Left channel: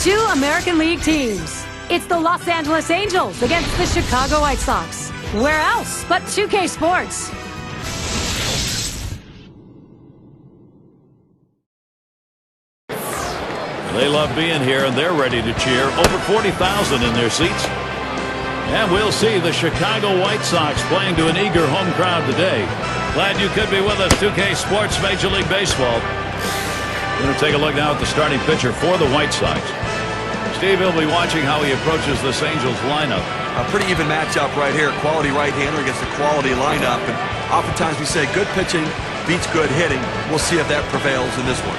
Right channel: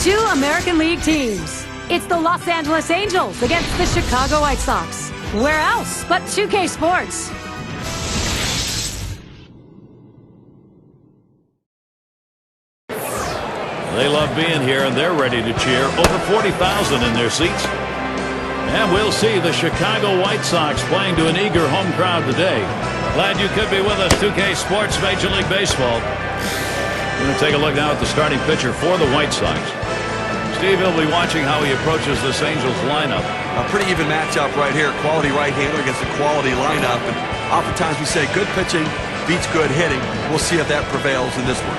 Two American League teams. It's the Los Angeles Angels against the Chicago White Sox. Where else but 2K Sports? They love being here, and they're ready to cheer. Over 40,000 in their seats. And we'll see the Chicago White Sox playing to an eager home crowd today. Glad you could be with us, 2K Sports Major League Baseball. We're going to take a look now at the starting pitcher for the White Sox. Steve will be watching how he approaches this Angels lineup. A pretty even matchup right here. Quality right-hander against a quality lineup. And oftentimes we say good pitching beats good hitting. We'll see if that prevails in this one.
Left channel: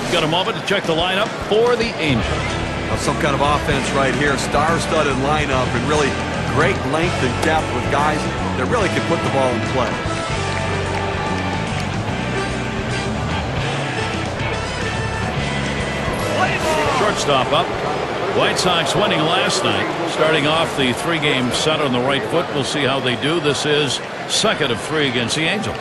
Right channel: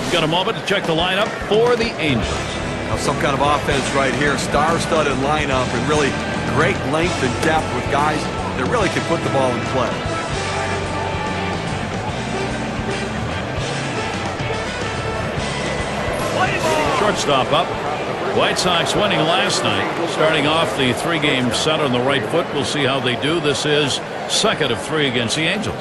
We've got a moment to check the lineup for the Angels. Some kind of offense right here. Star-studded lineup and really great length and depth with guys that really can put the ball in play. Shortstop up. White Sox winning last night. Starting off the three-game set on the right foot. We'll see how they do. This is second of three against the Angels.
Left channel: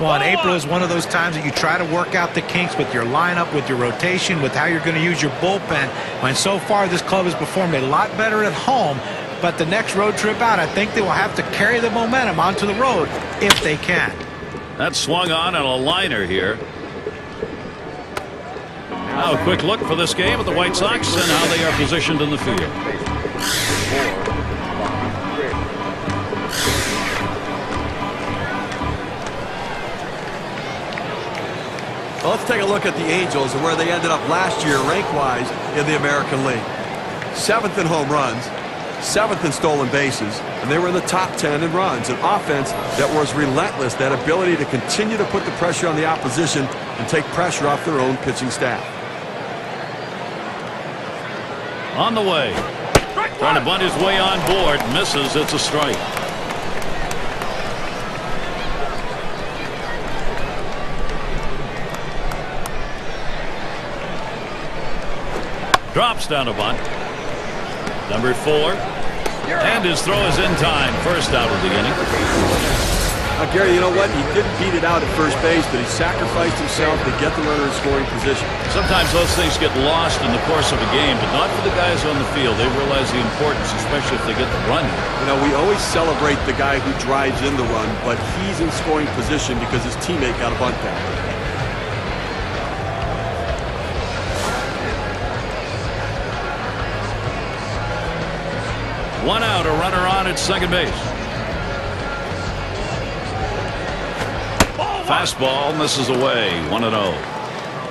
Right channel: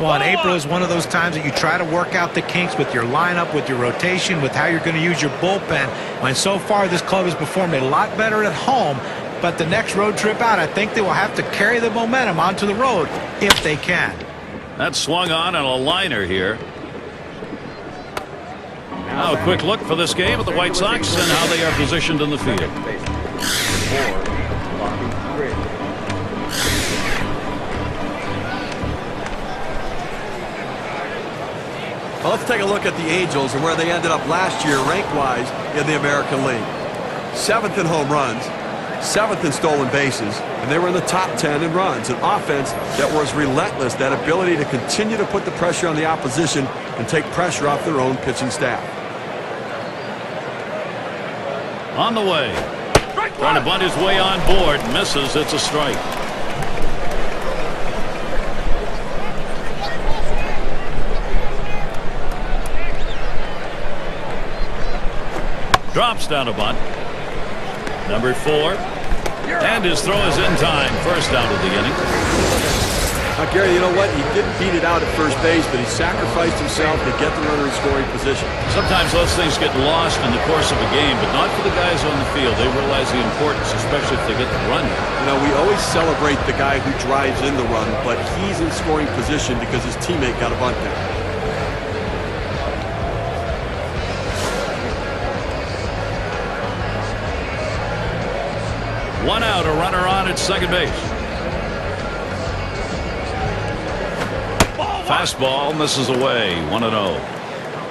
Well, and April is one of those times that you try to work out the kinks with your lineup, with your rotation, with how you're going to use your bullpen. And so far, this club has performed a lot better at home. But the next road trip out, I think they will have to carry the momentum onto the road if they can. That swung on a liner here. Now a quick look for this game at the White Sox and how they are positioned in the field. Well, let's take a look at the Angels and where they ended up last year rank-wise in the American League. 7th in home runs, 7th in stolen bases, and they were in the top 10 in runs. An offense that was relentless, that ability to continue to put the pressure on the opposition and take pressure off their own pitching staff. On the way. Trying to bunt his way on board. Misses. It's a strike. Drops down a bunt. Number 4. And his throw is in time. First out of the inning. Now, Gary, you know what? He didn't beat it out at first base, but he sacrificed himself to get the runner in scoring position. Sometimes those things get lost in the course of a game, but not for the guys on the field. They realize the importance, especially if they get the run here. You know, we always celebrate the guy who drives in the run, but he's in scoring position because his teammate got a bunt down. One out, a runner on at second base. Fastball misses away. 1-0.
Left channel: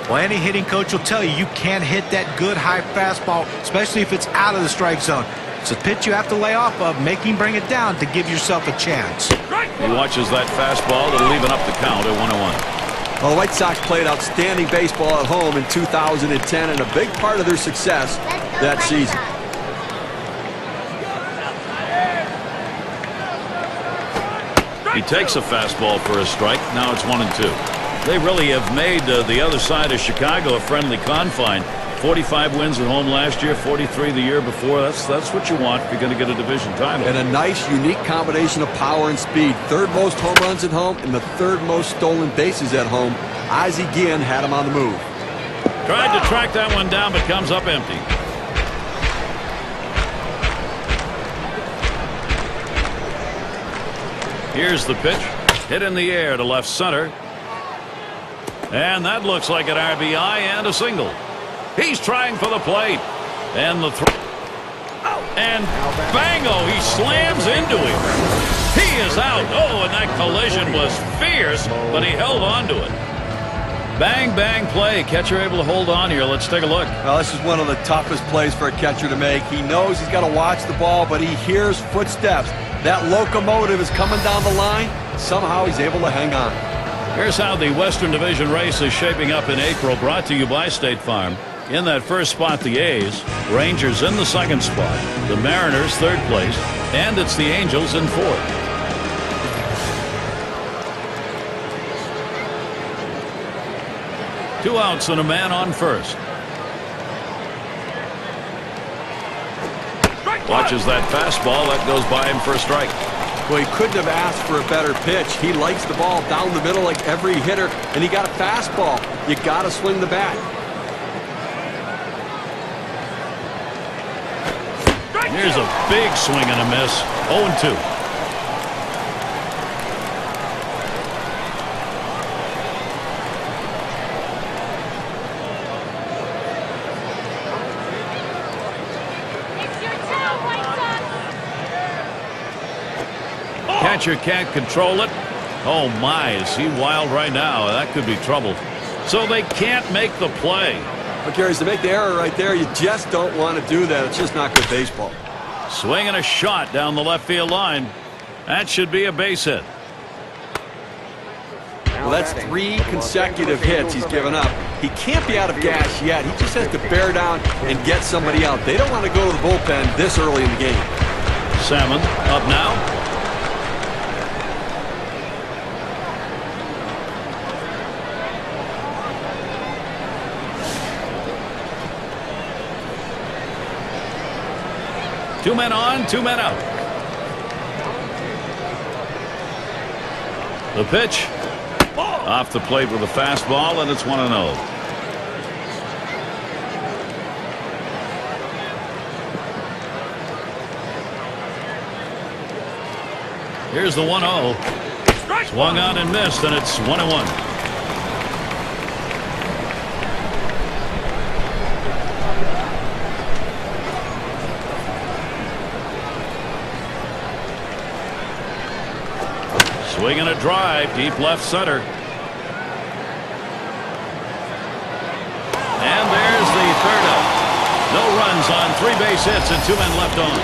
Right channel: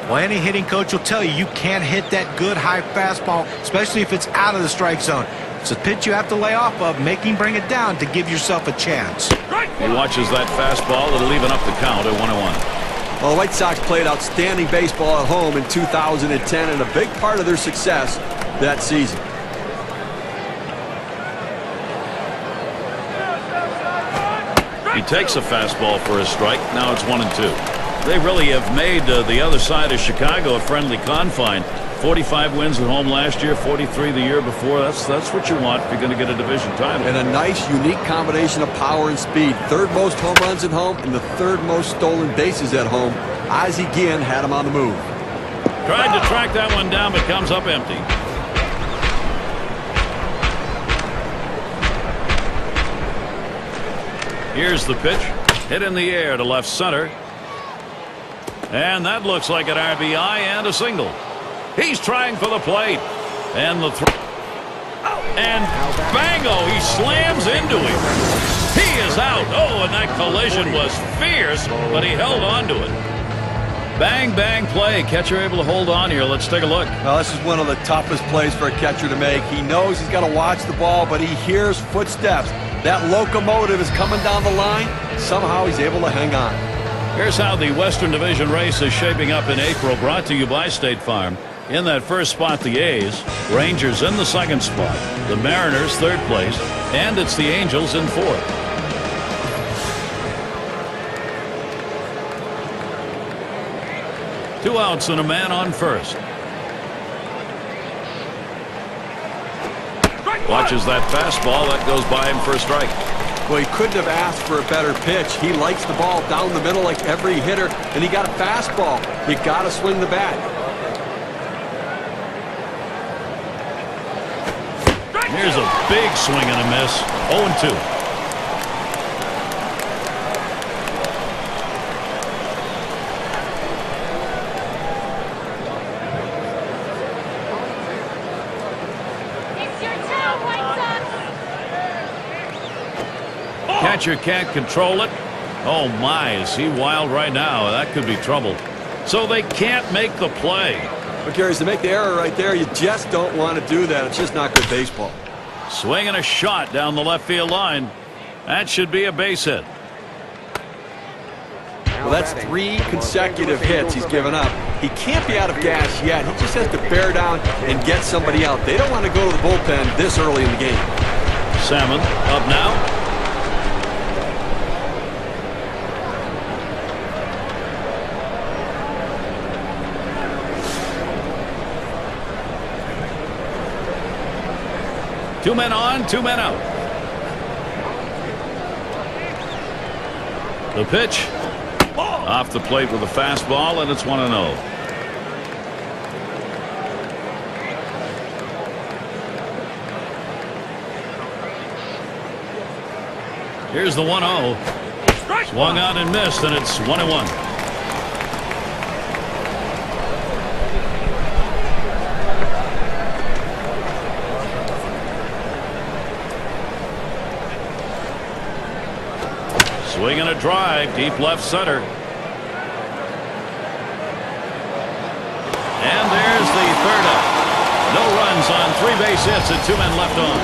Well, any hitting coach will tell you you can't hit that good high fastball, especially if it's out of the strike zone. It's a pitch you have to lay off of, bring it down to give yourself a chance. He watches that fastball. It'll even up the count at 1-1. Well, the White Sox played outstanding baseball at home in 2010, and a big part of their success that season. He takes a fastball for a strike. Now it's 1-2. They really have made the other side of Chicago a friendly confine. 45 wins at home last year, 43 the year before. That's what you want if you're going to get a division title. And a nice, unique combination of power and speed. Third most home runs at home and the third most stolen bases at home. Ozzie Guillen had him on the move. Tried to track that one down, but comes up empty. Here's the pitch. Hit in the air to left center. And that looks like an RBI and a single. He's trying for the plate. And the throw. And bango, he slams into him. He is out. Oh, and that collision was fierce, but he held on to it. Bang, bang play. Catcher able to hold on here. Let's take a look. Well, this is one of the toughest plays for a catcher to make. He knows he's got to watch the ball, but he hears footsteps. That locomotive is coming down the line. Somehow he's able to hang on. Here's how the Western Division race is shaping up in April, brought to you by State Farm. In that first spot, the A's, Rangers in the second spot, the Mariners third place, and it's the Angels in fourth. Two outs and a man on first. Watches that fastball. That goes by him for a strike. Well, he couldn't have asked for a better pitch. He likes the ball down the middle like every hitter, and he got a fastball. You got to swing the bat. Here's a big swing and a miss. 0-2. Catcher can't control it. Oh my, is he wild right now? That could be trouble. So they can't make the play. But Gary, to make the error right there, you just don't want to do that. It's just not good baseball. Swinging a shot down the left field line. That should be a base hit. Well, that's 3 consecutive hits he's given up. He can't be out of gas yet. He just has to bear down and get somebody out. They don't want to go to the bullpen this early in the game. Salmon up now. Two men on, 2 men out. The pitch. Off the plate with a fastball, and it's 1-0. Here's the 1-0. Swung on and missed, and it's 1-1. Swinging a drive, deep left center. And there's the third out. No runs on 3 base hits and 2 men left on.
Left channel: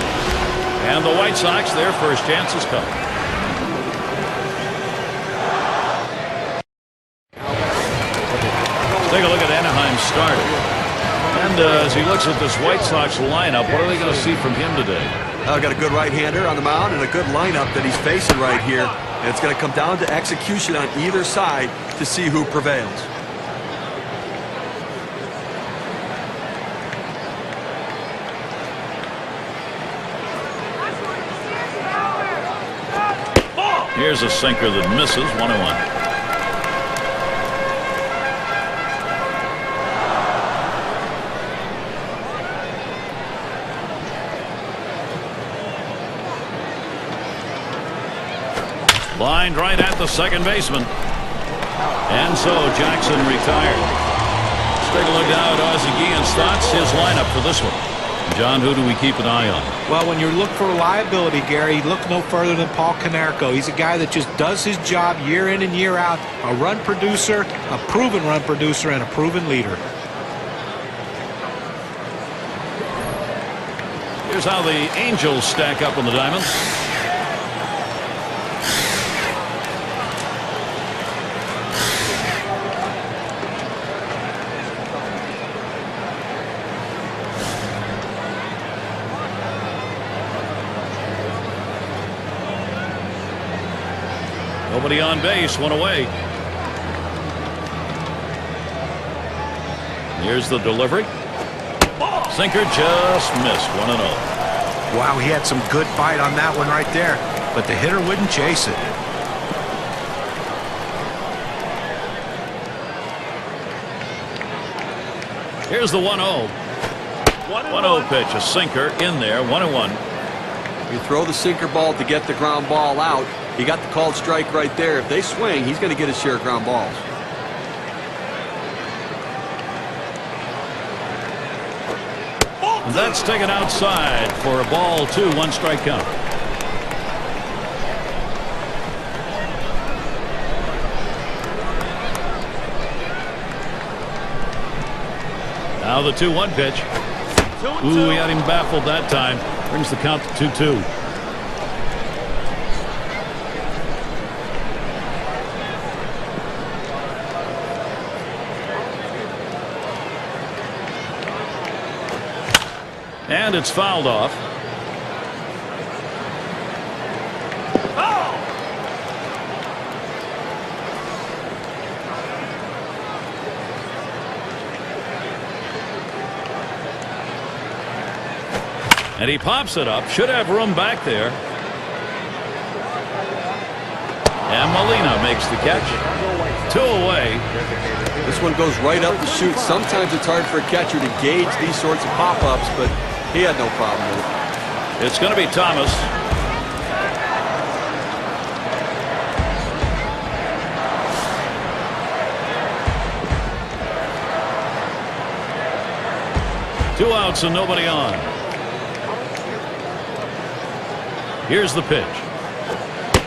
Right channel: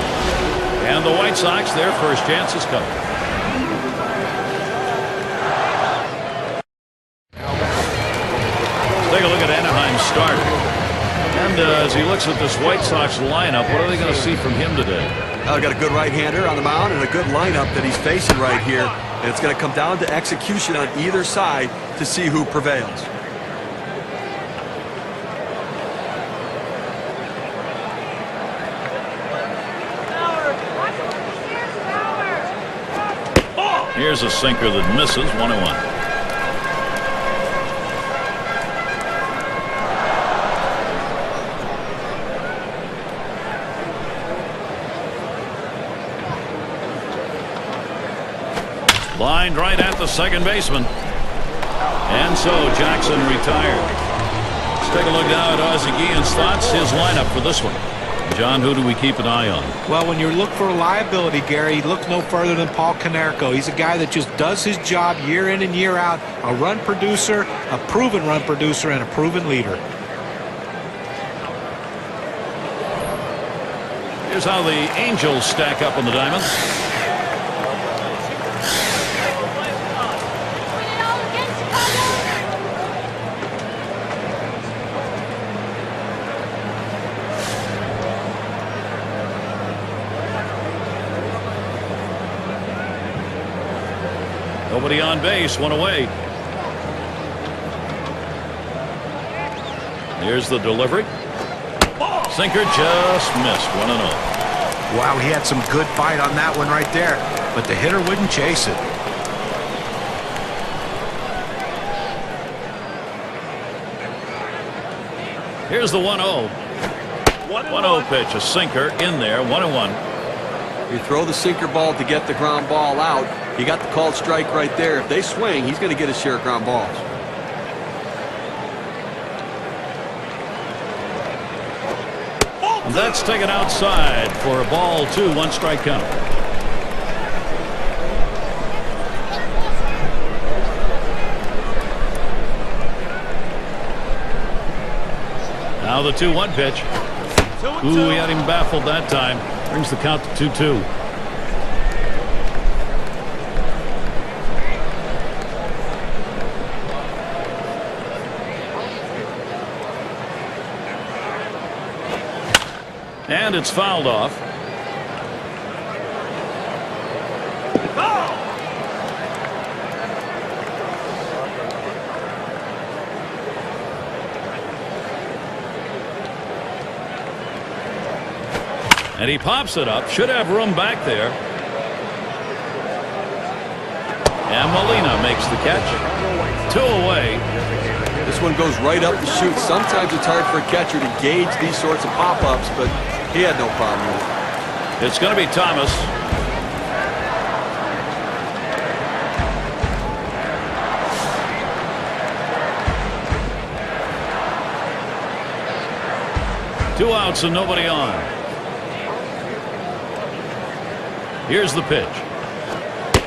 And the White Sox, their first chance has come. Let's take a look at Anaheim's starter. And as he looks at this White Sox lineup, what are they going to see from him today? Got a good right-hander on the mound and a good lineup that he's facing right here. And it's going to come down to execution on either side to see who prevails. Here's a sinker that misses. 1-1. Lined right at the second baseman. And so Jackson retired. Let's take a look now at Ozzie Guillen's thoughts, his lineup for this one. John, who do we keep an eye on? Well, when you look for reliability, Gary, look no further than Paul Konerko. He's a guy that just does his job year in and year out. A run producer, a proven run producer, and a proven leader. Here's how the Angels stack up on the diamond. Nobody on base, 1 away. Here's the delivery. Sinker just missed. 1-0. Wow, he had some good bite on that one right there, but the hitter wouldn't chase it. Here's the 1-0. 1-0 pitch, a sinker in there. 1-1. You throw the sinker ball to get the ground ball out. He got the called strike right there. If they swing, he's going to get his share of ground balls. And that's taken outside for a ball 2, 1 strike count. Now the 2-1 pitch. Ooh, he had him baffled that time. Brings the count to 2-2. And it's fouled off. And he pops it up. Should have room back there. And Molina makes the catch. 2 away. This one goes right up the chute. Sometimes it's hard for a catcher to gauge these sorts of pop-ups, but he had no problem with it. It's going to be Thomas. Two outs and nobody on. Here's the pitch.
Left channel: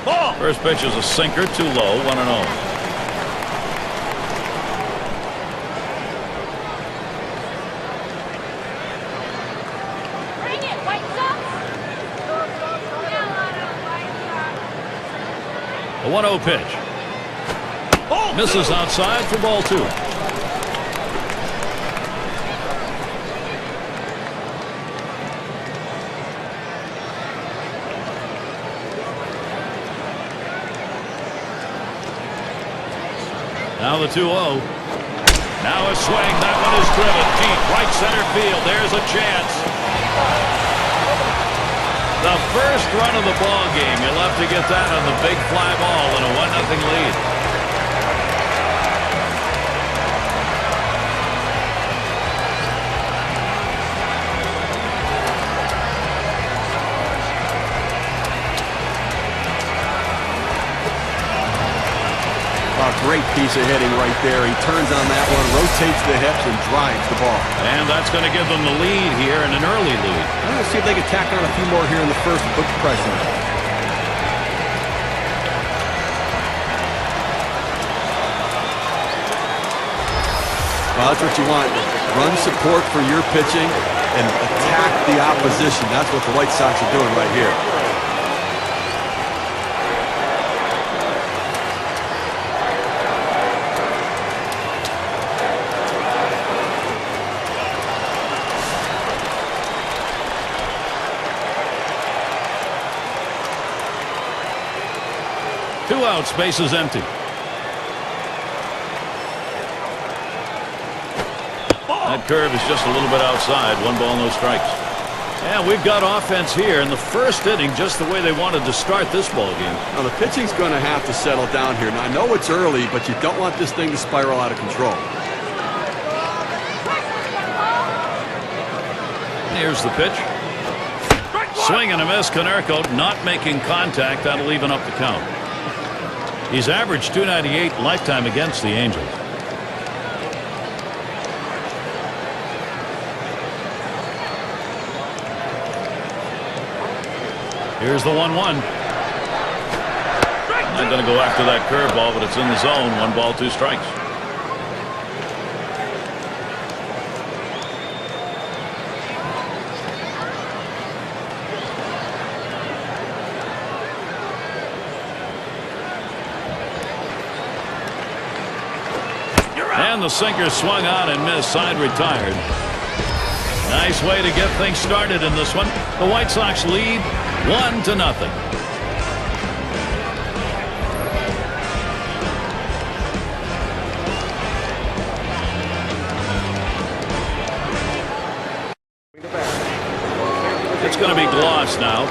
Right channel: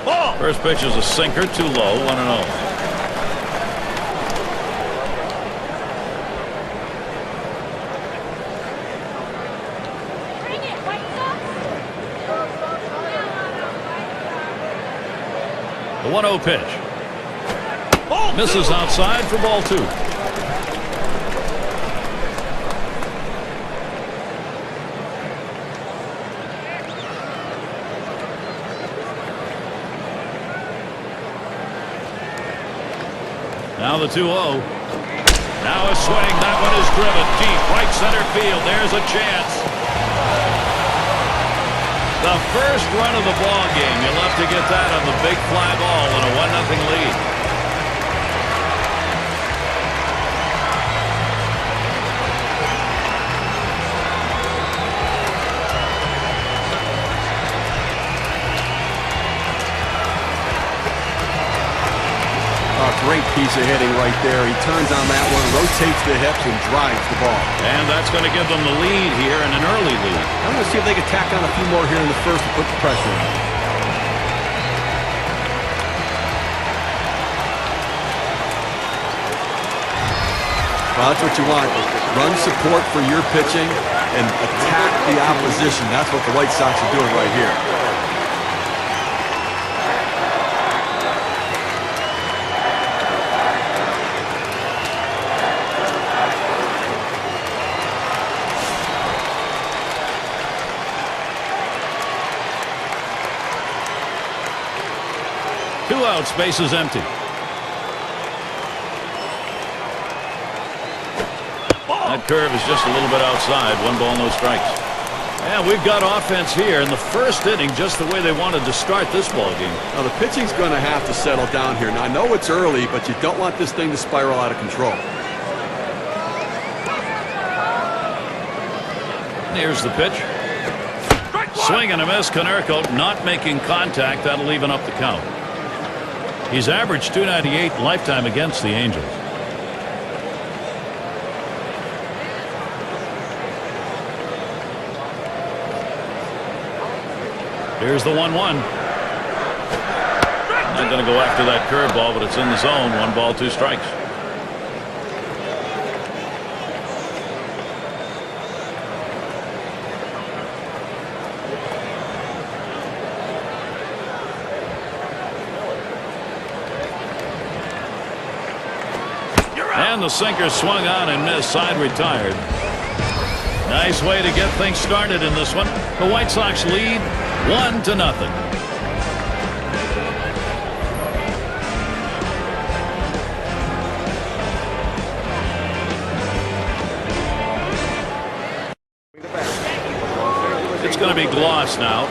Ball. First pitch is a sinker, too low, 1-0. The 1-0 pitch. Misses outside for ball 2. Now the 2-0. Now a swing. That one is driven deep right center field. There's a chance. The first run of the ball game. You'll have to get that on the big fly ball in a 1-0 lead. A great piece of hitting right there. He turns on that one, rotates the hips, and drives the ball. And that's going to give them the lead here, and an early lead. I'm going to see if they can tack on a few more here in the first and put the pressure on them. Well, that's what you want. Run support for your pitching and attack the opposition. That's what the White Sox are doing right here. Two outs, base is empty. That curve is just a little bit outside. 1 ball, no strikes. And we've got offense here in the first inning, just the way they wanted to start this ball game. Now the pitching's going to have to settle down here. Now I know it's early, but you don't want this thing to spiral out of control. Here's the pitch. Swing and a miss. Konerko not making contact. That'll even up the count. He's averaged .298 lifetime against the Angels. Here's the 1-1. Not going to go after that curveball, but it's in the zone. 1 ball, 2 strikes. And the sinker swung on and missed. Side retired. Nice way to get things started in this one. The White Sox lead 1-0. It's going to be Gloss now.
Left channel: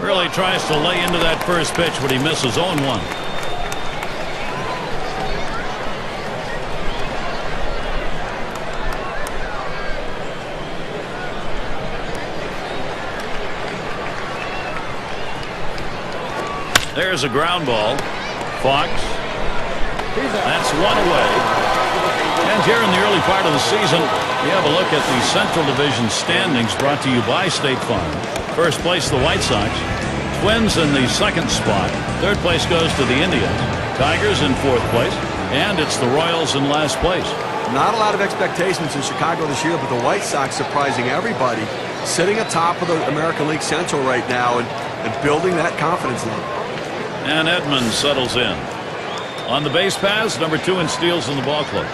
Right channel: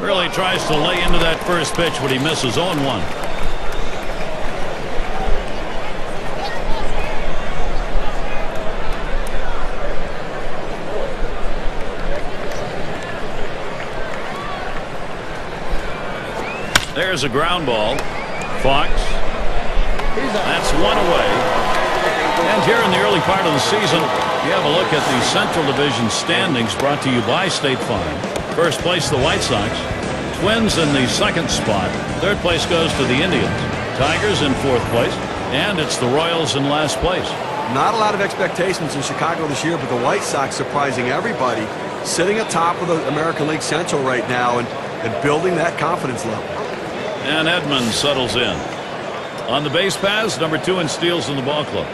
Really tries to lay into that first pitch, but he misses 0-1. There's a ground ball. Fox. That's 1 away. And here in the early part of the season, we have a look at the Central Division standings brought to you by State Farm. First place, the White Sox. Twins in the 2nd spot. 3rd place goes to the Indians. Tigers in 4th place. And it's the Royals in last place. Not a lot of expectations in Chicago this year, but the White Sox surprising everybody, sitting atop of the American League Central right now and building that confidence level. And Edmonds settles in. On the base paths, number 2 in steals in the ball club.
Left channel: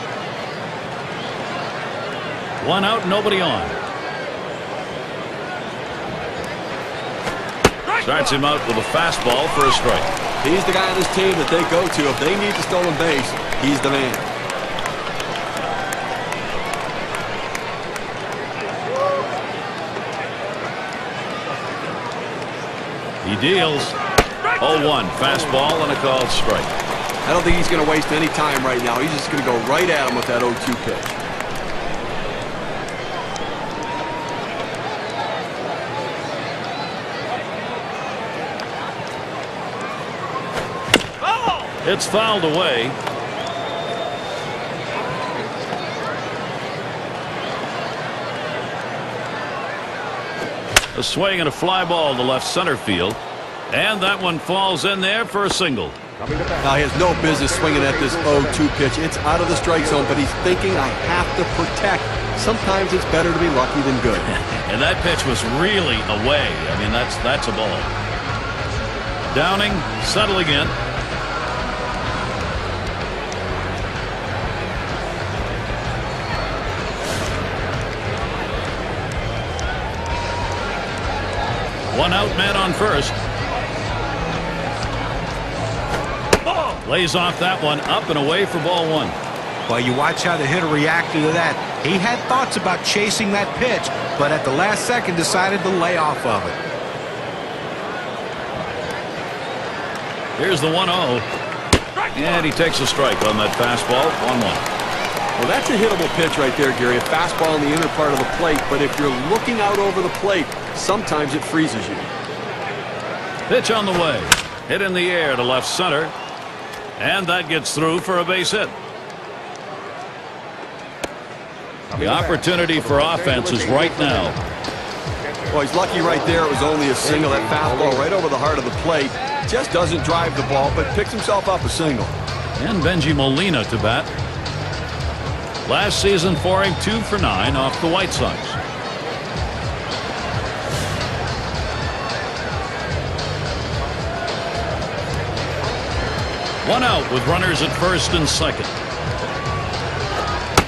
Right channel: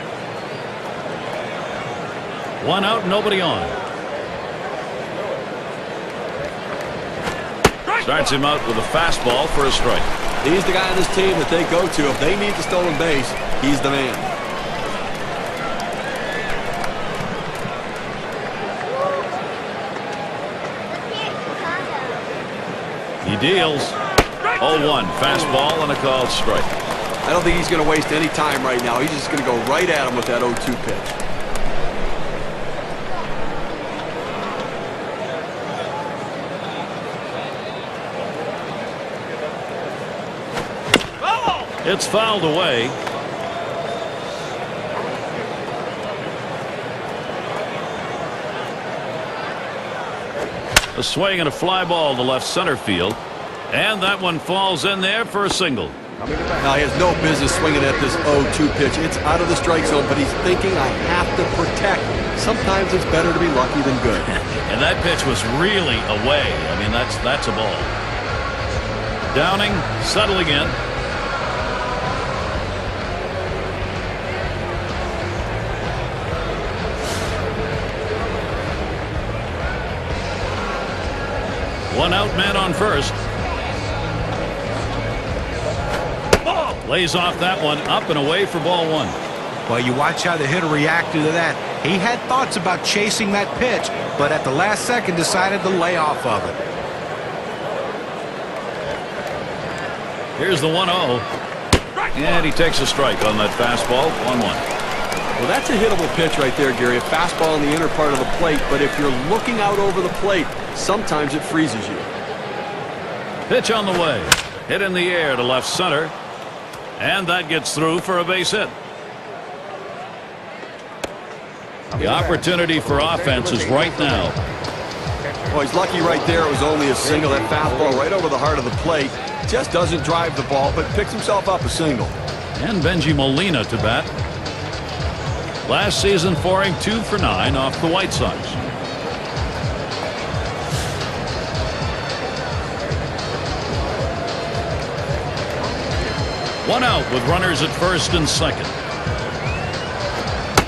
1 out, nobody on. Starts him out with a fastball for a strike. He's the guy on this team that they go to. If they need the stolen base, he's the man. He deals. 0-1 fastball and a called strike. I don't think he's going to waste any time right now. He's just going to go right at him with that 0-2 pitch. It's fouled away. A swing and a fly ball to left center field. And that one falls in there for a single. Now, he has no business swinging at this 0-2 pitch. It's out of the strike zone, but he's thinking, I have to protect. Sometimes it's better to be lucky than good. And that pitch was really away. I mean, that's a ball. Downing, settling in. One out, man on first. Lays off that one, up and away for ball one. Well, you watch how the hitter reacted to that. He had thoughts about chasing that pitch, but at the last second decided to lay off of it. Here's the 1-0. And he takes a strike on that fastball. 1-1. Well, that's a hittable pitch right there, Gary. A fastball in the inner part of the plate, but if you're looking out over the plate, sometimes it freezes you. Pitch on the way. Hit in the air to left center. And that gets through for a base hit. The opportunity for offense is right now. Well, he's lucky right there. It was only a single. That fastball right over the heart of the plate. Just doesn't drive the ball, but picks himself up a single. And Benji Molina to bat. Last season for him, 2 for 9 off the White Sox. One out with runners at first and second.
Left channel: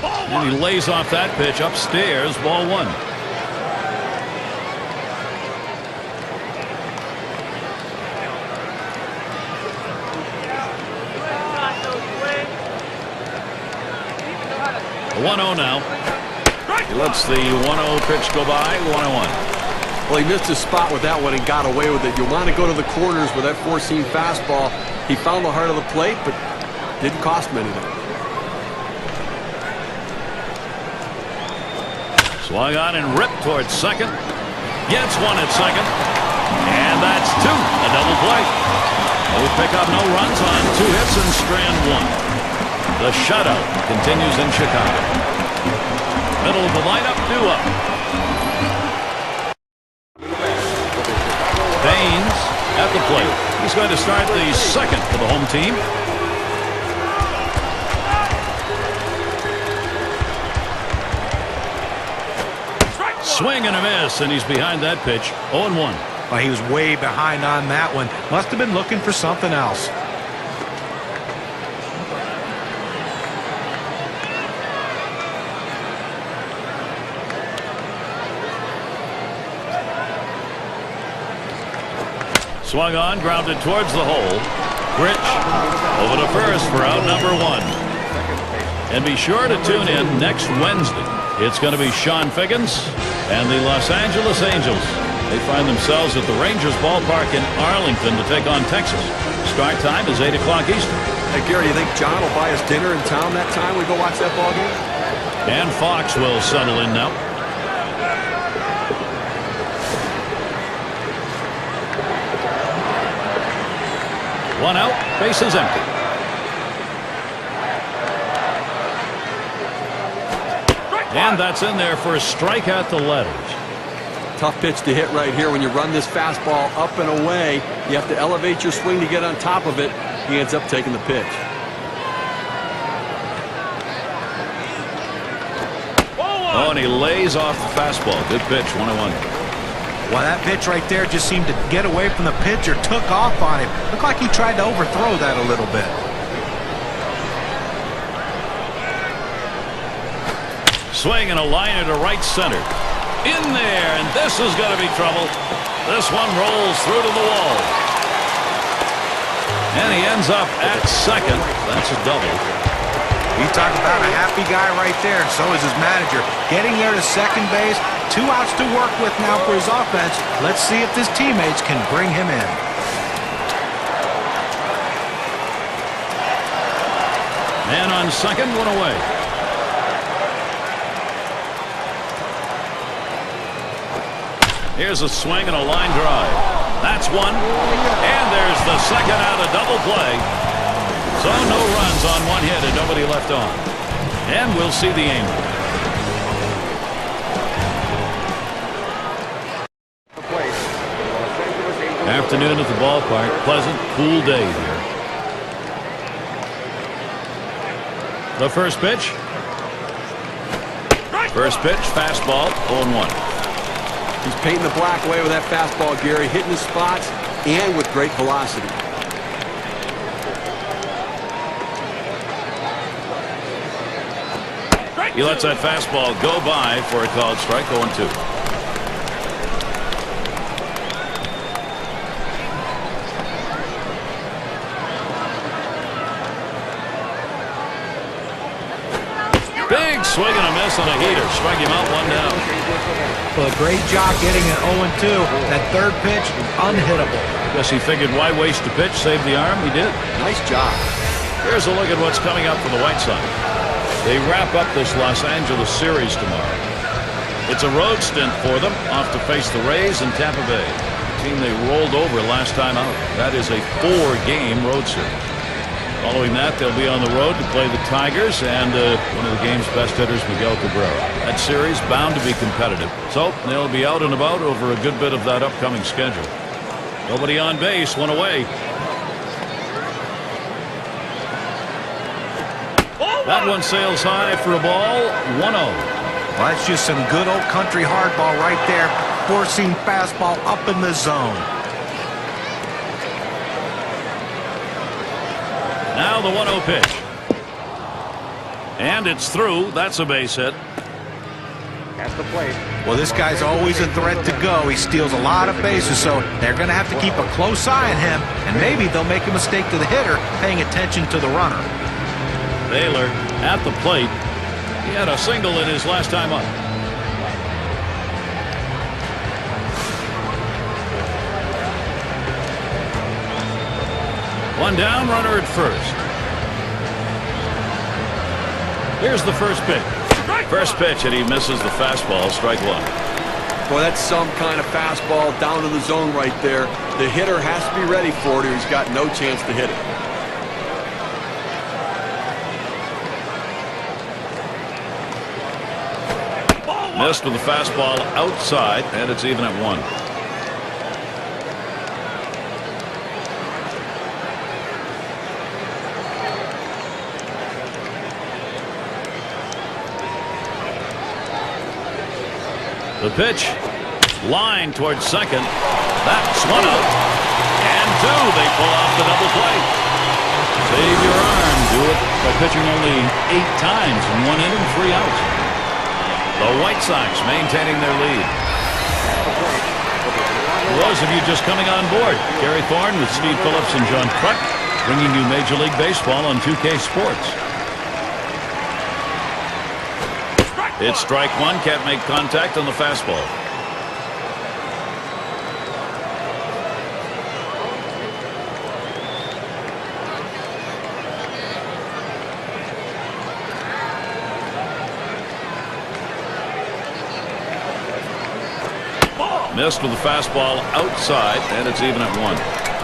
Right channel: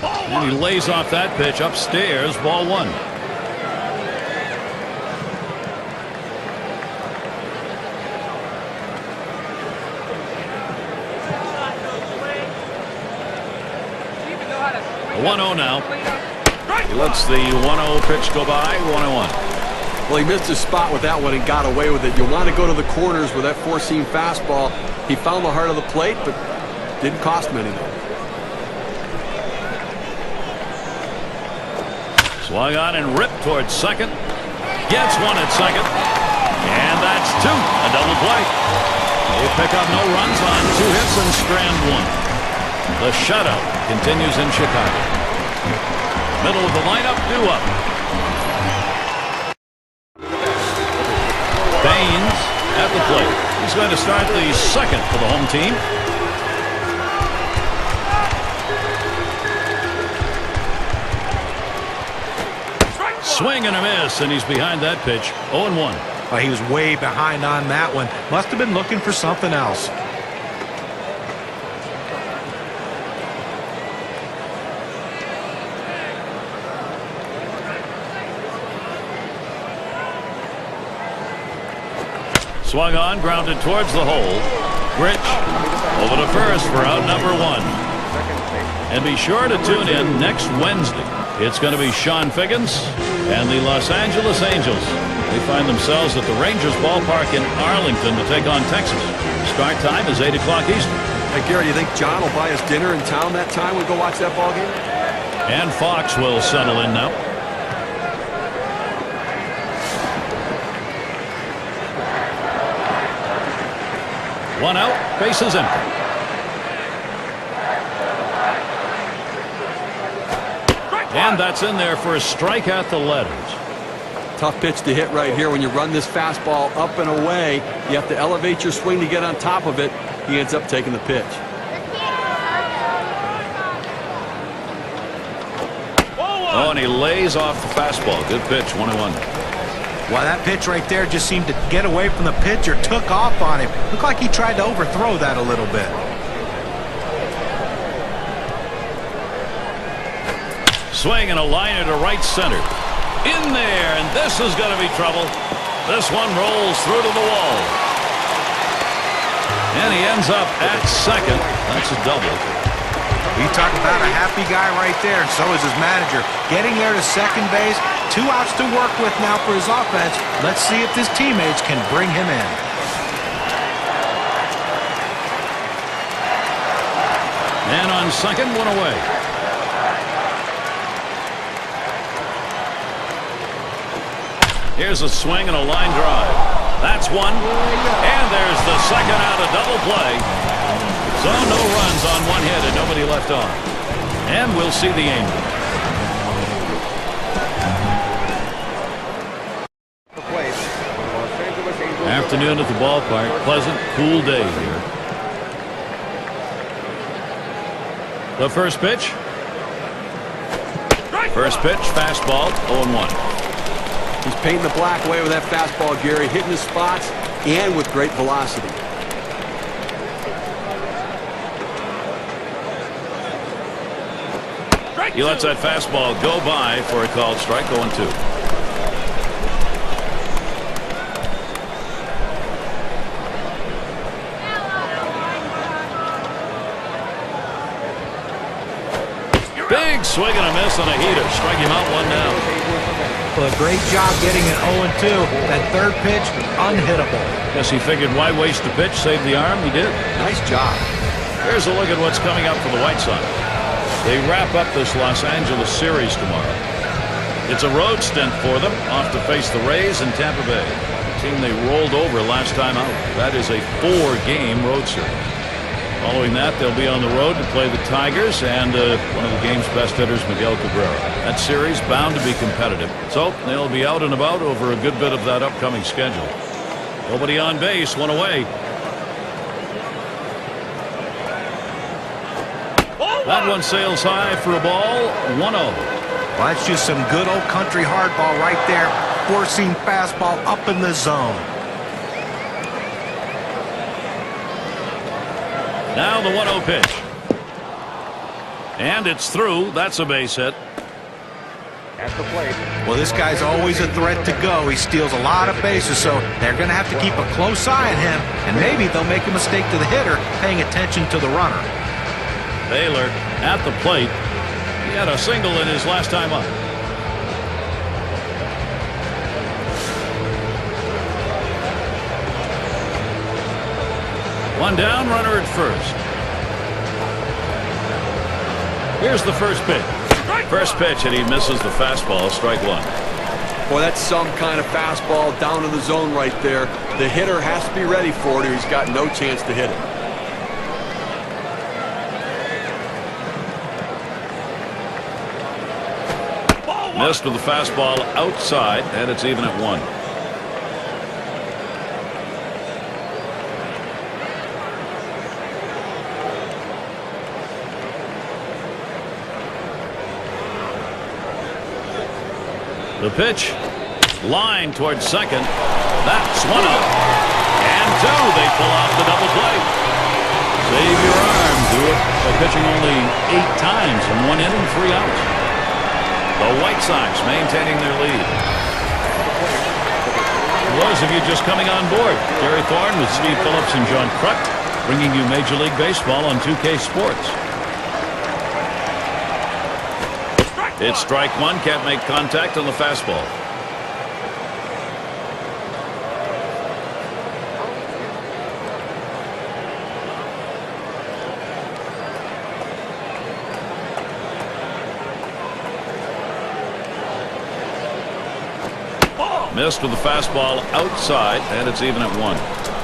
And he lays off that pitch upstairs. Ball one. A 1-0 now. He lets the 1-0 pitch go by. 1-1. Well, he missed his spot with that one and got away with it. You want to go to the corners with that four-seam fastball. He found the heart of the plate, but didn't cost him anything. Swung on and ripped towards second. Gets one at second. And that's 2. A double play. They pick up no runs on 2 hits and strand 1. The shutout continues in Chicago. Middle of the lineup, due up. Baines at the plate. He's going to start the second for the home team. Swing and a miss, and he's behind that pitch. 0-1. Well, he was way behind on that one. Must have been looking for something else. Swung on, grounded towards the hole. Grich over to first for out number 1. And be sure to tune in next Wednesday. It's going to be Sean Figgins and the Los Angeles Angels. They find themselves at the Rangers ballpark in Arlington to take on Texas. Start time is 8 o'clock Eastern. Hey, Gary, you think John will buy us dinner in town that time we go watch that ball game? And Fox will settle in now. One out, bases empty. And that's in there for a strike at the letters. Tough pitch to hit right here. When you run this fastball up and away, you have to elevate your swing to get on top of it. He ends up taking the pitch. Oh, and he lays off the fastball. Good pitch, 1-1. Well, that pitch right there just seemed to get away from the pitcher, took off on him. Looked like he tried to overthrow that a little bit. Swing and a liner to right center. In there, and this is going to be trouble. This one rolls through to the wall. And he ends up at second. That's a double. You talk about a happy guy right there, and so is his manager. Getting there to second base, 2 outs to work with now for his offense. Let's see if his teammates can bring him in. And on second, one away. Here's a swing and a line drive. That's one. And there's the second out of double play. So no runs on one hit and nobody left on. And we'll see the Angels. Afternoon at the ballpark. Pleasant, cool day here. The first pitch. First pitch, fastball, 0-1. He's painting the black away with that fastball, Gary, hitting his spots and with great velocity. He lets that fastball go by for a called strike, 0-2. Big swing and a miss on a heater. Strike him out, one down. Well, a great job getting an 0-2. That third pitch, unhittable. Guess he figured why waste a pitch, save the arm. He did. Nice job. Here's a look at what's coming up for the White Sox. They wrap up this Los Angeles series tomorrow. It's a road stint for them, off to face the Rays and Tampa Bay, a team they rolled over last time out. That is a 4-game road series. Following that, they'll be on the road to play the Tigers and one of the game's best hitters, Miguel Cabrera. That series bound to be competitive, so they'll be out and about over a good bit of that upcoming schedule. Nobody on base, one away. That one sails high for a ball, 1-0. Well, that's just some good old country hardball right there. Four-seam fastball up in the zone. Now the 1-0 pitch. And it's through. That's a base hit. Well, this guy's always a threat to go. He steals a lot of bases, so they're going to have to keep a close eye on him, and maybe they'll make a mistake to the hitter, paying attention to the runner. Baylor at the plate. He had a single in his last time up. One down, runner at first. Here's the first pitch. First pitch, and he misses the fastball, strike one. Boy, that's some kind of fastball down in the zone right there. The hitter has to be ready for it or he's got no chance to hit it. Missed with the fastball outside, and it's even at 1. The pitch, line towards second. That's one up. And two, they pull off the double play. Save your arm. Do it by pitching only 8 times in 1 inning, 3 outs. The White Sox maintaining their lead. For those of you just coming on board, Gary Thorne with Steve Phillips and John Kruk bringing you Major League Baseball on 2K Sports. It's strike one, can't make contact on the fastball. Missed with the fastball outside, and it's even at 1.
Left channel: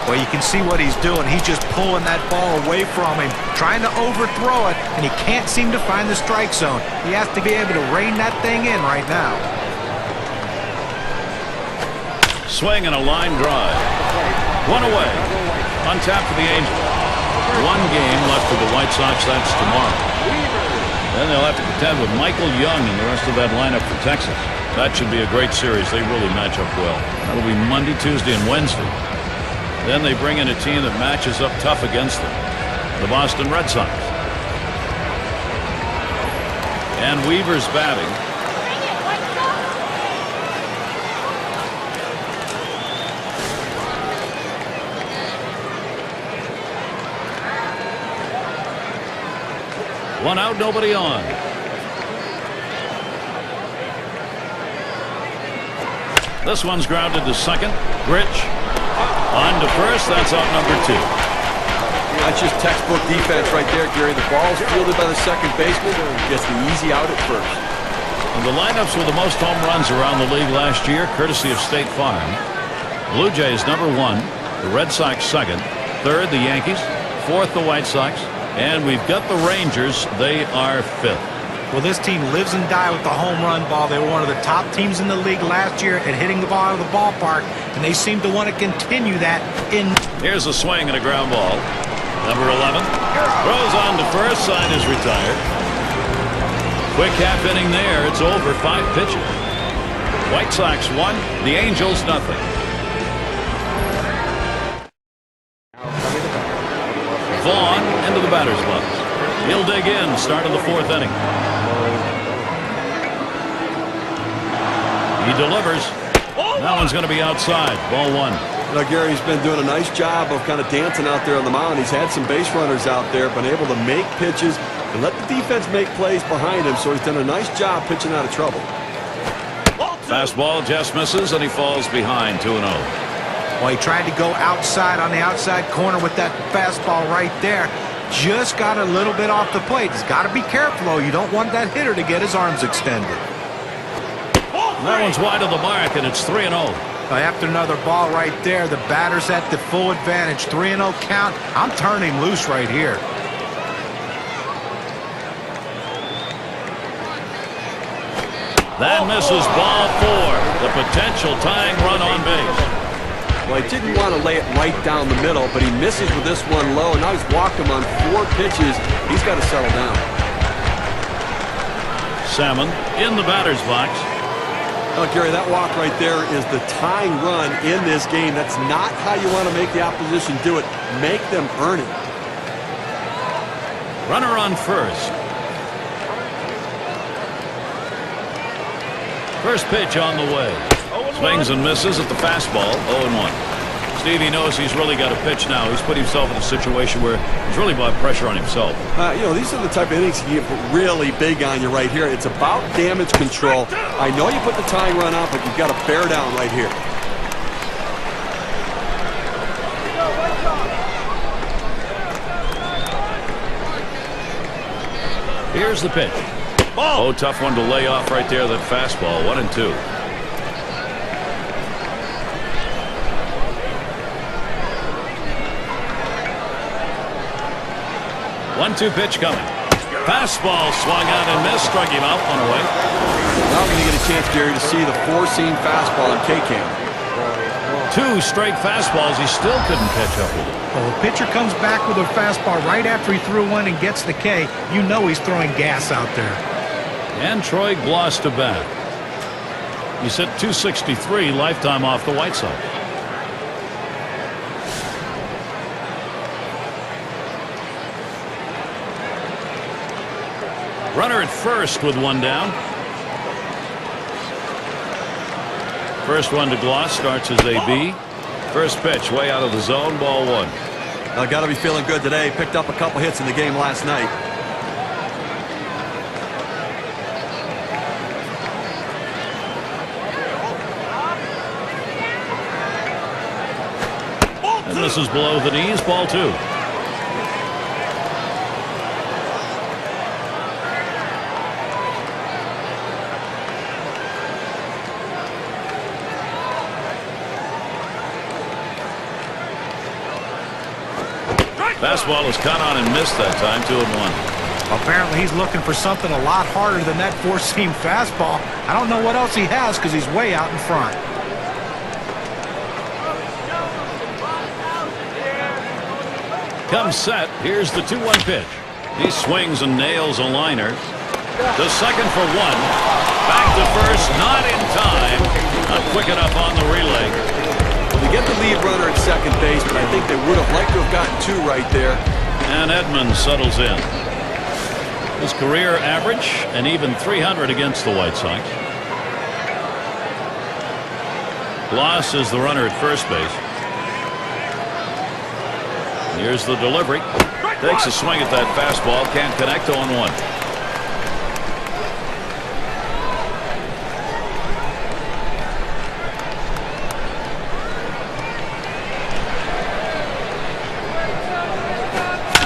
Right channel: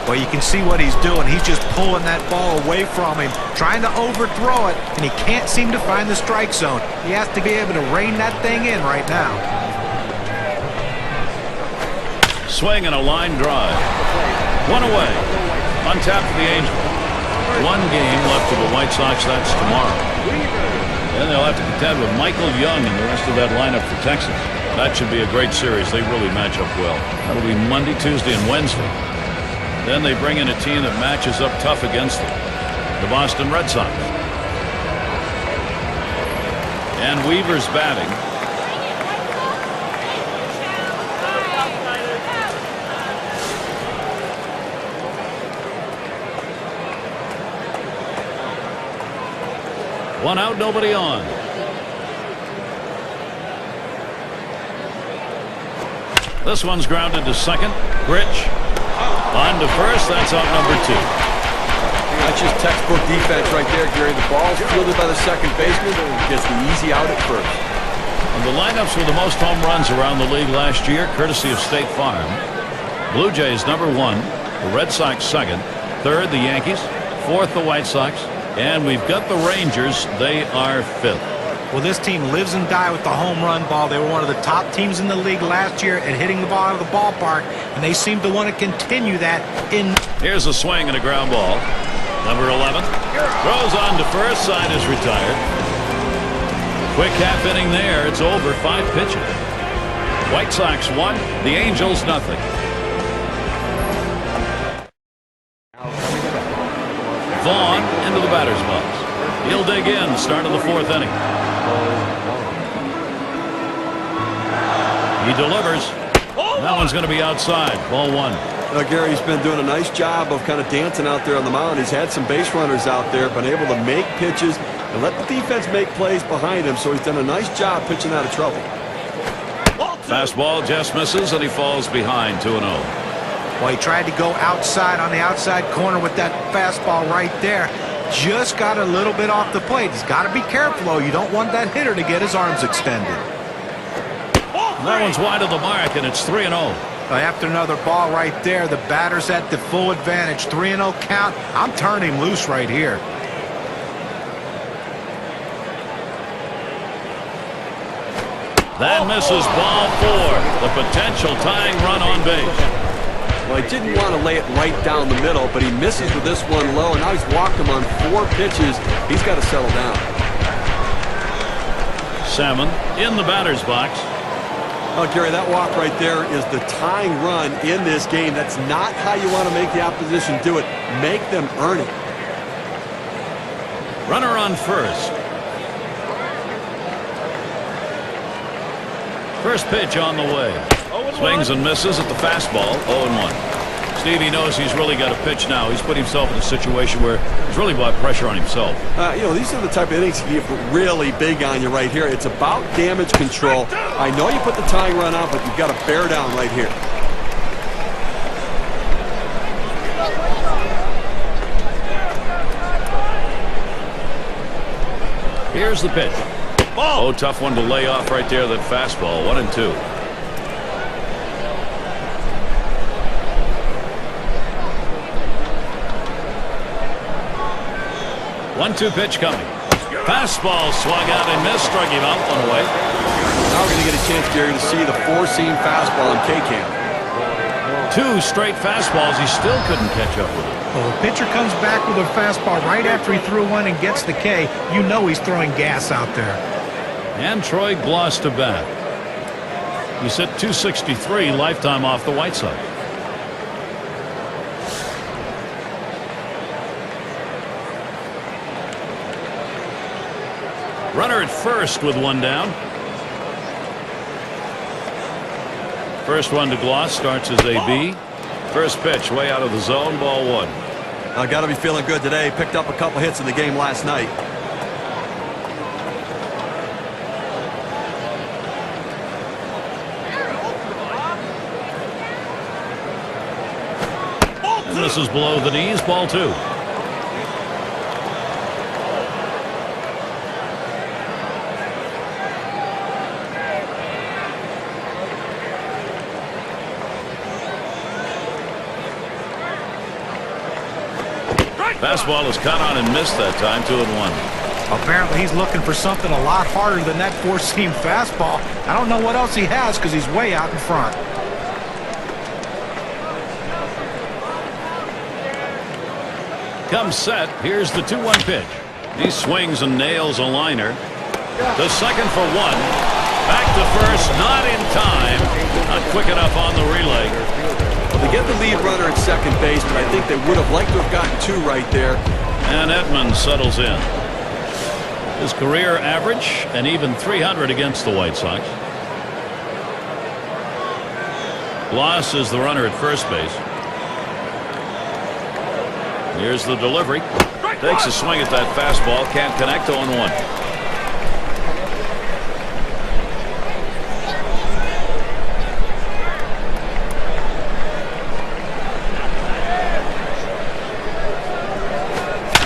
Well, you can see what he's doing. He's just pulling that ball away from him, trying to overthrow it, and he can't seem to find the strike zone. He has to be able to rein that thing in right now. Swing and a line drive. 1 away. On tap for the Angels. 1 game left for the White Sox. That's tomorrow. Then they'll have to contend with Michael Young and the rest of that lineup for Texas. That should be a great series. They really match up well. That'll be Monday, Tuesday, and Wednesday. Then they bring in a team that matches up tough against them, the Boston Red Sox. And Weaver's batting. One out, nobody on. This one's grounded to second. Grich on to first. That's out number 2. That's just textbook defense right there, Gary. The ball's fielded by the second baseman, gets the easy out at first. And the lineups with the most home runs around the league last year, courtesy of State Farm. Blue Jays #1, the Red Sox second, third the Yankees, fourth the White Sox, and we've got the Rangers. They are fifth. Well, this team lives and dies with the home run ball. They were one of the top teams in the league last year at hitting the ball out of the ballpark, and they seem to want to continue that in. Here's a swing and a ground ball. Number 11 throws on to first. Side is retired. Quick half inning there. It's over. 5 pitches. White Sox 1, the Angels nothing. Vaughn into the batter's box. He'll dig in. Start of the 4th inning. He delivers. That one's going to be outside. Ball 1. You know, Gary's been doing a nice job of kind of dancing out there on the mound. He's had some base runners out there, been able to make pitches and let the defense make plays behind him, so he's done a nice job pitching out of trouble. Fastball just misses, and he falls behind 2-0. Well, he tried to go outside on the outside corner with that fastball right there. Just got a little bit off the plate. He's got to be careful, though. You don't want that hitter to get his arms extended. That one's wide of the mark, and it's 3-0. After another ball right there, the batter's at the full advantage. 3-0 count. I'm turning him loose right here. That misses. Ball 4. The potential tying run on base. Well, he didn't want to lay it right down the middle, but he misses with this one low. Now he's walked him on 4 pitches. He's got to settle down. Salmon in the batter's box. Oh, Gary, that walk right there is the tying run in this game. That's not how you want to make the opposition do it. Make them earn it. Runner on first. First pitch on the way. Swings and misses at the fastball. 0-1. Stevie knows he's really got to pitch now. He's put himself in a situation where he's really brought pressure on himself. You know, these are the type of innings you get really big on you right here. It's about damage control. I know you put the tying run out, but you've got to bear down right here. Here's the pitch. Oh, tough one to lay off right there. That fastball. 1-2. One-two pitch coming. Fastball swung out and missed. Struck him out. One away. Now we're going to get a chance, Gary, to see the 4-seam fastball in K-Cam. 2 straight fastballs. He still couldn't catch up with it. Well, a pitcher comes back with a fastball right after he threw one and gets the K. You know he's throwing gas out there. And Troy Gloss to bat. He's hit .263 lifetime off the White Sox. Runner at first with 1 down. First one to Gloss starts as a B. First pitch way out of the zone. Ball 1. Got to be feeling good today. Picked up a couple hits in the game last night. And this is below the knees. Ball 2. Fastball is caught on and missed that time. 2-1. Apparently he's looking for something a lot harder than that 4-seam fastball. I don't know what else he has because he's way out in front. Comes set. Here's the 2-1 pitch. He swings and nails a liner. To second for 1. Back to first. Not in time. Not quick enough on the relay. Well, they get the lead runner at second base, but I think they would have liked to have gotten 2 right there. And Edmonds settles in. His career average, an even .300 against the White Sox. Gloss is the runner at first base. Here's the delivery. Takes a swing at that fastball. Can't connect. 0-1.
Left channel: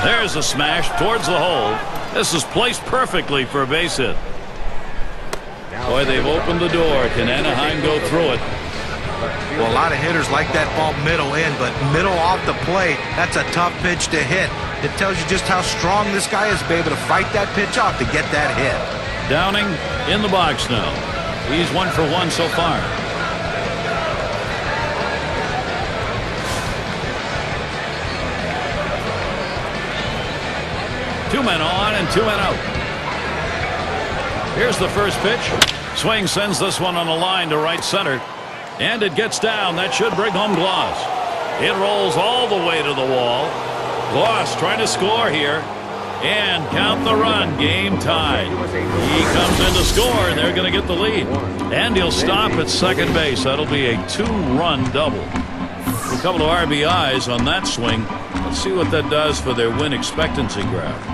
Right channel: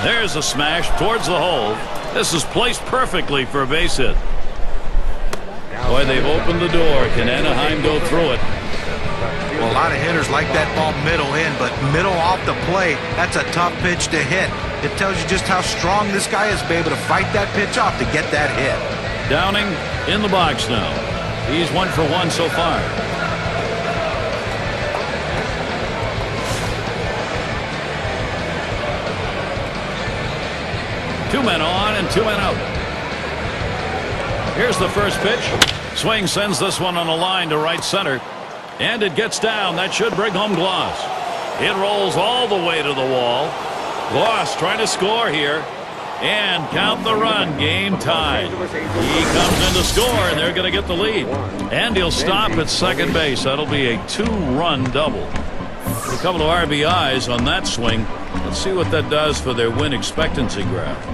There's a smash towards the hole. This is placed perfectly for a base hit. Boy, they've opened the door. Can Anaheim go through it? Well, a lot of hitters like that ball middle in, but middle off the plate, that's a tough pitch to hit. It tells you just how strong this guy is to be able to fight that pitch off to get that hit. Downing in the box now. He's 1 for 1 so far. Two men on and 2 men out. Here's the first pitch. Swing sends this one on a line to right center. And it gets down. That should bring home Gloss. It rolls all the way to the wall. Gloss trying to score here. And count the run. Game tied. He comes in to score, and they're going to get the lead. And he'll stop at second base. That'll be a 2-run double. A couple of RBIs on that swing. Let's see what that does for their win expectancy graph.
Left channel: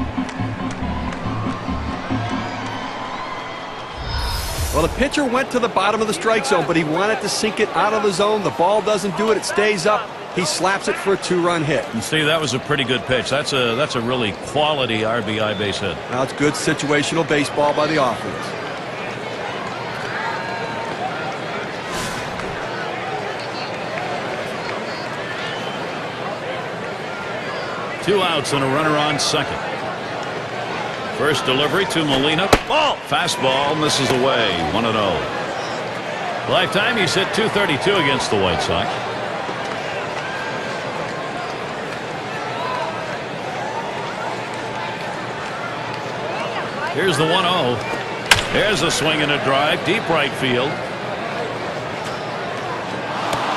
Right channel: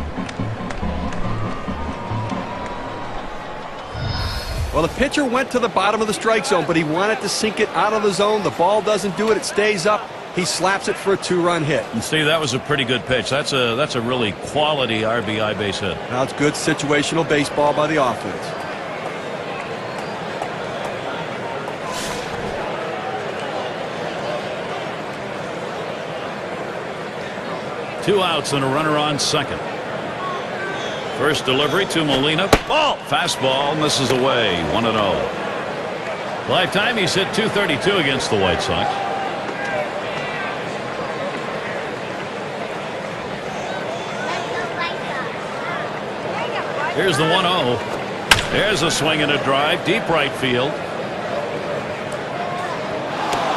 Well, the pitcher went to the bottom of the strike zone, but he wanted to sink it out of the zone. The ball doesn't do it. It stays up. He slaps it for a 2-run hit. And see, that was a pretty good pitch. That's a really quality RBI base hit. Now it's good situational baseball by the offense. Two outs and a runner on second. First delivery to Molina. Ball. Fastball misses away. 1-0. Lifetime he's hit .232 against the White Sox. Here's the 1-0. There's a swing and a drive. Deep right field.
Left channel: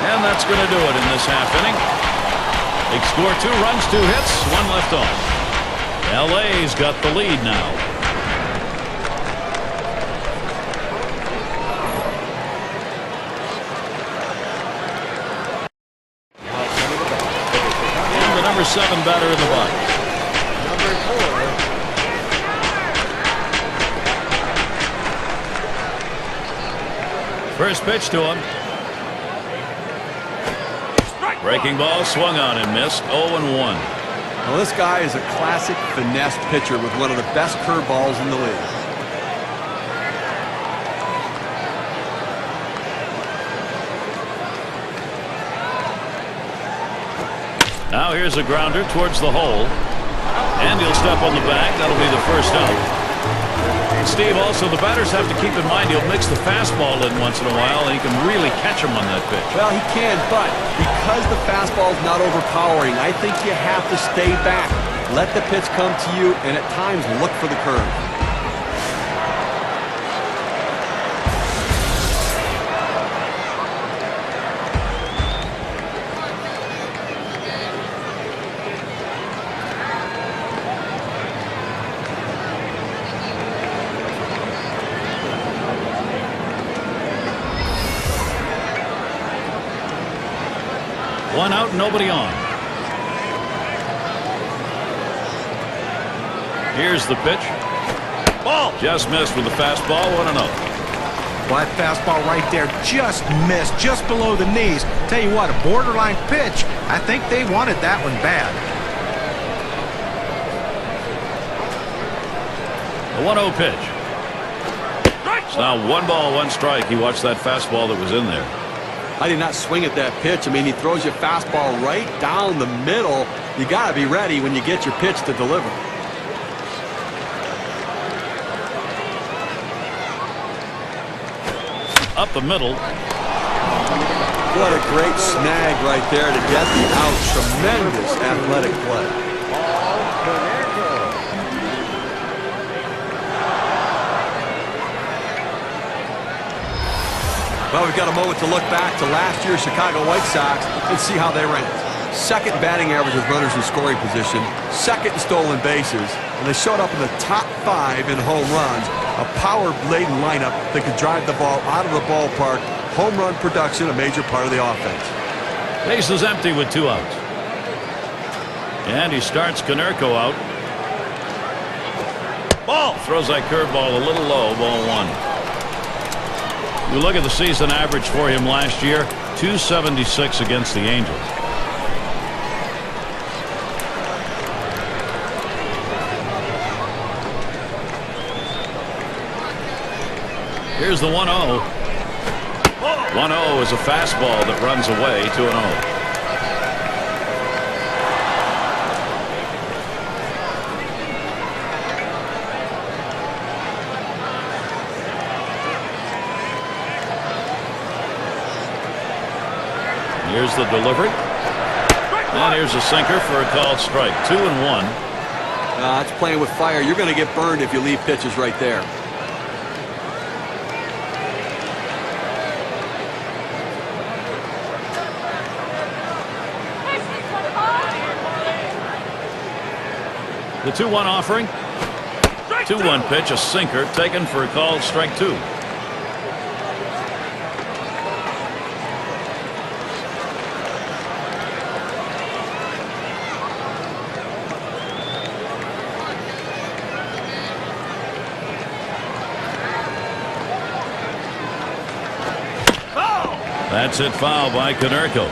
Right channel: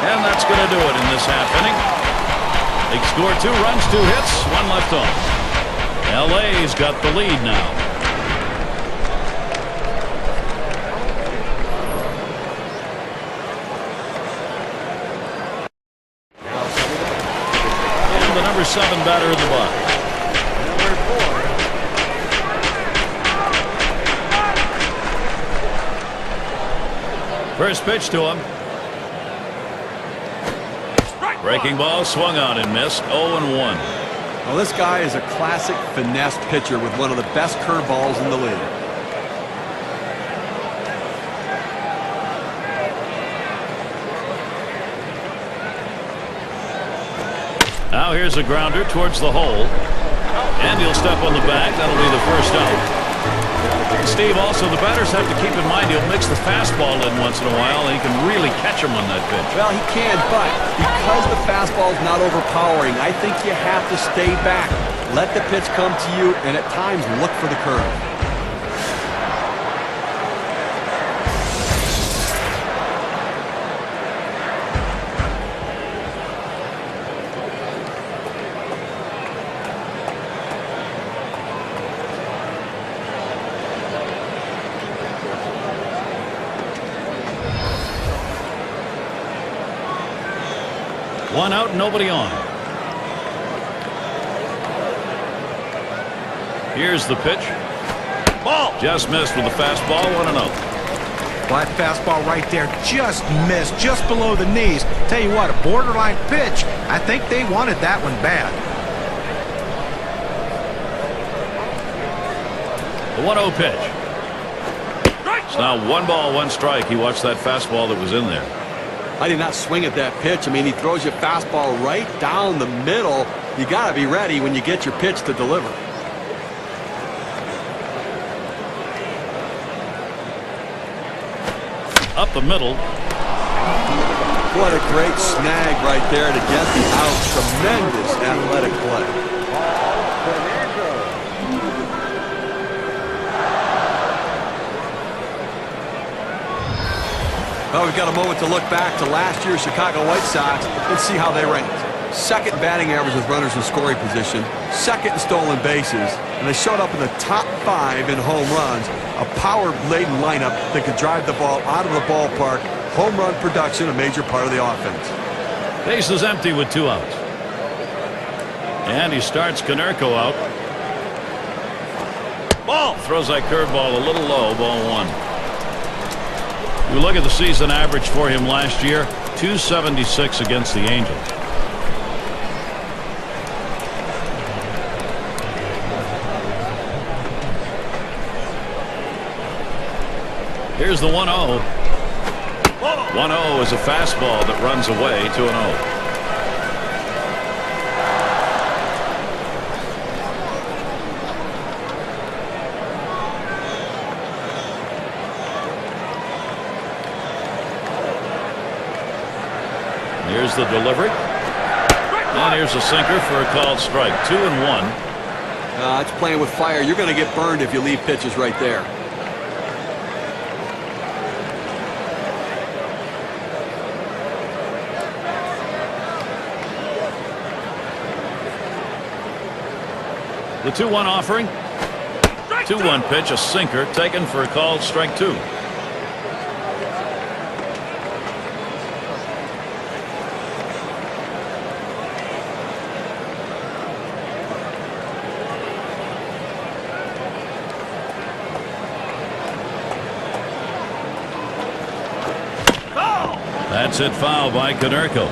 And that's going to do it in this half inning. They score 2 runs, 2 hits, 1 left on. LA's got the lead now. And the number 7 batter in the box. First pitch to him. Breaking ball swung on and missed. 0-1. Well, this guy is a classic finesse pitcher with one of the best curveballs in the league. Now here's a grounder towards the hole. And he'll step on the bag. That'll be the first out. And Steve, also the batters have to keep in mind he'll mix the fastball in once in a while, and he can really catch him on that pitch. Well, he can, but because the fastball's not overpowering, I think you have to stay back. Let the pitch come to you, and at times look for the curve. One out, nobody on. Here's the pitch. Ball. Just missed with the fastball. 1-0. Well, that fastball right there just missed, just below the knees. Tell you what, a borderline pitch. I think they wanted that one bad. The 1-0 pitch. It's now 1 ball, 1 strike. He watched that fastball that was in there. I did not swing at that pitch. I mean, he throws you a fastball right down the middle. You got to be ready when you get your pitch to deliver. Up the middle. What a great snag right there to get the out. Tremendous athletic play. Well, we've got a moment to look back to last year's Chicago White Sox and see how they ranked. Second batting average with runners in scoring position, second in stolen bases, and they showed up in the top 5 in home runs. A power-laden lineup that could drive the ball out of the ballpark. Home run production, a major part of the offense. Base is empty with 2 outs. And he starts Konerko out. Ball. Throws that curveball a little low. Ball 1. You look at the season average for him last year, 276 against the Angels. Here's the 1-0. 1-0 is a fastball that runs away to an 0. Here's the delivery. And here's a sinker for a called strike. 2-1. That's playing with fire. You're going to get burned if you leave pitches right there. The 2-1 offering. 2-1 pitch, a sinker taken for a called strike 2. That's it, foul by Konerko.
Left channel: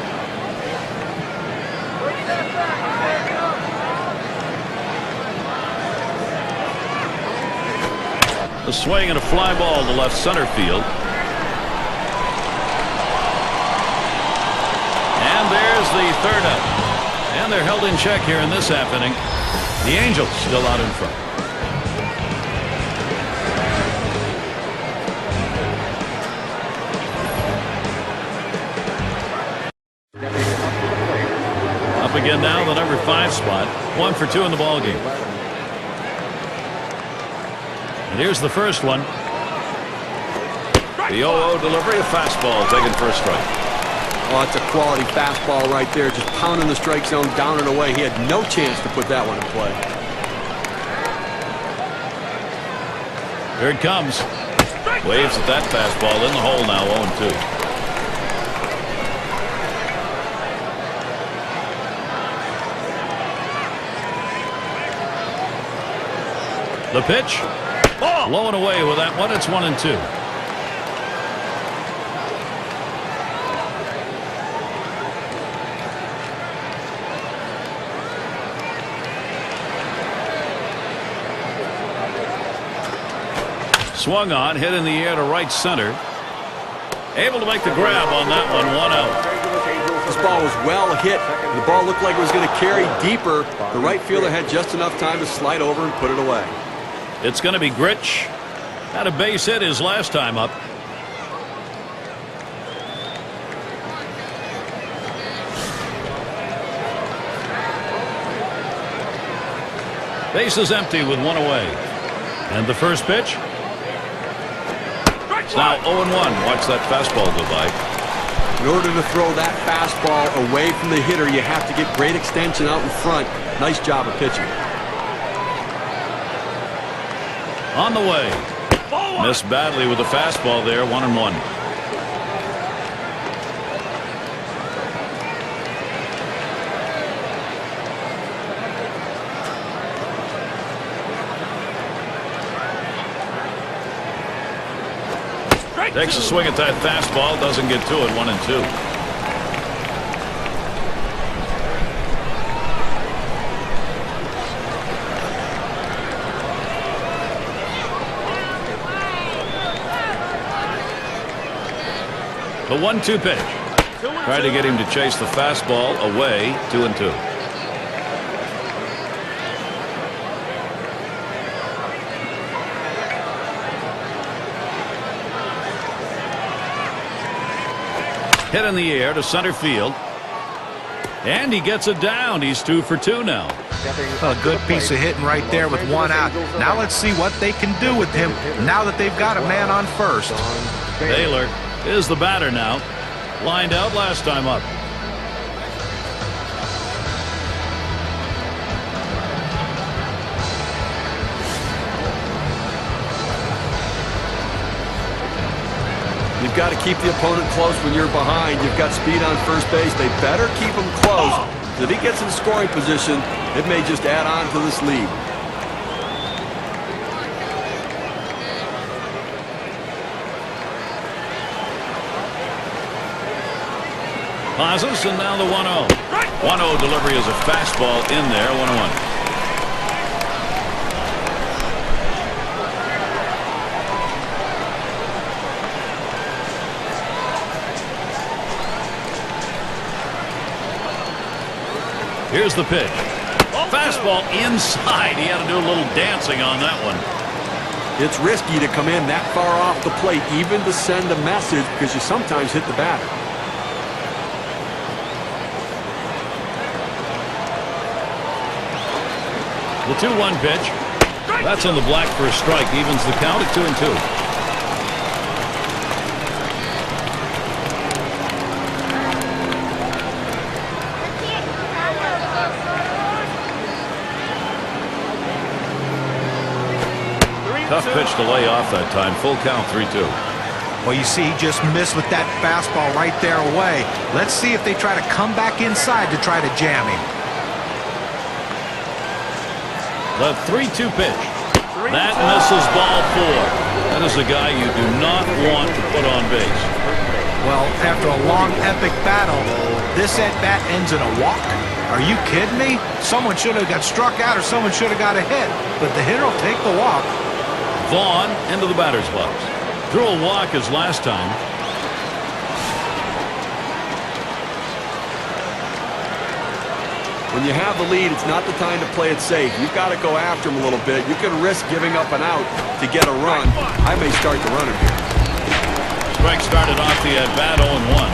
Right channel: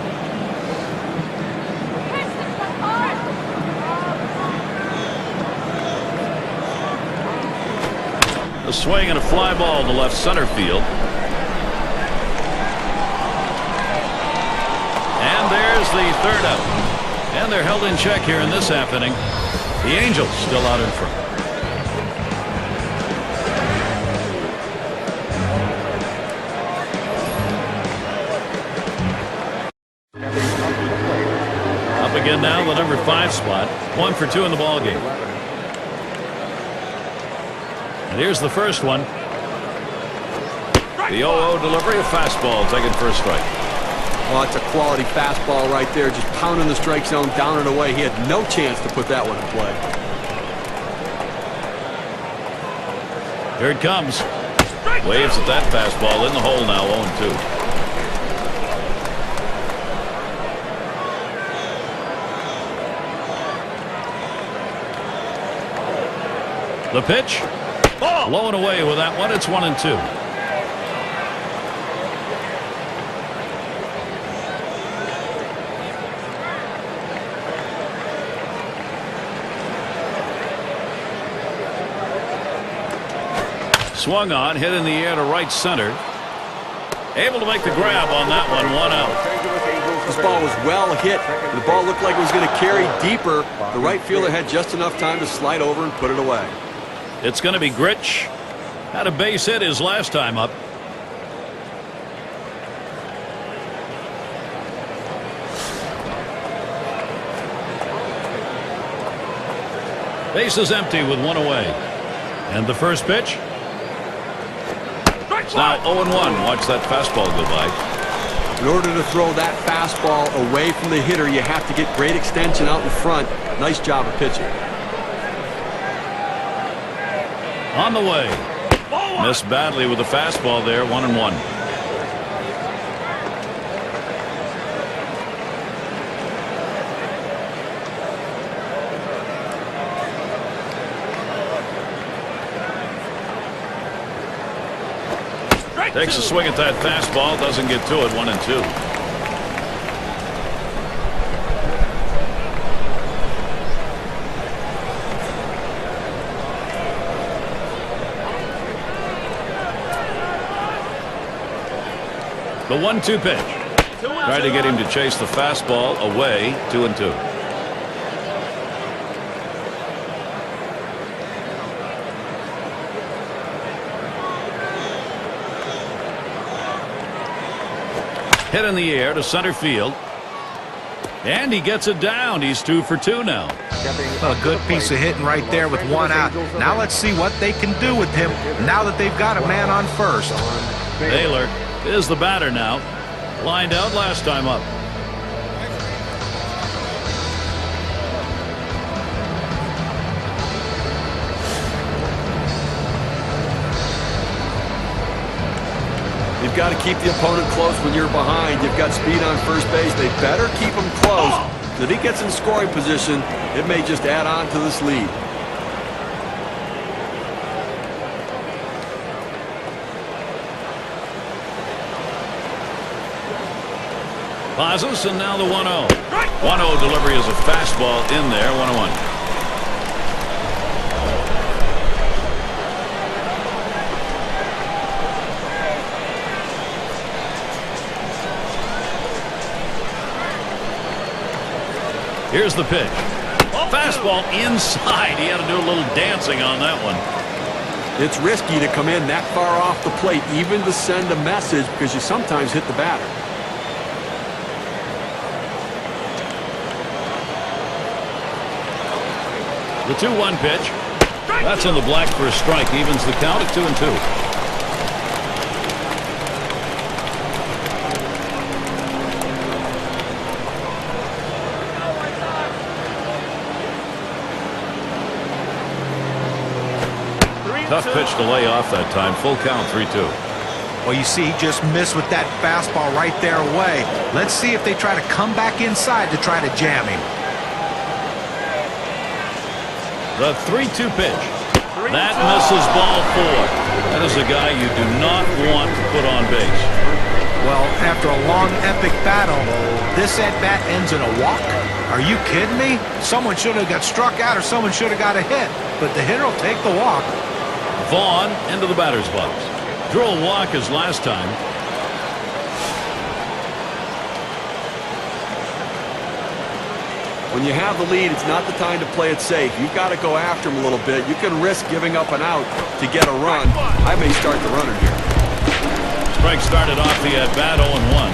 A swing and a fly ball to left center field. And there's the third out. And they're held in check here in this half inning. The Angels still out in front. Up again now, the number 5 spot. 1 for 2 in the ball game. And here's the first one. The 0-0 delivery, a fastball taken for a strike. Oh, that's a quality fastball right there. Just pounding the strike zone, down and away. He had no chance to put that one in play. Here it comes. Waves at that fastball in the hole now, 0-2. The pitch. Low and away with that one. It's 1-2. Swung on, hit in the air to right center. Able to make the grab on that one. 1 out. This ball was well hit. The ball looked like it was going to carry deeper. The right fielder had just enough time to slide over and put it away. It's going to be Grich. Had a base hit his last time up. Base is empty with 1 away. And the first pitch. It's now 0-1. Watch that fastball go by. In order to throw that fastball away from the hitter, you have to get great extension out in front. Nice job of pitching. On the way. Missed badly with the fastball there. 1-1. Takes a swing at that fastball. Doesn't get to it. 1-2. The 1-2 pitch. Tried to get him to chase the fastball away. 2-2. Hit in the air to center field. And he gets it down. He's 2 for 2 now. Well, a good piece of hitting right there with 1 out. Now let's see what they can do with him now that they've got a man on first. Baylor is the batter now. Lined out last time up. You've got to keep the opponent close when you're behind. You've got speed on first base. They better keep him close. Because if he gets in scoring position, it may just add on to this lead. Pauses, and now the 1-0. 1-0 delivery is a fastball in there. 1-1. Here's the pitch. Fastball inside. He had to do a little dancing on that one. It's risky to come in that far off the plate, even to send a message, because you sometimes hit the batter. The 2-1 pitch. That's on the black for a strike. Evens the count at 2-2. Tough pitch to lay off that time. Full count, 3-2. Well, you see, he just missed with that fastball right there away. Let's see if they try to come back inside to try to jam him. The 3-2 pitch. That misses ball 4. That is a guy you do not want to put on base. Well, after a long, epic battle, this at-bat ends in a walk? Are you kidding me? Someone should have got struck out or someone should have got a hit. But the hitter will take the walk. Vaughn into the batter's box. Drew a walk his last time. When you have the lead, it's not the time to play it safe. You've got to go after him a little bit. You can risk giving up an out to get a run. I may start the runner here. Strike started off the at-bat 0-1.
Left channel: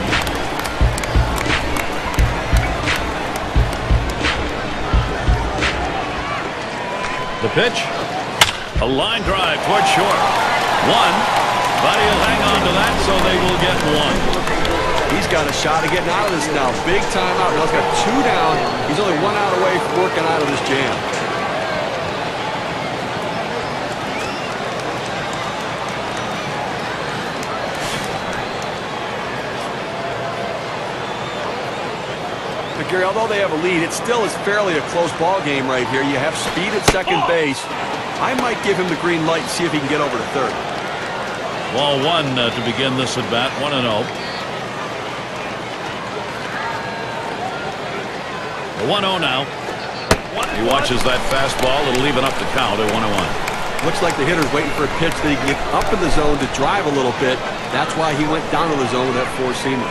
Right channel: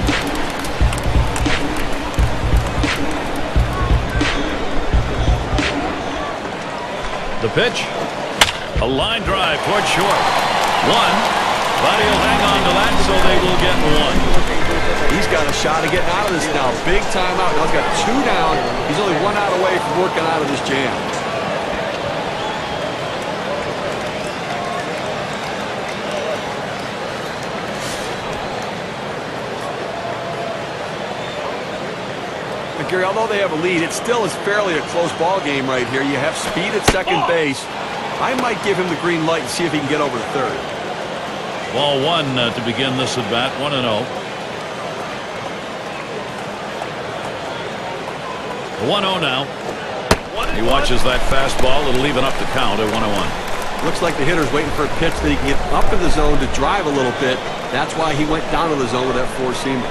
The pitch. A line drive towards short. 1. But he'll hang on to that, so they will get 1. He's got a shot of getting out of this now. Big time out. Now he's got 2 down. He's only 1 out away from working out of this jam. But Gary, although they have a lead, it still is fairly a close ball game right here. You have speed at second base. I might give him the green light and see if he can get over to third. Ball 1 to begin this at bat. 1-0. The 1-0 now. He watches that fastball. It'll even up the count at 1-1. Looks like the hitter's waiting for a pitch that he can get up in the zone to drive a little bit. That's why he went down to the zone with that 4-seamer.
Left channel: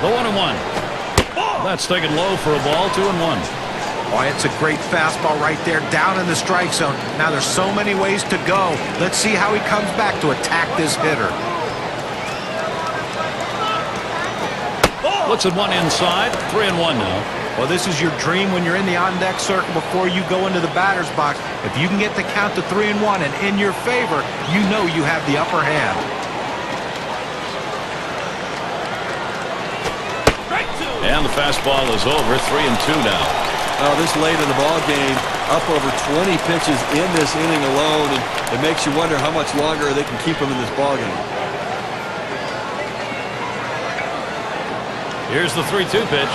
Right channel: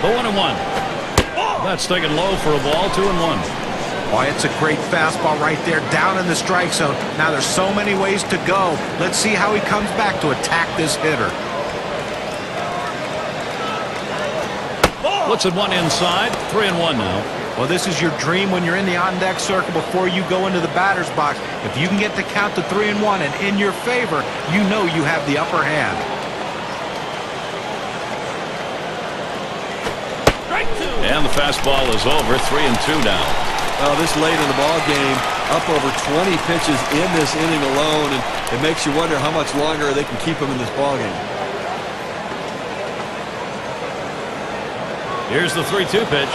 The 1-1. That's taken low for a ball. 2-1. Oh, it's a great fastball right there down in the strike zone. Now there's so many ways to go. Let's see how he comes back to attack this hitter. Looks at 1 inside. 3-1 now. Well, this is your dream when you're in the on-deck circle before you go into the batter's box. If you can get the count to 3-1 and in your favor, you know you have the upper hand. And the fastball is over. 3-2 now. This late in the ball game, up over 20 pitches in this inning alone, and it makes you wonder how much longer they can keep him in this ball game. Here's the 3-2 pitch.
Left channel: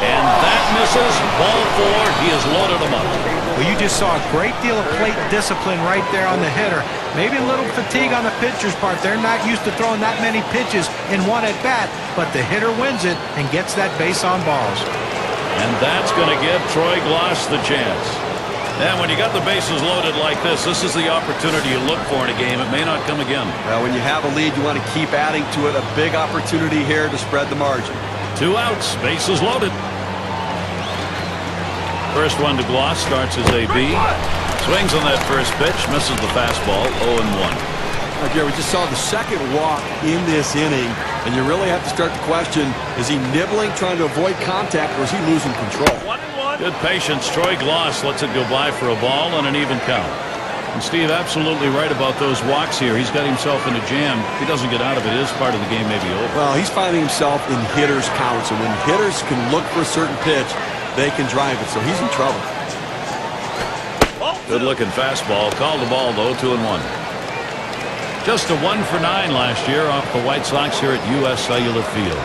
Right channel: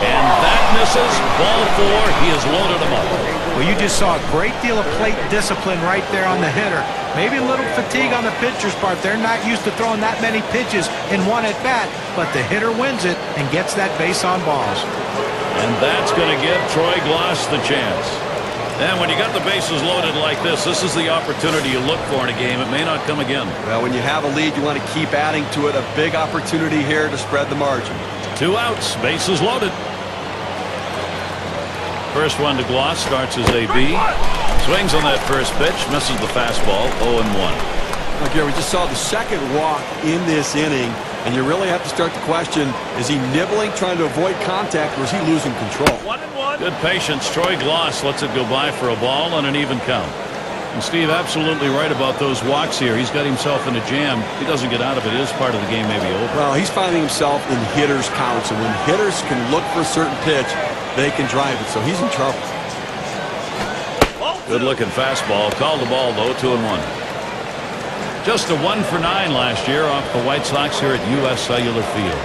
And that misses. Ball 4. He has loaded him up. Well, you just saw a great deal of plate discipline right there on the hitter. Maybe a little fatigue on the pitcher's part. They're not used to throwing that many pitches in one at-bat, but the hitter wins it and gets that base on balls. And that's going to give Troy Glaus the chance. And when you got the bases loaded like this is the opportunity you look for in a game. It may not come again. Well, when you have a lead, you want to keep adding to it. A big opportunity here to spread the margin. 2 outs, bases loaded. First one to Glaus, starts as AB. Swings on that first pitch, misses the fastball. 0-1. Now, Gary, we just saw the second walk in this inning, and you really have to start to question, is he nibbling, trying to avoid contact, or is he losing control? 1-1. Good patience. Troy Glaus lets it go by for a ball and an even count. And Steve, absolutely right about those walks here. He's got himself in a jam. If he doesn't get out of it, his part of the game may be over. Well, he's finding himself in hitters' counts, and when hitters can look for a certain pitch, they can drive it, so he's in trouble. Good looking fastball. Called the ball, though. 2-1. Just a 1 for 9 last year off the White Sox here at U.S. Cellular Field.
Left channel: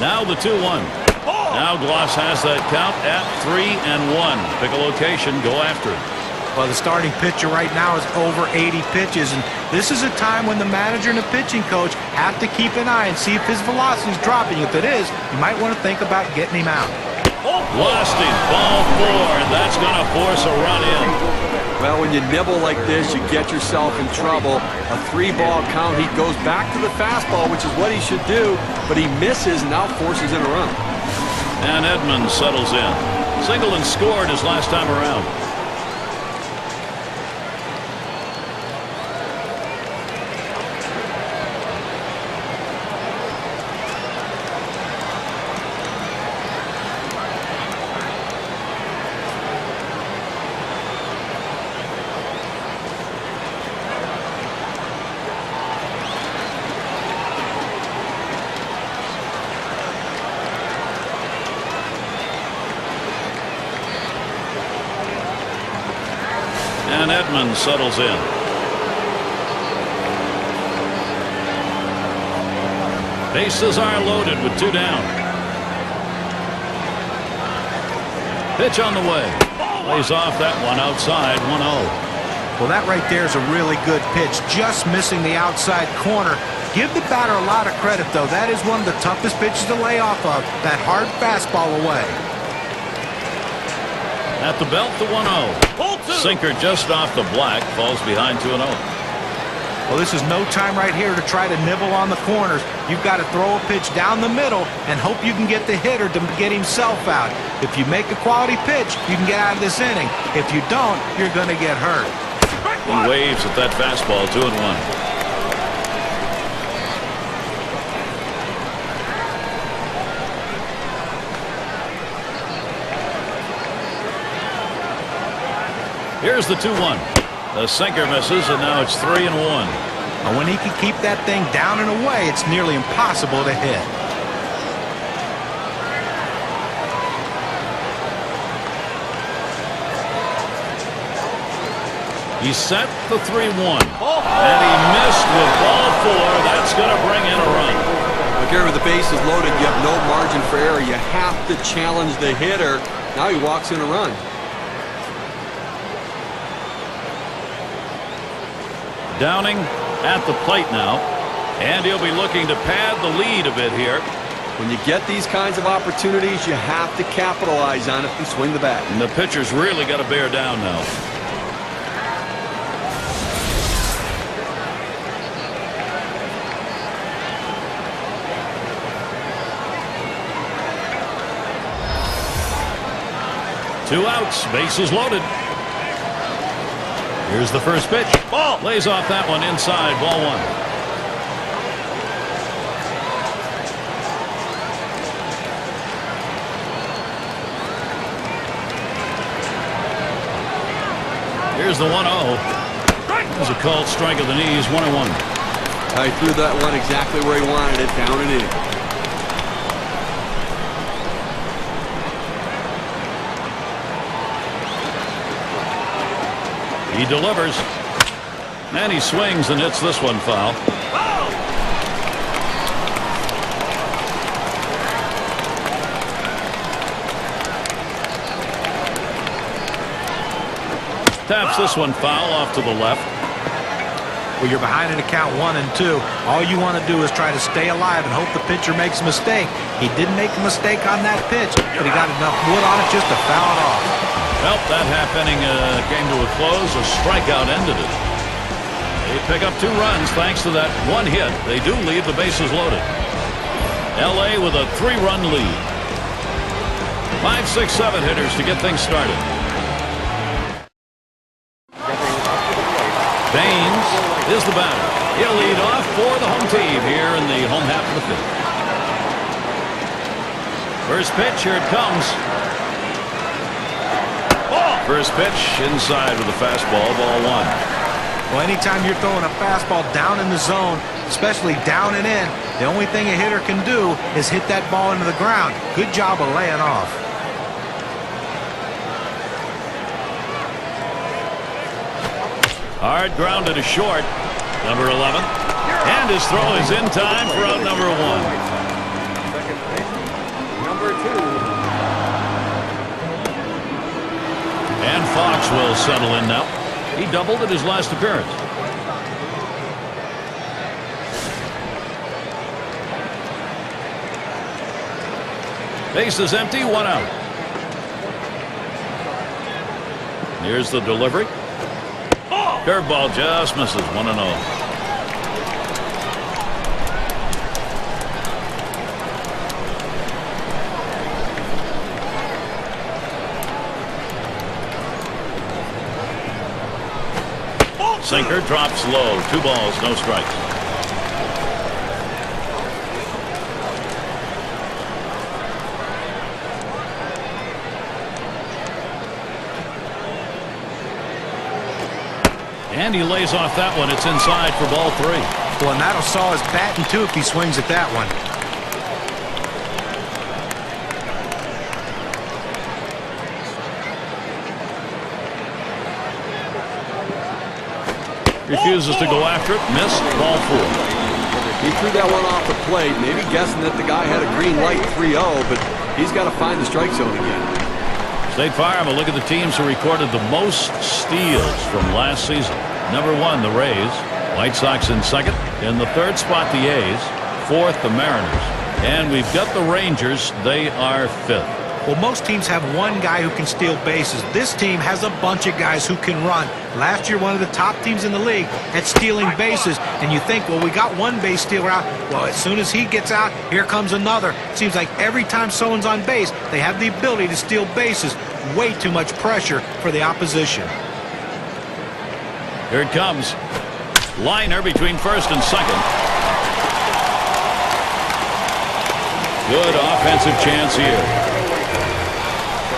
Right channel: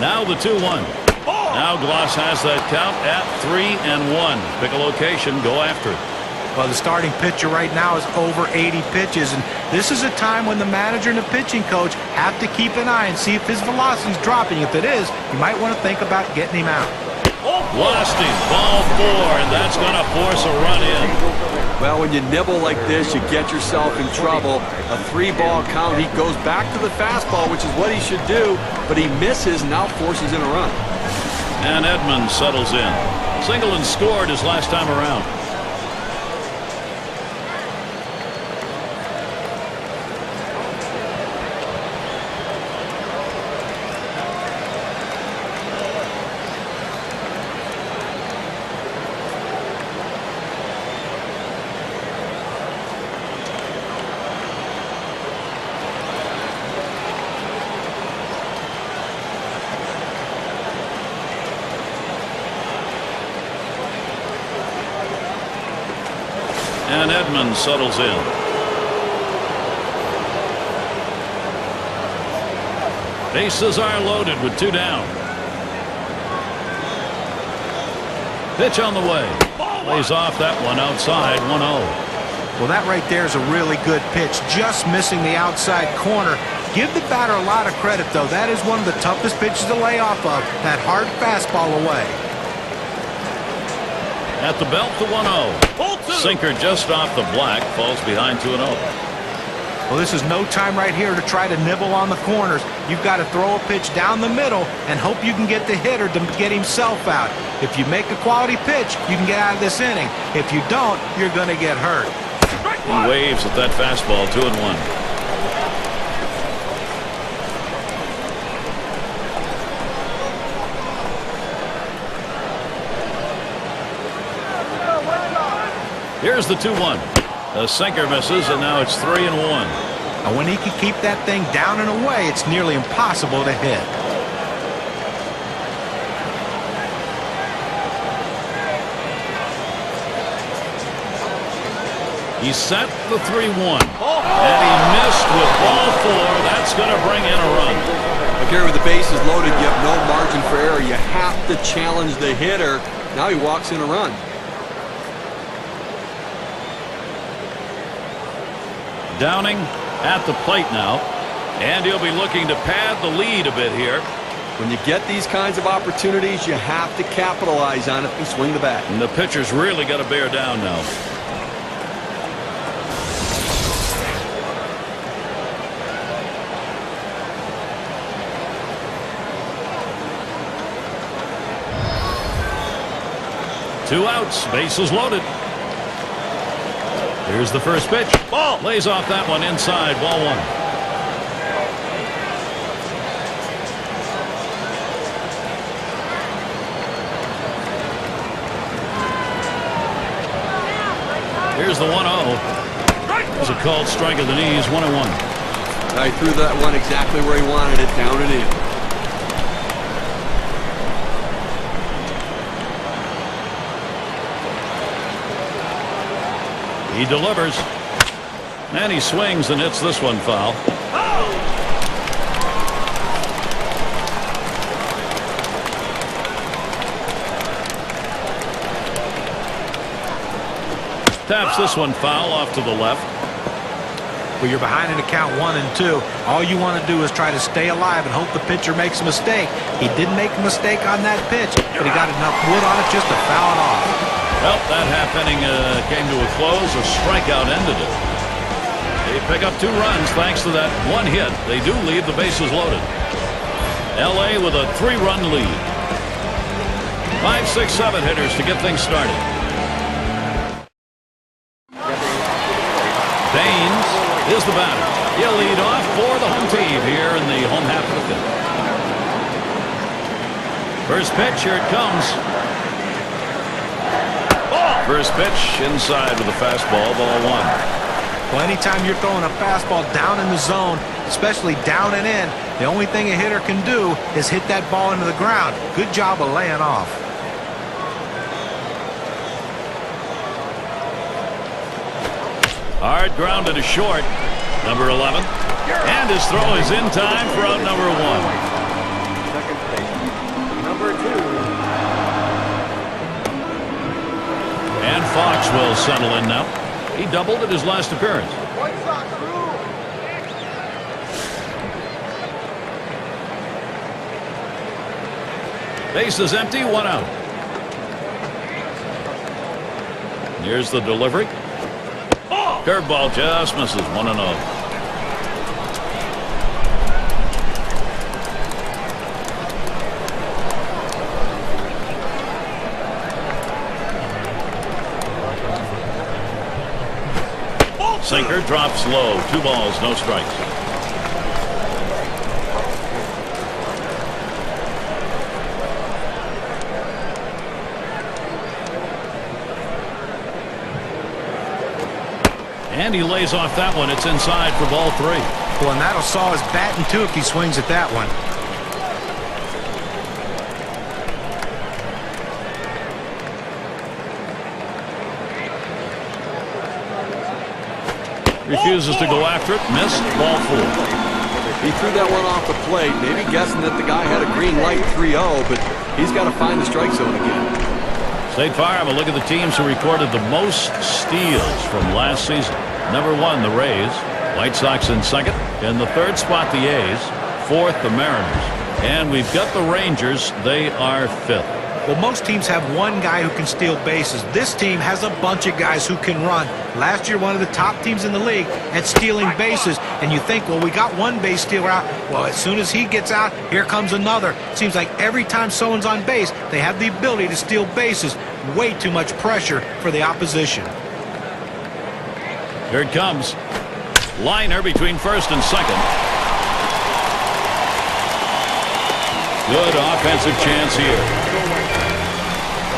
Now the 2-1. Now Glaus has that count at 3-1. Pick a location, go after it. Well, the starting pitcher right now is over 80 pitches, and this is a time when the manager and the pitching coach have to keep an eye and see if his velocity is dropping. If it is, you might want to think about getting him out. Lost him. Ball 4, and that's going to force a run in. Well, when you nibble like this, you get yourself in trouble. A 3-ball count. He goes back to the fastball, which is what he should do, but he misses and now forces in a run. And Edmonds settles in. Singled and scored his last time around. And Edmonds settles in. Bases are loaded with 2 down. Pitch on the way. Lays off that one outside, 1-0. Well, that right there is a really good pitch, just missing the outside corner. Give the batter a lot of credit, though. That is one of the toughest pitches to lay off of, that hard fastball away. At the belt, the 1-0. Sinker just off the black, falls behind 2-0. Well, this is no time right here to try to nibble on the corners. You've got to throw a pitch down the middle and hope you can get the hitter to get himself out. If you make a quality pitch, you can get out of this inning. If you don't, you're going to get hurt. He waves at that fastball, 2-1. Here's the 2-1. The sinker misses, and now it's 3-1. And when he can keep that thing down and away, it's nearly impossible to hit. He set the 3-1. And he missed with ball 4. That's going to bring in a run. But Gary, with the bases loaded, you have no margin for error. You have to challenge the hitter. Now he walks in a run. Downing at the plate now, and he'll be looking to pad the lead a bit here. When you get these kinds of opportunities, you have to capitalize on it and swing the bat. And the pitcher's really got to bear down now. Two outs, bases loaded. Here's the first pitch. Ball. Lays off that one inside, ball 1. Here's the 1-0. There's a called strike of the knees, 1-1. I threw that one exactly where he wanted it, down and in. He delivers, and he swings and hits this one foul. Taps this one foul off to the left. Well, you're behind in the count 1 and 2. All you want to do is try to stay alive and hope the pitcher makes a mistake. He didn't make a mistake on that pitch, but he got enough wood on it just to foul it off. Well, that half inning came to a close. A strikeout ended it. They pick up 2 runs thanks to that one hit. They do leave the bases loaded. L.A. with a 3-run lead. 5, 6, 7 hitters to get things started. Baines is the batter. He'll lead off for the home team here in the home half of the 5th. First pitch, here it comes. First pitch inside with a fastball, ball 1. Well, anytime you're throwing a fastball down in the zone, especially down and in, the only thing a hitter can do is hit that ball into the ground. Good job of laying off. Hard grounded to short, number 11. And his throw is in time for out number 1. And Fox will settle in now. He doubled at his last appearance. Base is empty, 1 out. Here's the delivery. Curveball just misses. 1-0. Sinker drops low. 2 balls, no strikes. And he lays off that one. It's inside for ball 3. Well, and that'll saw his batting too if he swings at that one. Refuses to go after it. Missed. Ball 4. He threw that one off the plate, maybe guessing that the guy had a green light 3-0, but he's got to find the strike zone again. State Farm, a look at the teams who recorded the most steals from last season. Number 1, the Rays. White Sox in second. In the third spot, the A's. Fourth, the Mariners. And we've got the Rangers. They are fifth. Well, most teams have one guy who can steal bases. This team has a bunch of guys who can run. Last year, one of the top teams in the league at stealing bases. And you think, well, we got one base stealer out. Well, as soon as he gets out, here comes another. Seems like every time someone's on base, they have the ability to steal bases. Way too much pressure for the opposition. Here it comes. Liner between first and second. Good offensive chance here.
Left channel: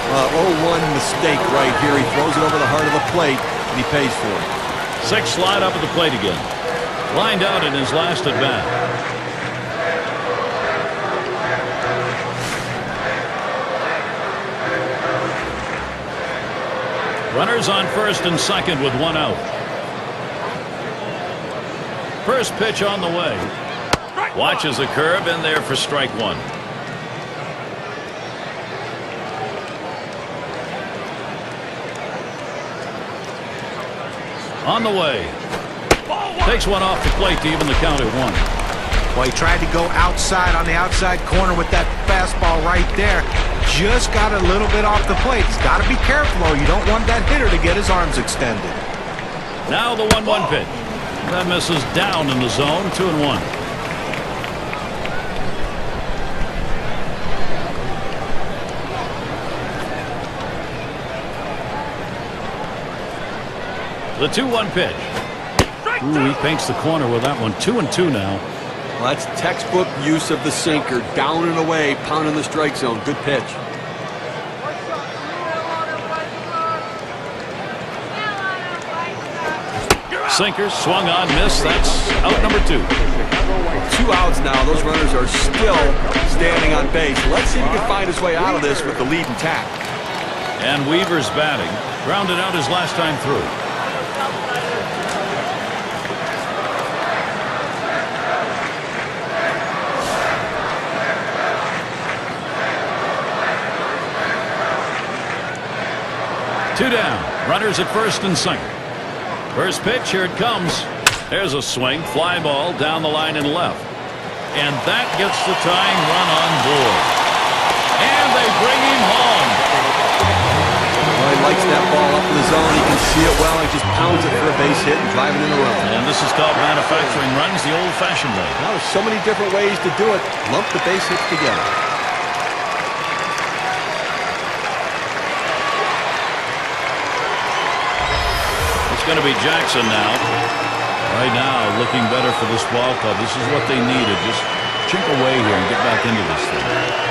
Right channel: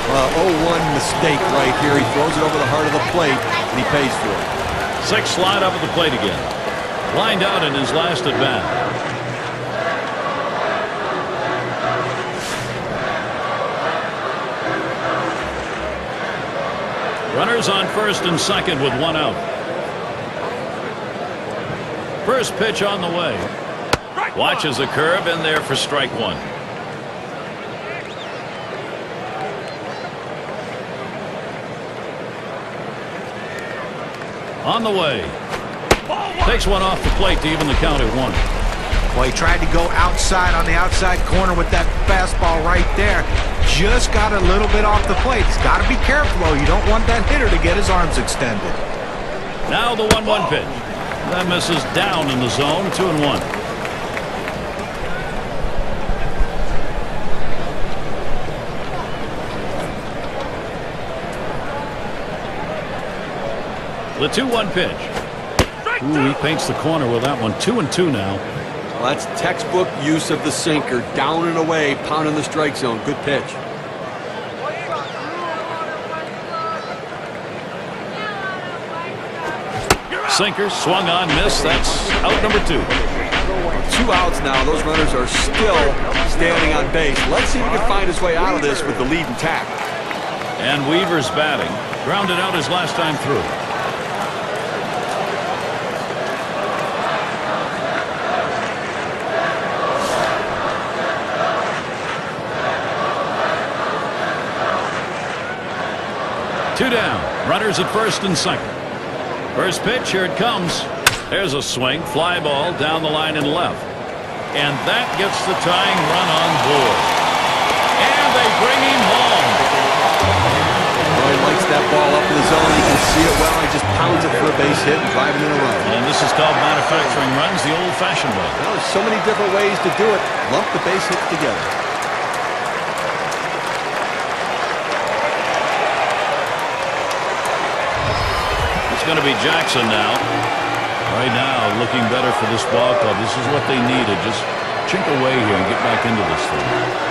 0-1 mistake right here. He throws it over the heart of the plate, and he pays for it. 6 slide up at the plate again. Lined out in his last at bat. Runners on first and second with 1 out. First pitch on the way. Watches the curve in there for strike 1. On the way. Takes one off the plate to even the count at 1. Well, he tried to go outside on the outside corner with that fastball right there. Just got a little bit off the plate. He's got to be careful, though. You don't want that hitter to get his arms extended. Now the 1-1 pitch. That misses down in the zone. 2-1. The 2-1 pitch. Ooh, he paints the corner with that one. 2-2 now. Well, that's textbook use of the sinker. Down and away, pounding the strike zone. Good pitch. Sinker swung on, missed. That's out number 2. Well, 2 outs now. Those runners are still standing on base. Let's see if he can find his way out of this with the lead intact. And Weaver's batting. Grounded out his last time through. Two down. Runners at first and second. First pitch, here it comes. There's a swing. Fly ball down the line and left. And that gets the tying run on board. And they bring him home. Well, he likes that ball up in the zone. He can see it well. He just pounds it for a base hit and driving in a run. And this is called manufacturing runs the old-fashioned way. Well, there's so many different ways to do it. Lump the base hits together. It's going to be Jackson now. Right now, looking better for this ball club. This is what they needed. Just chink away here and get back into this thing.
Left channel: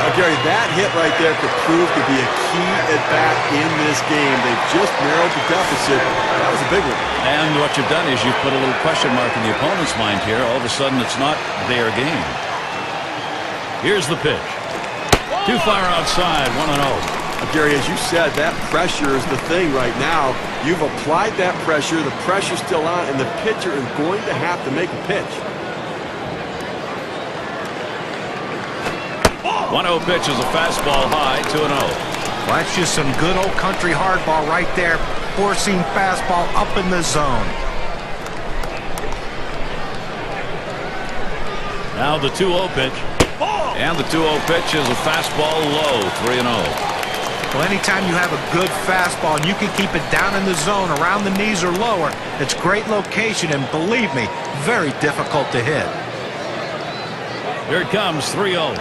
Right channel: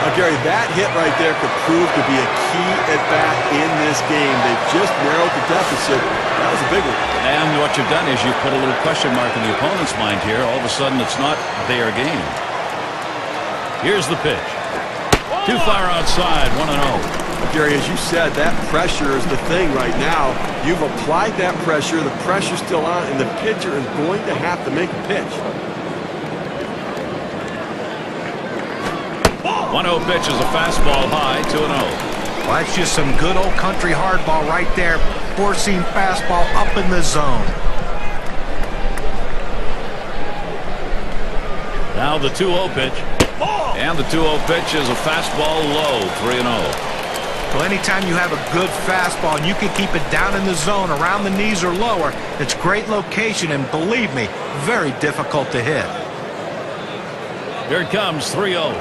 Now, Gary, that hit right there could prove to be a key at bat in this game. They've just narrowed the deficit. That was a big one. And what you've done is you've put a little question mark in the opponent's mind here. All of a sudden, it's not their game. Here's the pitch. Too far outside, 1-0. Gary, as you said, that pressure is the thing right now. You've applied that pressure. The pressure's still on, and the pitcher is going to have to make a pitch. 1-0 pitch is a fastball high, 2-0. Well, that's just some good old country hardball right there. Four-seam fastball up in the zone. Now the 2-0 pitch. And the 2-0 pitch is a fastball low, 3-0. Well, anytime you have a good fastball and you can keep it down in the zone around the knees or lower, it's great location and, believe me, very difficult to hit. Here it comes, 3-0.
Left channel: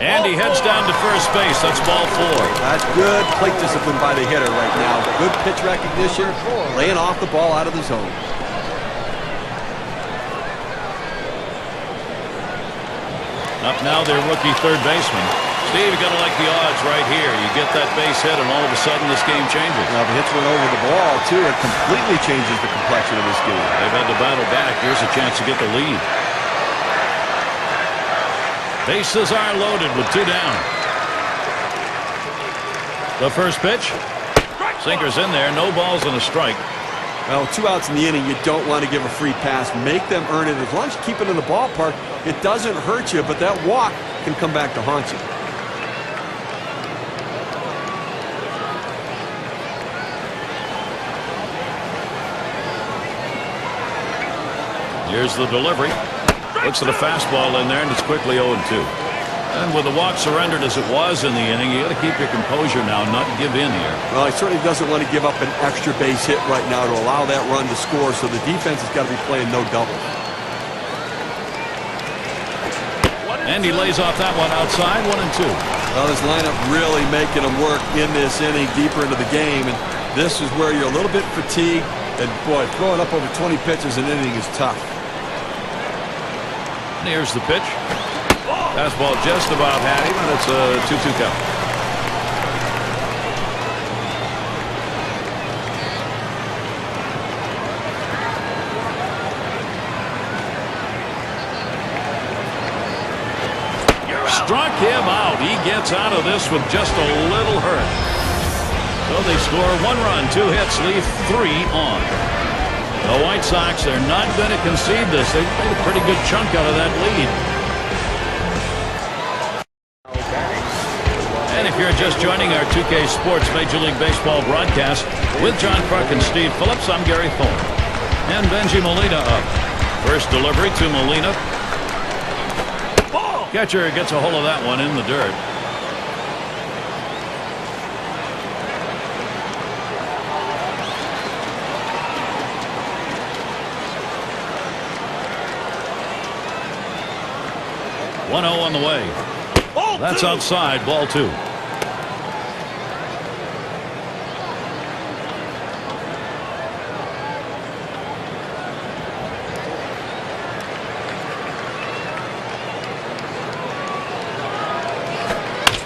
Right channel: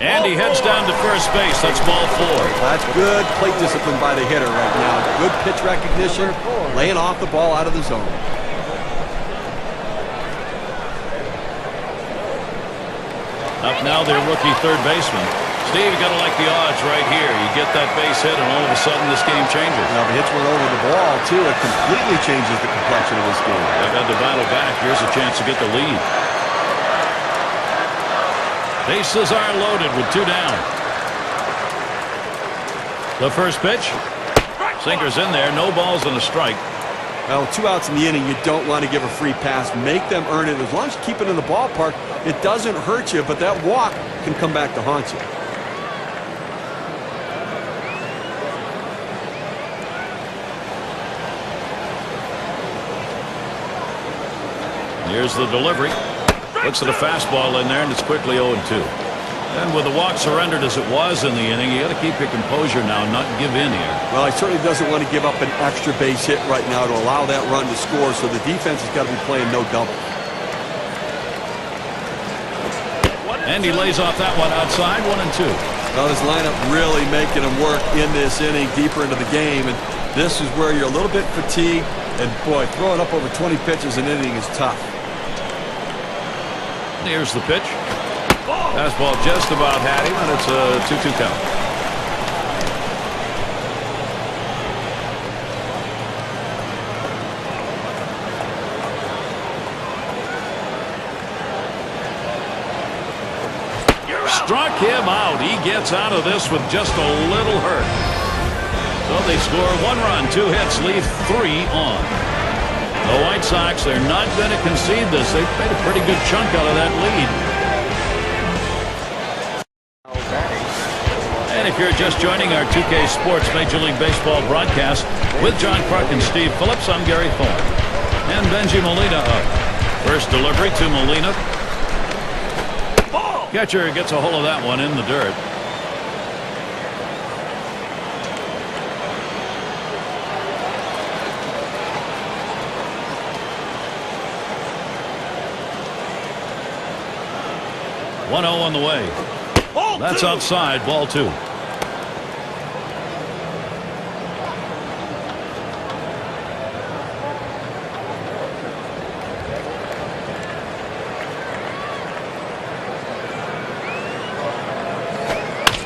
And he heads down to first base. That's ball 4. That's good plate discipline by the hitter right now. Good pitch recognition, laying off the ball out of the zone. Up now, their rookie third baseman. Steve, you got to like the odds right here. You get that base hit, and all of a sudden this game changes. Now, if he hits one over the ball, too, it completely changes the complexion of this game. They've had to battle back. Here's a chance to get the lead. Bases are loaded with 2 down. The first pitch. Sinker's in there. No balls and a strike. Well, with 2 outs in the inning, you don't want to give a free pass. Make them earn it. As long as you keep it in the ballpark, it doesn't hurt you, but that walk can come back to haunt you. Here's the delivery. Looks at a fastball in there, and it's quickly 0-2. And with the walk surrendered as it was in the inning, you got to keep your composure now, not give in here. Well, he certainly doesn't want to give up an extra base hit right now to allow that run to score, so the defense has got to be playing no doubles. And he lays off that one outside, 1-2. Well, this lineup really making them work in this inning, deeper into the game, and this is where you're a little bit fatigued, and boy, throwing up over 20 pitches an inning is tough. Here's the pitch. Fastball just about had him, and it's a 2-2 count. Struck him out. He gets out of this with just a little hurt. So they score 1 run, 2 hits, leave 3 on. The White Sox, they're not going to concede this. They've made a pretty good chunk out of that lead. And if you're just joining our 2K Sports Major League Baseball broadcast with John Kruk and Steve Phillips, I'm Gary Thorne. And Benji Molina up. First delivery to Molina. Catcher gets a hold of that one in the dirt. One 0 on the way. That's outside, ball 2.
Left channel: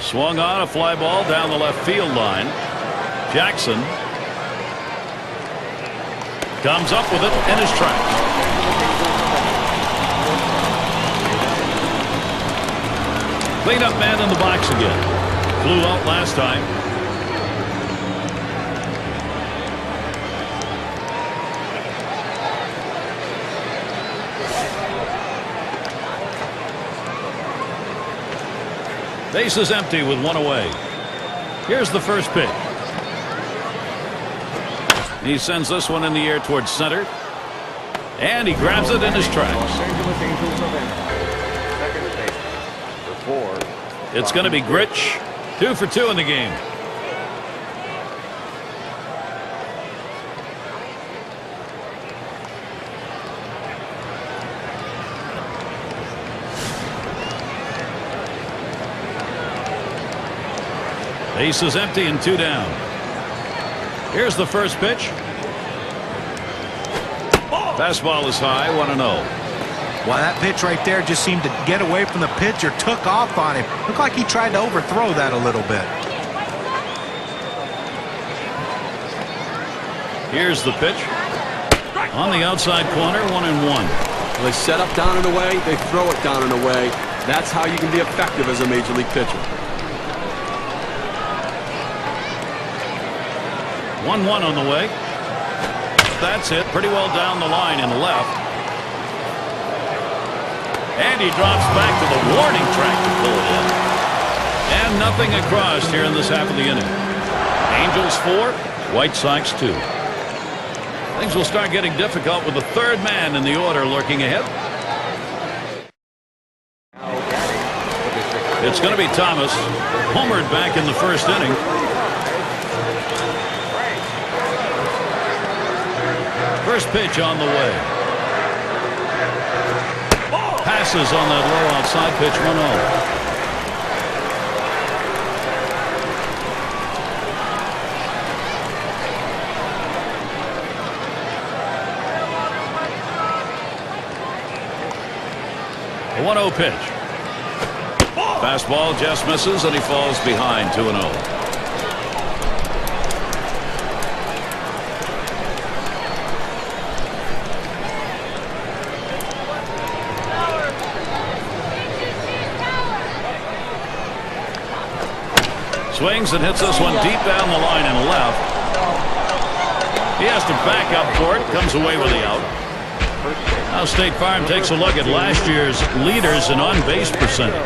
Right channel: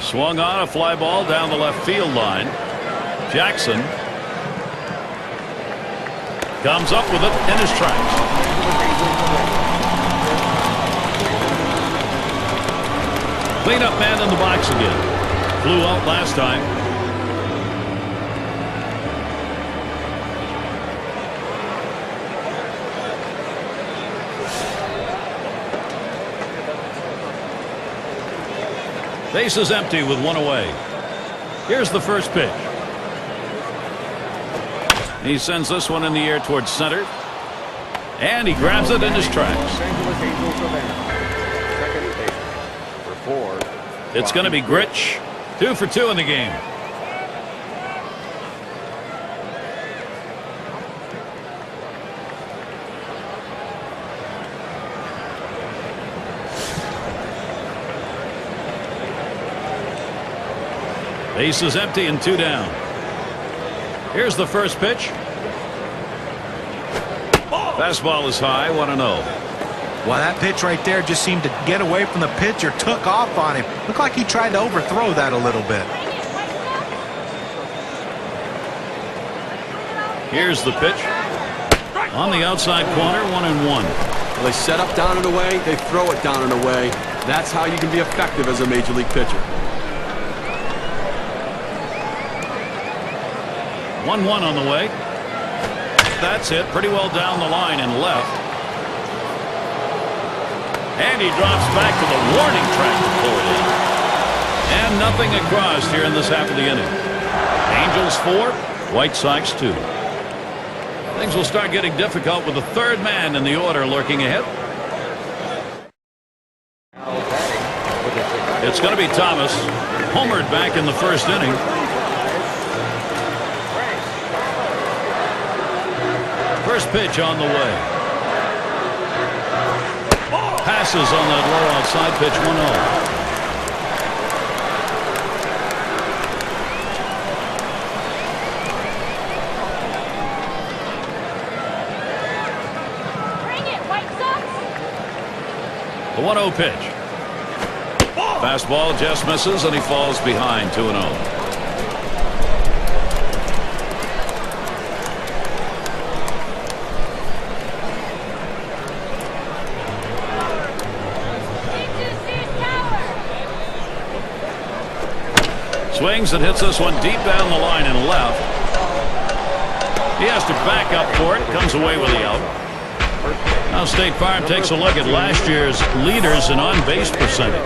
Swung on a fly ball down the left field line. Jackson comes up with it in his tracks. Cleanup man in the box again. Flew out last time. Base is empty with 1 away. Here's the first pitch. He sends this one in the air towards center. And he grabs it in his tracks. It's going to be Grich. 2 for 2 in the game. Base is empty and 2 down. Here's the first pitch. Fastball is high, 1-0. Well, that pitch right there just seemed to get away from the pitcher, took off on him. Looked like he tried to overthrow that a little bit. Here's the pitch. On the outside corner, 1-1. Well, they set up down and away, they throw it down and away. That's how you can be effective as a major league pitcher. 1-1 on the way. That's hit pretty well down the line and left. And he drops back to the warning track to pull it in. And nothing across here in this half of the inning. Angels 4, White Sox 2. Things will start getting difficult with the third man in the order lurking ahead. It's going to be Thomas. Homered back in the first inning. First pitch on the way. Passes on that low outside pitch, 1-0. The 1-0 pitch. Fastball just misses, and he falls behind 2-0. Swings and hits this one deep down the line and left. He has to back up for it. Comes away with the out. Now State Farm takes a look at last year's leaders in on-base percentage.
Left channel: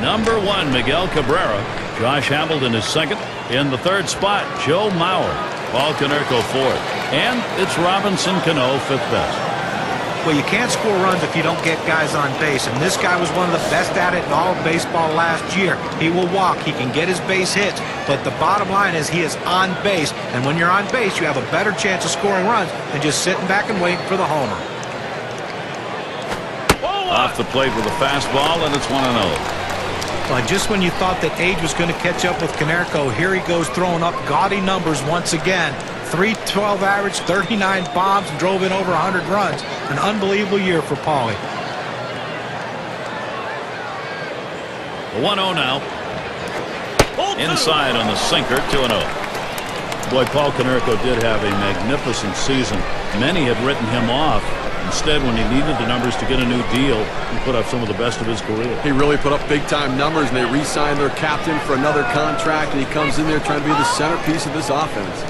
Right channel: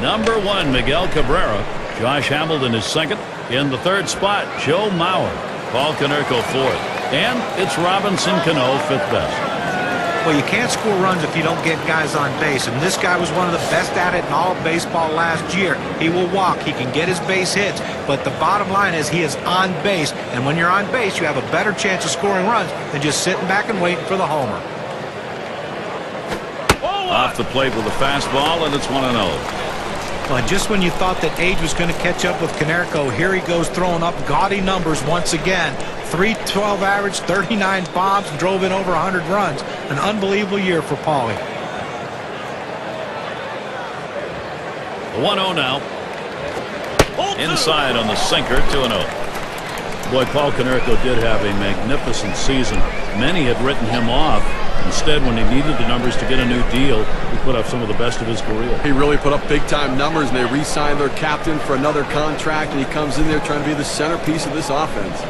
Number 1, Miguel Cabrera. Josh Hamilton is second. In the third spot, Joe Mauer. Paul Konerko fourth. And it's Robinson Cano fifth best. Well, you can't score runs if you don't get guys on base, and this guy was one of the best at it in all of baseball last year. He will walk, he can get his base hits, but the bottom line is he is on base, and when you're on base, you have a better chance of scoring runs than just sitting back and waiting for the homer. Off the plate with a fastball, and it's 1-0. Well, just when you thought that age was going to catch up with Konerko, here he goes throwing up gaudy numbers once again. 312 average, 39 bombs, and drove in over 100 runs. An unbelievable year for Paulie. The 1-0 now. Inside on the sinker, 2-0. Boy, Paul Konerko did have a magnificent season. Many had written him off. Instead, when he needed the numbers to get a new deal, he put up some of the best of his career. He really put up big-time numbers, and they re-signed their captain for another contract, and he comes in there trying to be the centerpiece of this offense.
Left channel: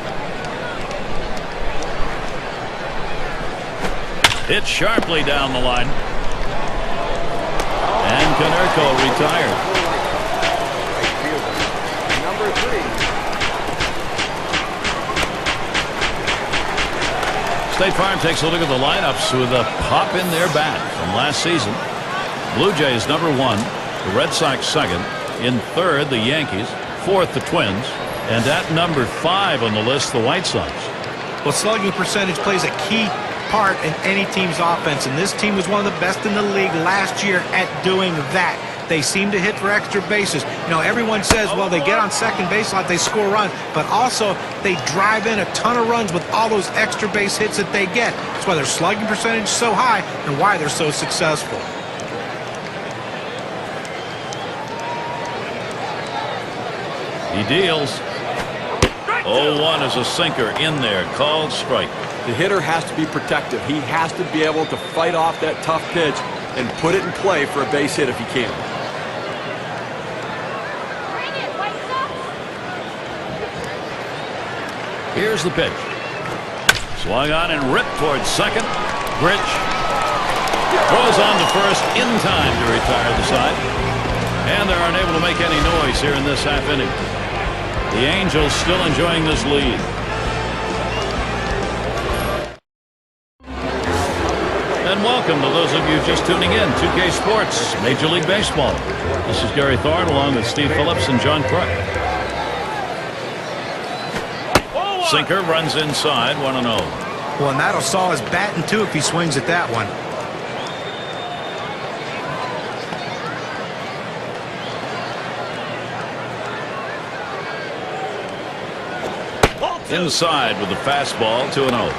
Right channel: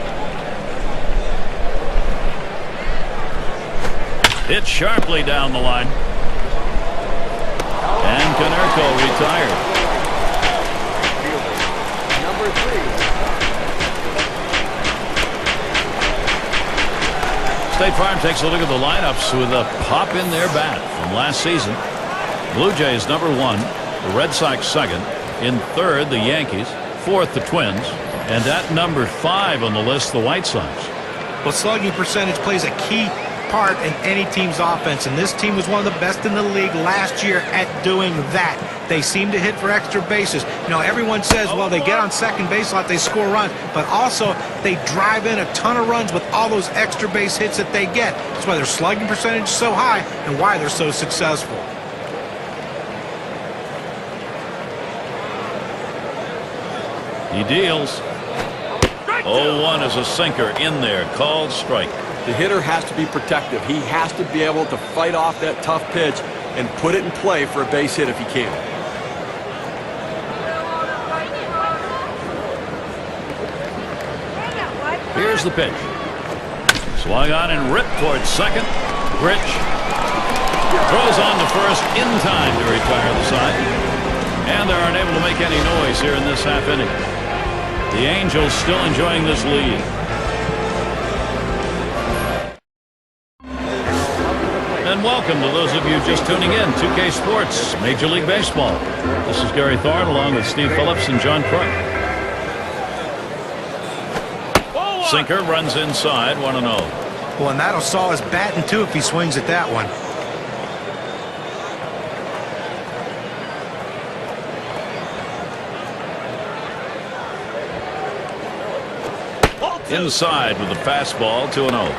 Hit sharply down the line. And Konerko retired. State Farm takes a look at the lineups with a pop in their bat from last season. Blue Jays number 1, the Red Sox second. In third, the Yankees. Fourth, the Twins. And at number 5 on the list, the White Sox. Well, slugging percentage plays a key part in any team's offense, and this team was one of the best in the league last year at doing that. They seem to hit for extra bases. You know, everyone says, well, they get on second base a lot, they score runs, but also they drive in a ton of runs with all those extra base hits that they get. That's why their slugging percentage is so high and why they're so successful. He deals. 0-1 is a sinker in there, called strike. The hitter has to be protective. He has to be able to fight off that tough pitch and put it in play for a base hit if he can. Here's the pitch. Swung on and ripped towards second. Grich throws on to first in time to retire the side. And they're unable to make any noise here in this half inning. The Angels still enjoying this lead. And welcome to those of you just tuning in. 2K Sports, Major League Baseball. This is Gary Thorne along with Steve Phillips and John Crook. Sinker runs inside, 1-0. Well, and that'll saw his batting too if he swings at that one. Inside with the fastball, 2-0.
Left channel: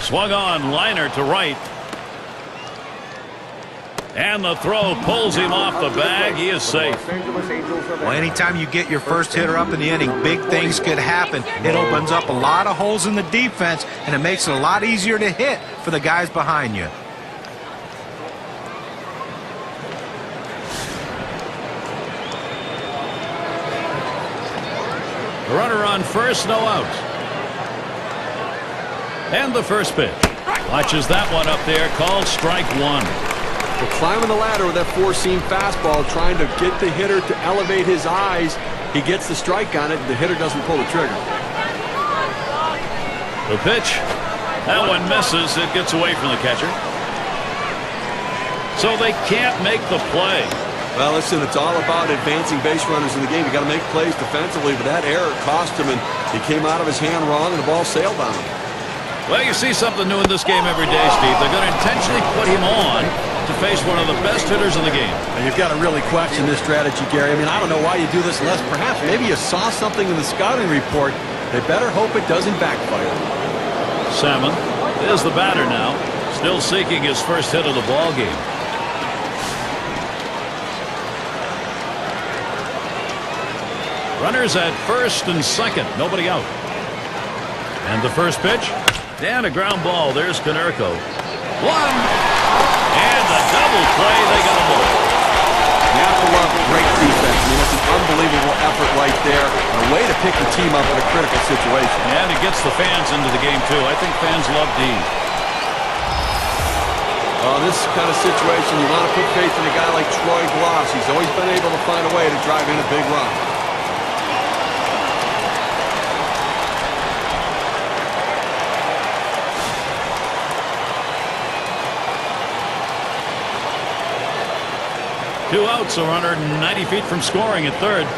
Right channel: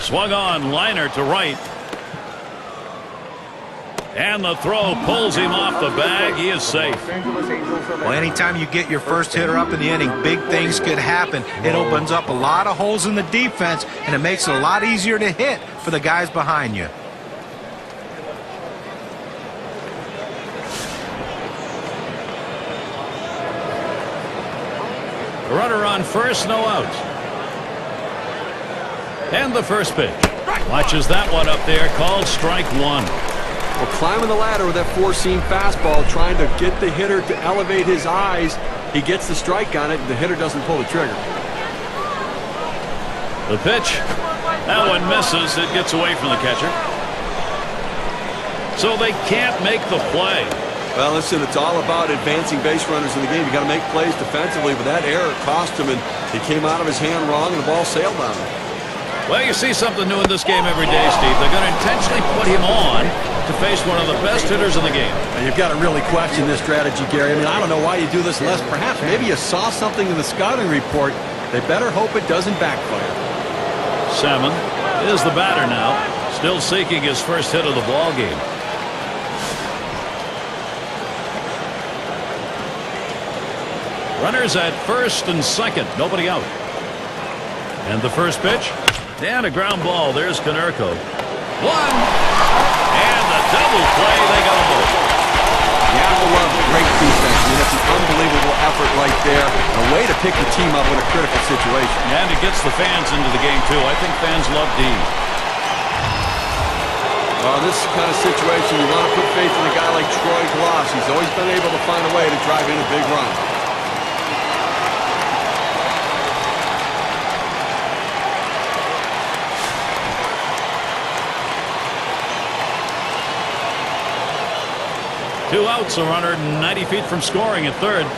Swung on, liner to right. And the throw pulls him off the bag. He is safe. Well, anytime you get your first hitter up in the inning, big things could happen. It opens up a lot of holes in the defense, and it makes it a lot easier to hit for the guys behind you. A runner on first, no outs. And the first pitch. Watches that one up there, called strike one. Well, climbing the ladder with that four-seam fastball, trying to get the hitter to elevate his eyes. He gets the strike on it, and the hitter doesn't pull the trigger. The pitch. That one misses. It gets away from the catcher. So they can't make the play. Well, listen, it's all about advancing base runners in the game. You got to make plays defensively, but that error cost him, and he came out of his hand wrong, and the ball sailed on him. Well, you see something new in this game every day, Steve. They're going to intentionally put him on to face one of the best hitters in the game. And you've got to really question this strategy, Gary. I mean, I don't know why you do this unless perhaps maybe you saw something in the scouting report. They better hope it doesn't backfire. Salmon is the batter now, still seeking his first hit of the ball game. Runners at first and second, nobody out. And the first pitch, and a ground ball. There's Konerko. One, and the double play. They got them both. You have to love great defense. I mean, that's an unbelievable effort right there, and a way to pick your team up in a critical situation. And it gets the fans into the game, too. I think fans love D. Well, in this kind of situation, you want to put faith in a guy like Troy Glaus. He's always been able to find a way to drive in a big run. Two outs, a runner 90 feet from scoring at third.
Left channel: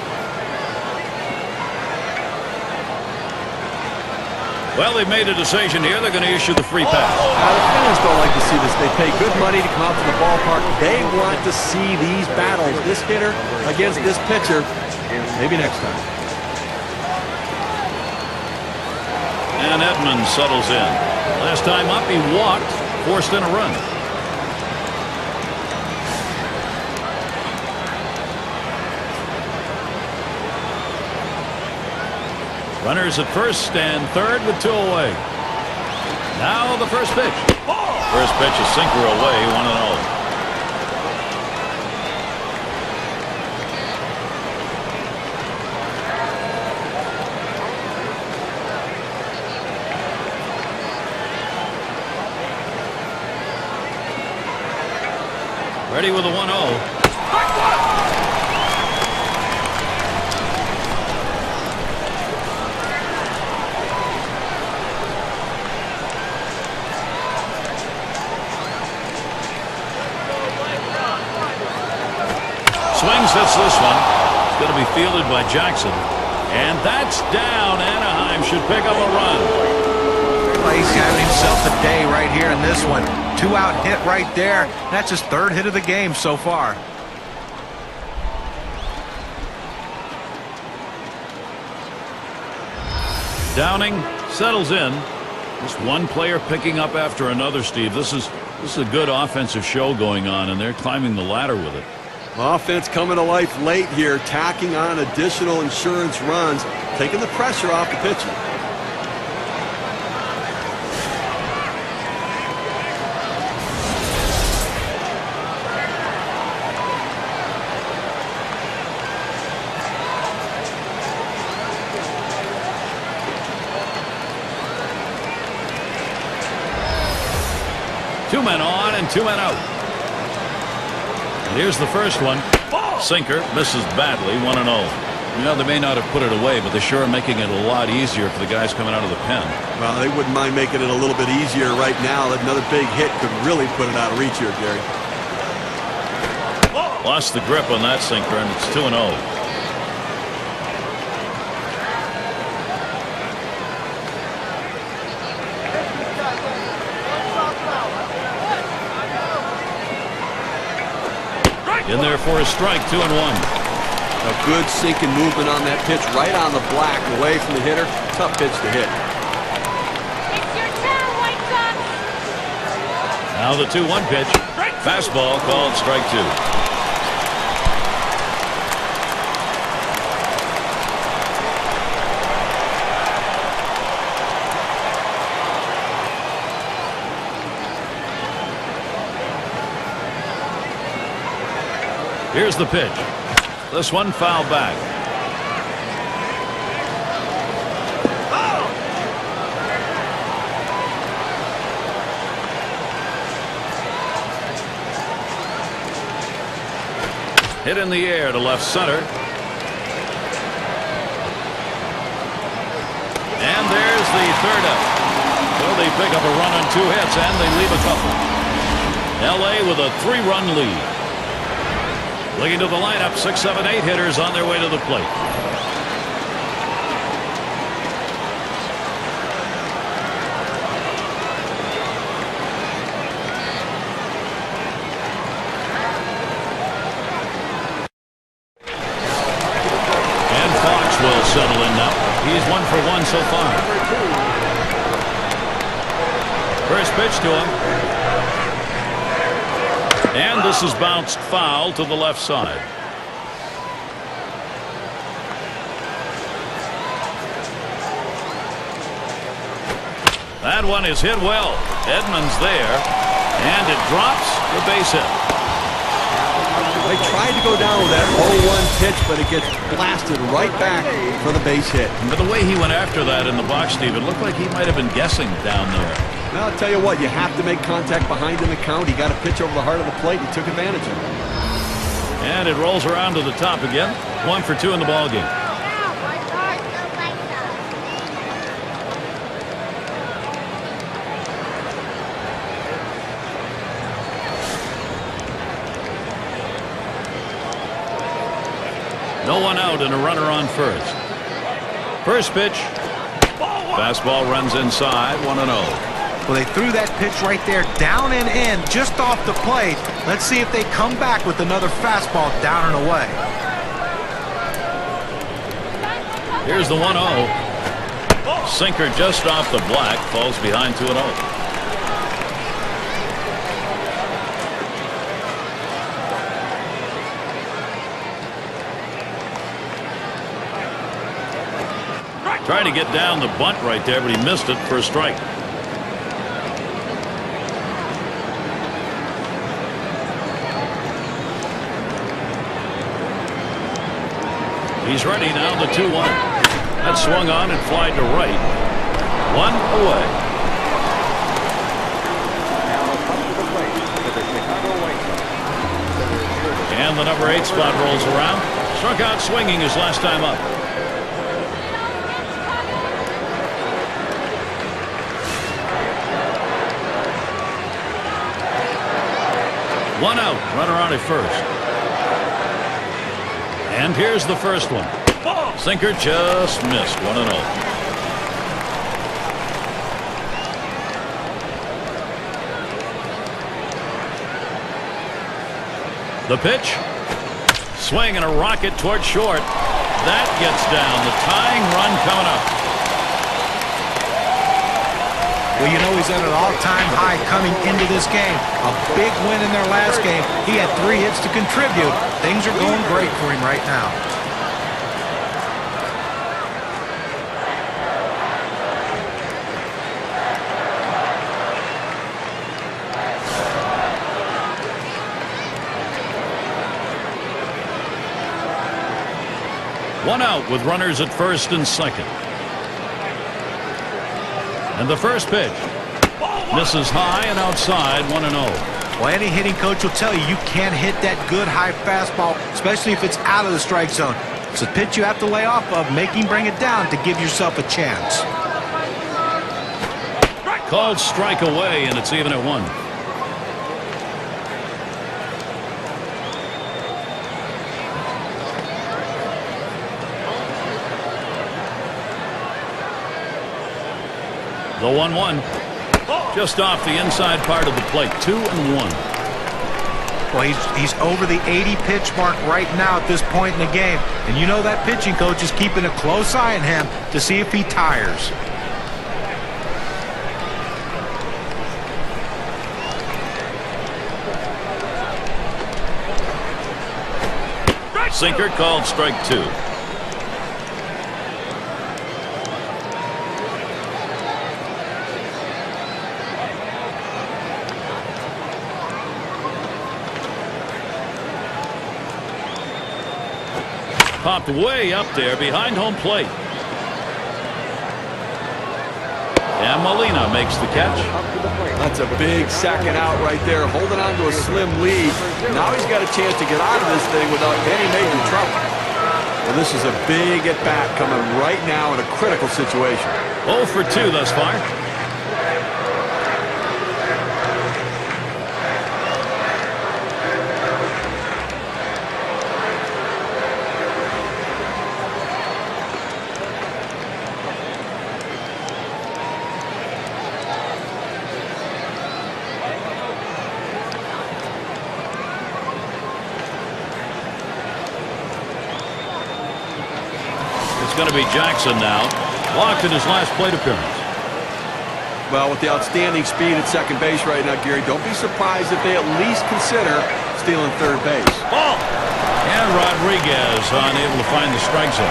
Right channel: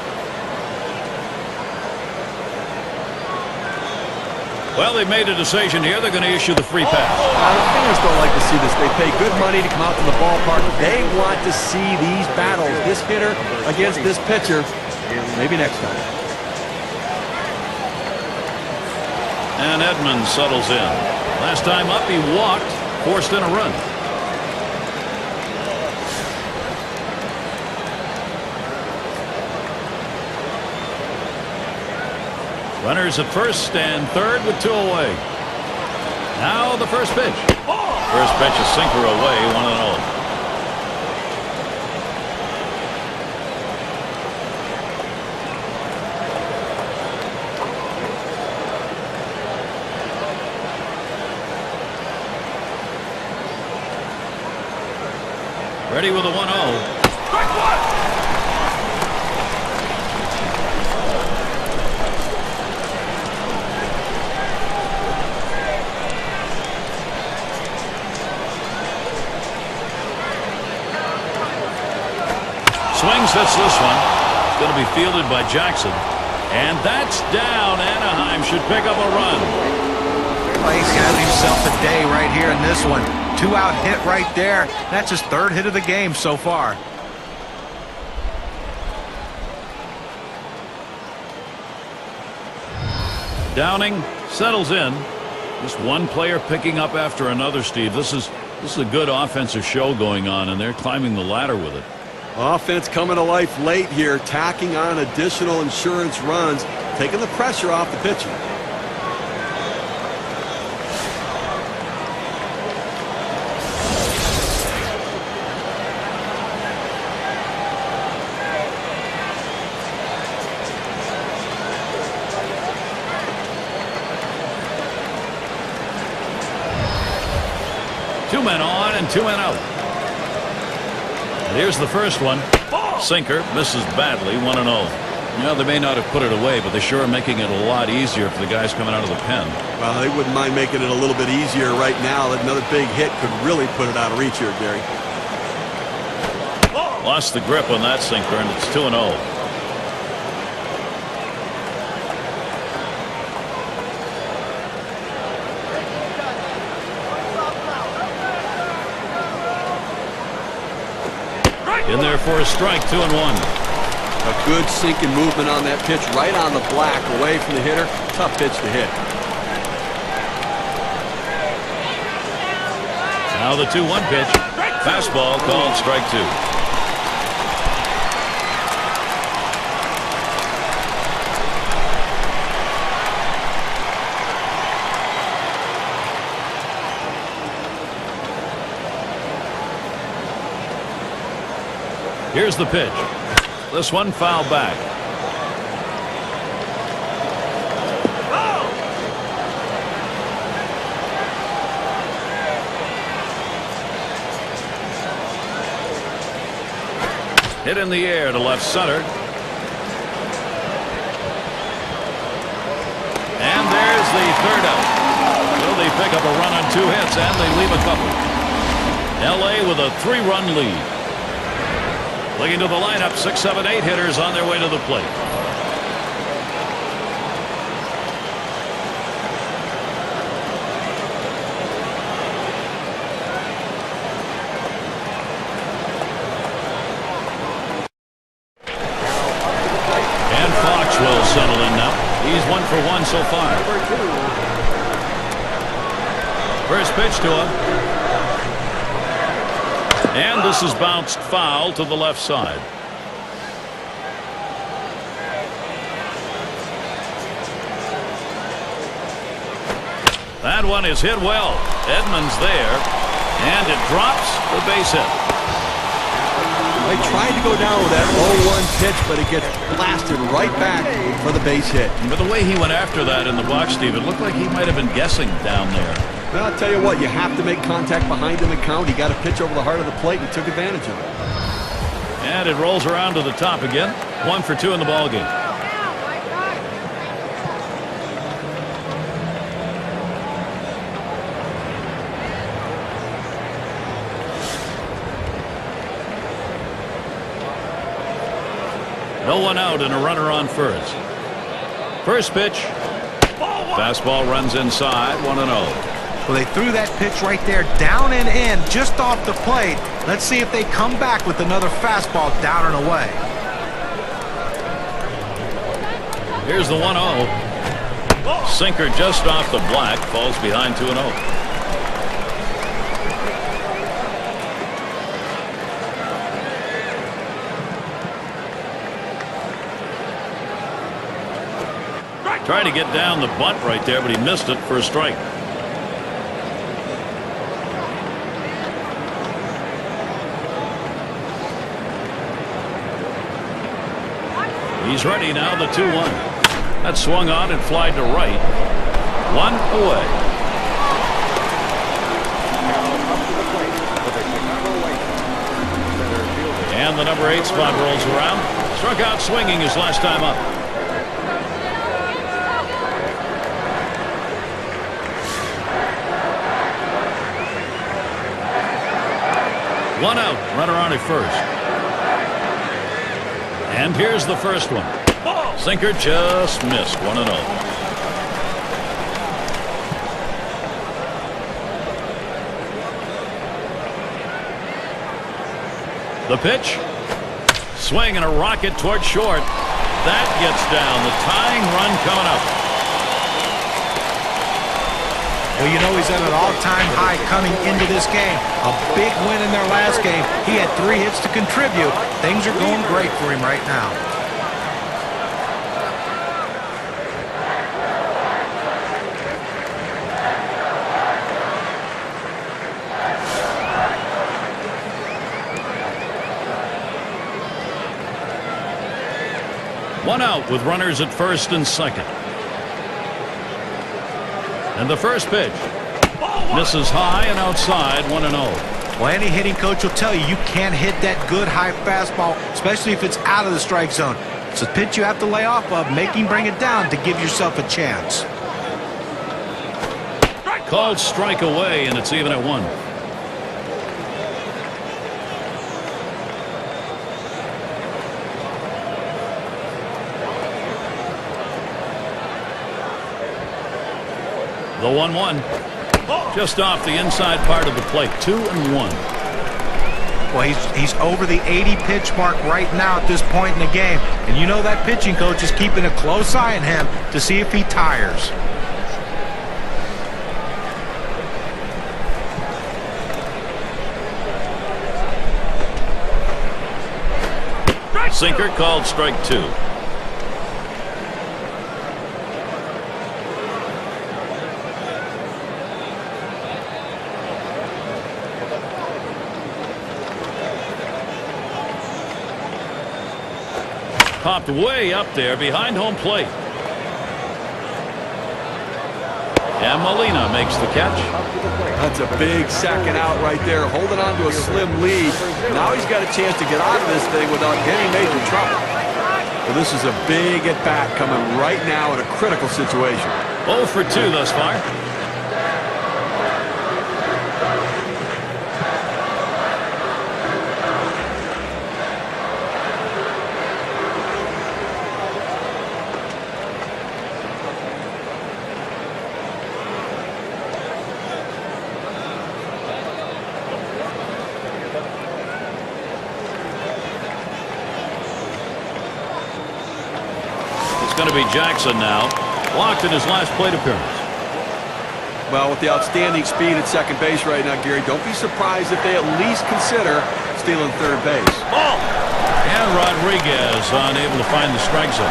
Well, they've made a decision here. They're going to issue the free pass. The fans don't like to see this. They pay good money to come out to the ballpark. They want to see these battles, this hitter against this pitcher. Maybe next time. And Edmonds settles in. Last time up, he walked, forced in a run. Runners at first and third with two away. Now the first pitch. First pitch, a sinker away, 1-0. Ready with a 1-0. Swings, hits this one. It's going to be fielded by Jackson. And that's down. Anaheim should pick up a run. Well, he's having himself a day right here in this one. Two-out hit right there. That's his third hit of the game so far. Downing settles in. Just one player picking up after another, Steve. This is a good offensive show going on, and they're climbing the ladder with it. Offense coming to life late here, tacking on additional insurance runs, taking the pressure off the pitching. Two men on and two men out. And here's the first one. Sinker misses badly, 1-0. You know, they may not have put it away, but they sure are making it a lot easier for the guys coming out of the pen. Well, they wouldn't mind making it a little bit easier right now. Another big hit could really put it out of reach here, Gary. Lost the grip on that sinker, and it's 2-0. In there for a strike, 2-1. A good sinking movement on that pitch, right on the black, away from the hitter. Tough pitch to hit. Now the 2-1 pitch. Fastball called strike two. Here's the pitch. This one foul back. Hit in the air to left center. And there's the third out. So they pick up a run on 2 hits, and they leave a couple. L.A. with a 3-run lead. Looking to the lineup, 6, 7, 8 hitters on their way to the plate. And Fox will settle in now. He's 1 for 1 so far. First pitch to him. And this is bounced foul to the left side. That one is hit well. Edmonds there. And it drops the base hit. They tried to go down with that 0-1 pitch, but it gets blasted right back for the base hit. But the way he went after that in the box, Steve, it looked like he might have been guessing down there. Well, I'll tell you what, you have to make contact behind in the count. He got a pitch over the heart of the plate. He took advantage of it. And it rolls around to the top again. 1 for 2 in the ball game. No one out and a runner on first. First pitch. Fastball runs inside, 1-0. Well, they threw that pitch right there, down and in, just off the plate. Let's see if they come back with another fastball down and away. Here's the 1-0. Sinker just off the black, falls behind 2-0. Trying to get down the bunt right there, but he missed it for a strike. He's ready now, the 2-1. That swung on and flied to right. 1 away. And the number 8 spot rolls around. Struck out swinging his last time up. One out, runner on at first. And here's the first one. Sinker just missed, 1-0. The pitch. Swing and a rocket toward short. That gets down. The tying run coming up. Well, you know he's at an all-time high coming into this game. A big win in their last game. He had 3 hits to contribute. Things are going great for him right now. One out with runners at first and second. And the first pitch misses high and outside, 1-0. Well, any hitting coach will tell you can't hit that good high fastball, especially if it's out of the strike zone. It's a pitch you have to lay off of, make him bring it down to give yourself a chance. Called strike away, and it's even at 1. The 1-1 just off the inside part of the plate. 2-1. Well, he's over the 80 pitch mark right now at this point in the game, and you know that pitching coach is keeping a close eye on him to see if he tires. Sinker called strike 2. Popped way up there behind home plate. And Molina makes the catch. That's a big second out right there, holding on to a slim lead. Now he's got a chance to get out of this thing without any major trouble. Well, this is a big at-bat coming right now in a critical situation. 0 for 2 thus far. It's going to be Jackson now. Walked in his last plate appearance. Well, with the outstanding speed at second base right now, Gary, don't be surprised if they at least consider stealing third base. Ball! And Rodriguez unable to find the strike zone.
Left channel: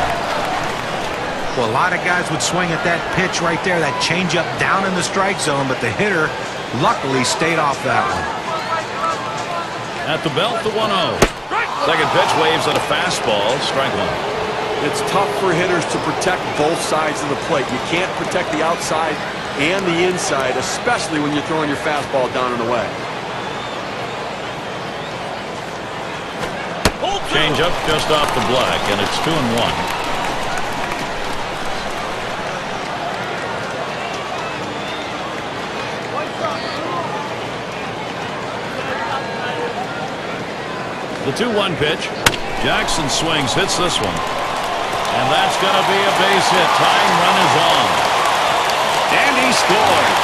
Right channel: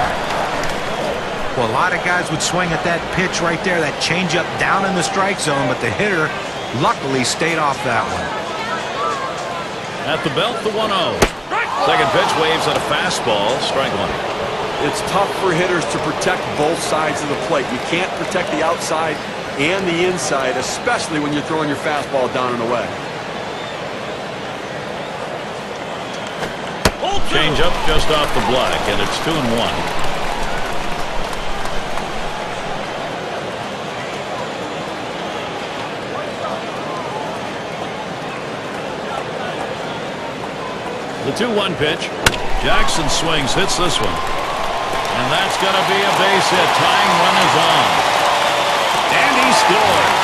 Well, a lot of guys would swing at that pitch right there, that changeup down in the strike zone, but the hitter luckily stayed off that one. At the belt, the 1-0. Second pitch waves at a fastball, strike one. It's tough for hitters to protect both sides of the plate. You can't protect the outside and the inside, especially when you're throwing your fastball down and away. Change up just off the black, and it's 2-1. The 2-1 pitch. Jackson swings, hits this one. And that's going to be a base hit. Tying run is on. And he scores.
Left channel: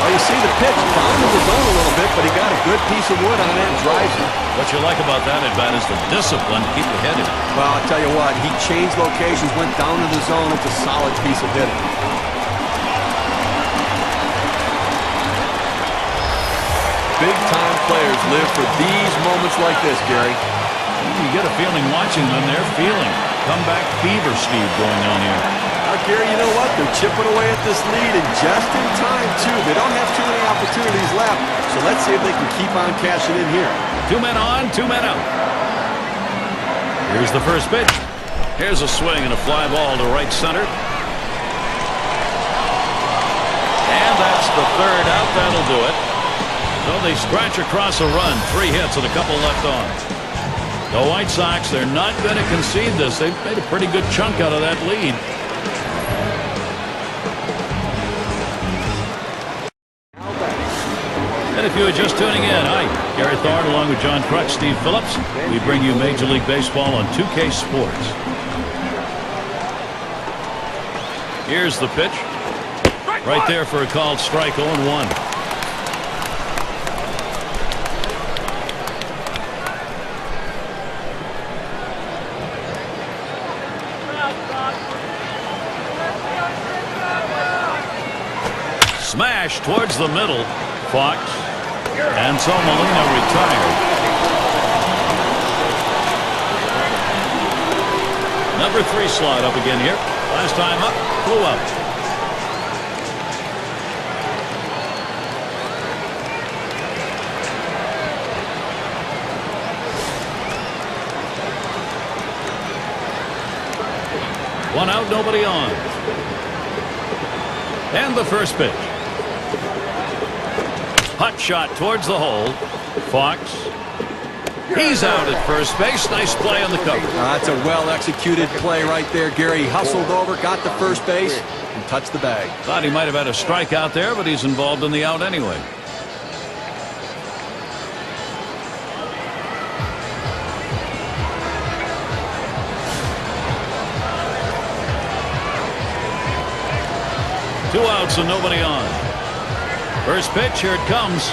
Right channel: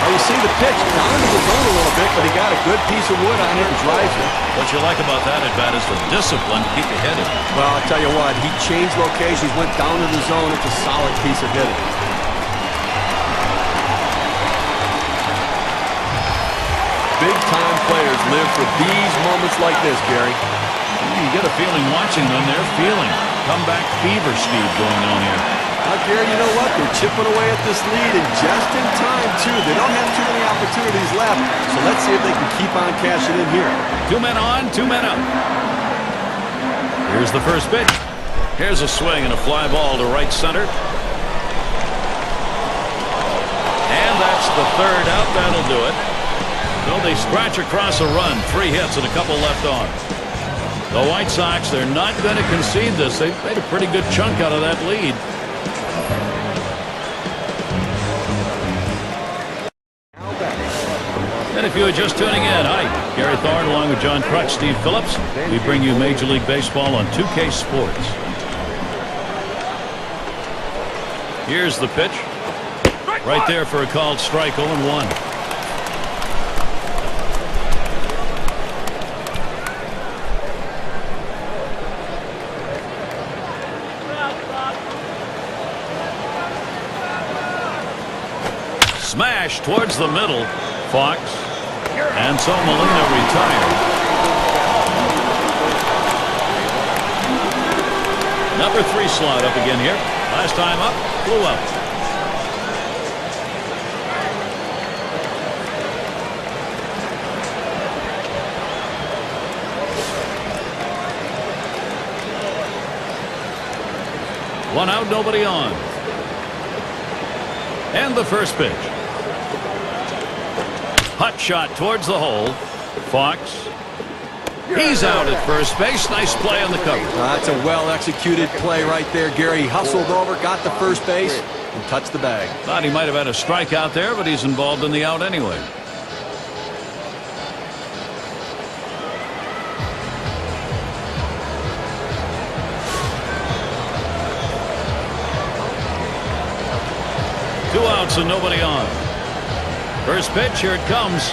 Well, you see the pitch down into the zone a little bit, but he got a good piece of wood on it and drives it. What you like about that at bat is the discipline to keep your head in. Well, I'll tell you what, he changed locations, went down to the zone. It's a solid piece of hitting. Big-time players live for these moments like this, Gary. You get a feeling watching them. They're feeling comeback fever, Steve, going on here. Now, Gary, you know what? They're chipping away at this lead, and just in time, too. They don't have too many opportunities left, so let's see if they can keep on cashing in here. 2 men on, 2 men out. Here's the first pitch. Here's a swing and a fly ball to right center. And that's the third out. That'll do it. So they scratch across a run. 3 hits and a couple left on. The White Sox, they're not going to concede this. They've made a pretty good chunk out of that lead. And if you are just tuning in, hi, Gary Thorne along with John Kruk, Steve Phillips. We bring you Major League Baseball on 2K Sports. Here's the pitch. Right there for a called strike, 0-1. Smash towards the middle. Fox. And so Molina retired. Number 3 slot up again here. Last time up, flew out. One out, nobody on. And the first pitch. Hot shot towards the hole. Fox. He's out at first base. Nice play on the cover. That's a well-executed play right there, Gary. He hustled over, got the first base, and touched the bag. Thought he might have had a strikeout there, but he's involved in the out anyway. Two outs and nobody on. First pitch, here it comes.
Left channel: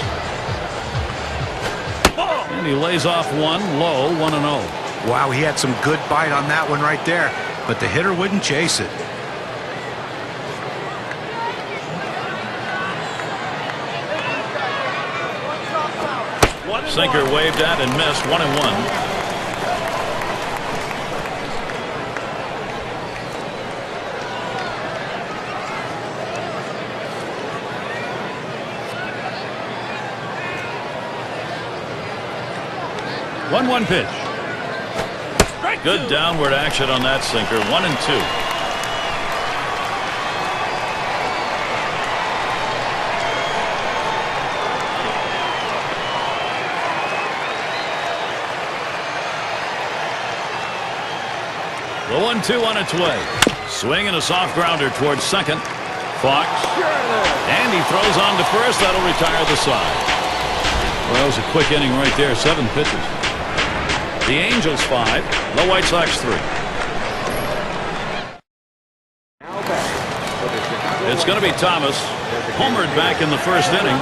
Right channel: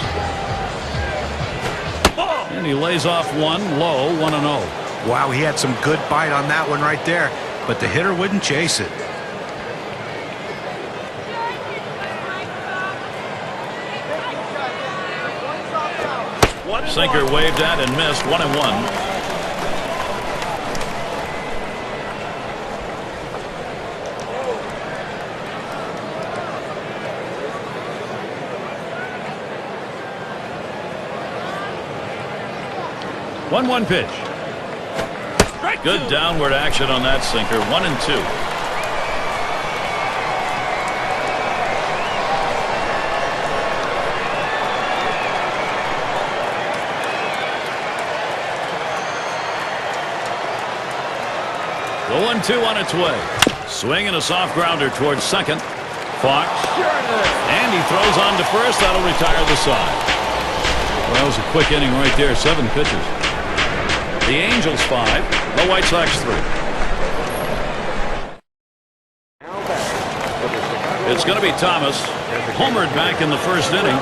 And he lays off one low, 1-0. Wow, he had some good bite on that one right there, but the hitter wouldn't chase it. Sinker waved at and missed, 1-1. One pitch. Good downward action on that sinker. 1-2. The 1-2 on its way. Swing and a soft grounder towards second. Fox. And he throws on to first. That'll retire the side. Well, that was a quick inning right there. 7 pitches. The Angels 5, the White Sox 3. It's going to be Thomas, homered back in the first inning.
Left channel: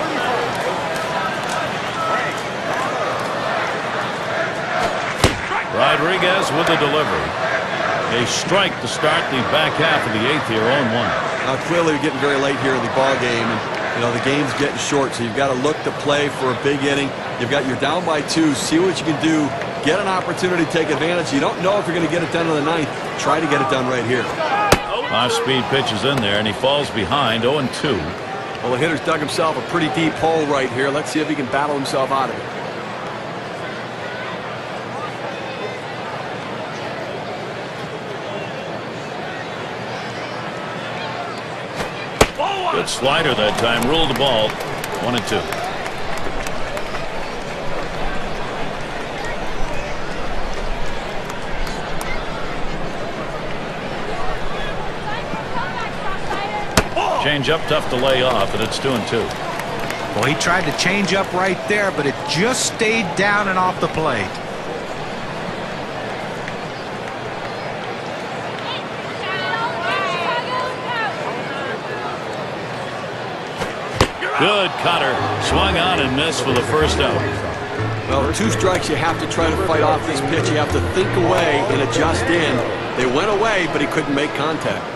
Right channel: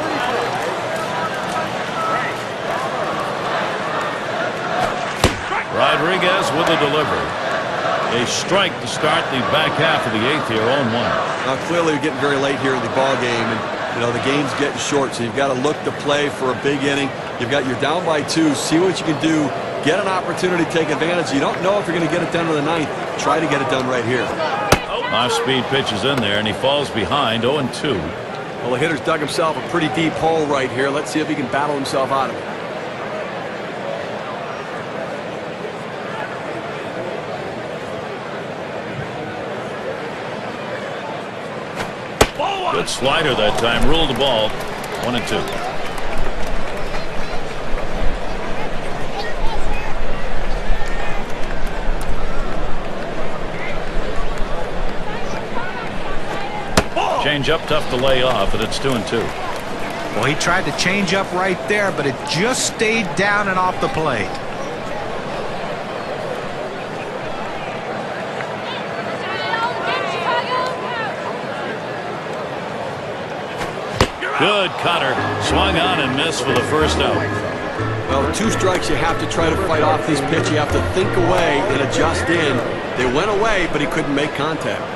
Rodriguez with the delivery. A strike to start the back half of the 8th here, 0-1. Now, clearly, we're getting very late here in the ball game, and the game's getting short, so you've got to look to play for a big inning. You're down by 2. See what you can do. Get an opportunity to take advantage. You don't know if you're going to get it done in the 9th. Try to get it done right here. Off-speed pitch is in there, and he falls behind, 0-2. Well, the hitter's dug himself a pretty deep hole right here. Let's see if he can battle himself out of it. Good slider that time. Ruled the ball. 1-2. Change up, tough to lay off, and it's 2-2. Well, he tried to change up right there, but it just stayed down and off the plate. Good cutter. Swung on and missed for the first out. Well, 2 strikes, you have to try to fight off this pitch. You have to think away and adjust in. They went away, but he couldn't make contact.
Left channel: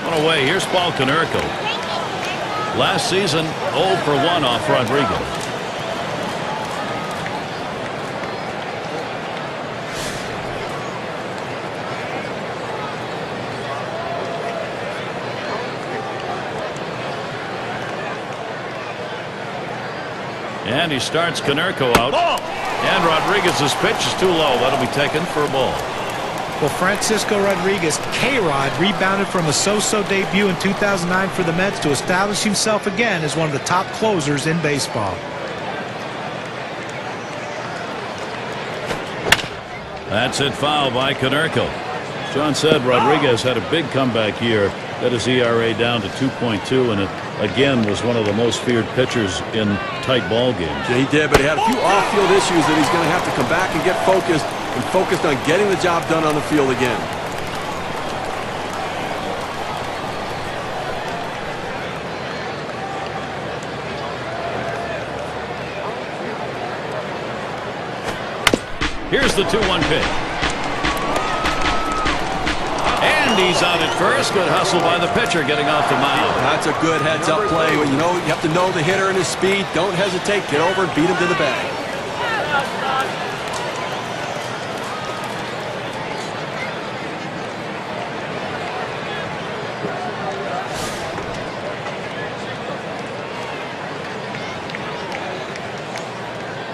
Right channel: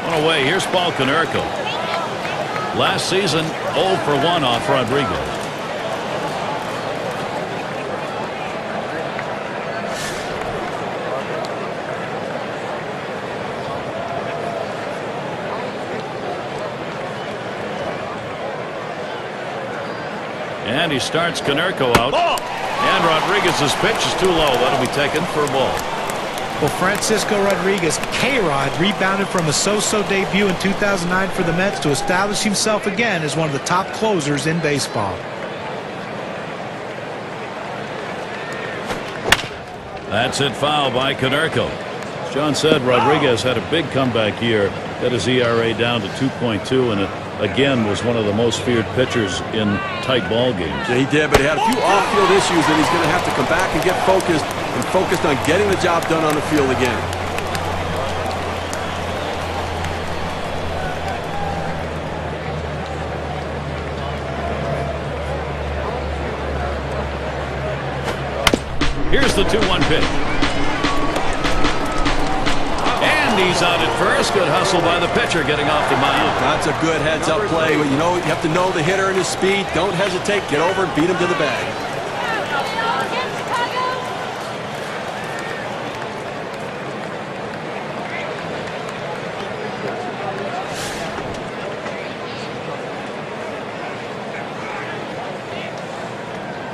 One away. Here's Paul Konerko. Last season, 0 for 1 off Rodriguez. And he starts Konerko out. Ball. And Rodriguez's pitch is too low. That'll be taken for a ball. Well, Francisco Rodriguez, K-Rod, rebounded from a so-so debut in 2009 for the Mets to establish himself again as one of the top closers in baseball. That's it, foul by Konerko. As John said, Rodriguez had a big comeback year. Got his ERA down to 2.2 and again was one of the most feared pitchers in tight ball games. Yeah, he did, but he had a few off-field issues that he's going to have to come back and get focused on getting the job done on the field again. Here's the 2-1 pitch. And he's out at first. Good hustle by the pitcher getting off the mound. That's a good heads-up play. You have to know the hitter and his speed. Don't hesitate. Get over and beat him to the bag.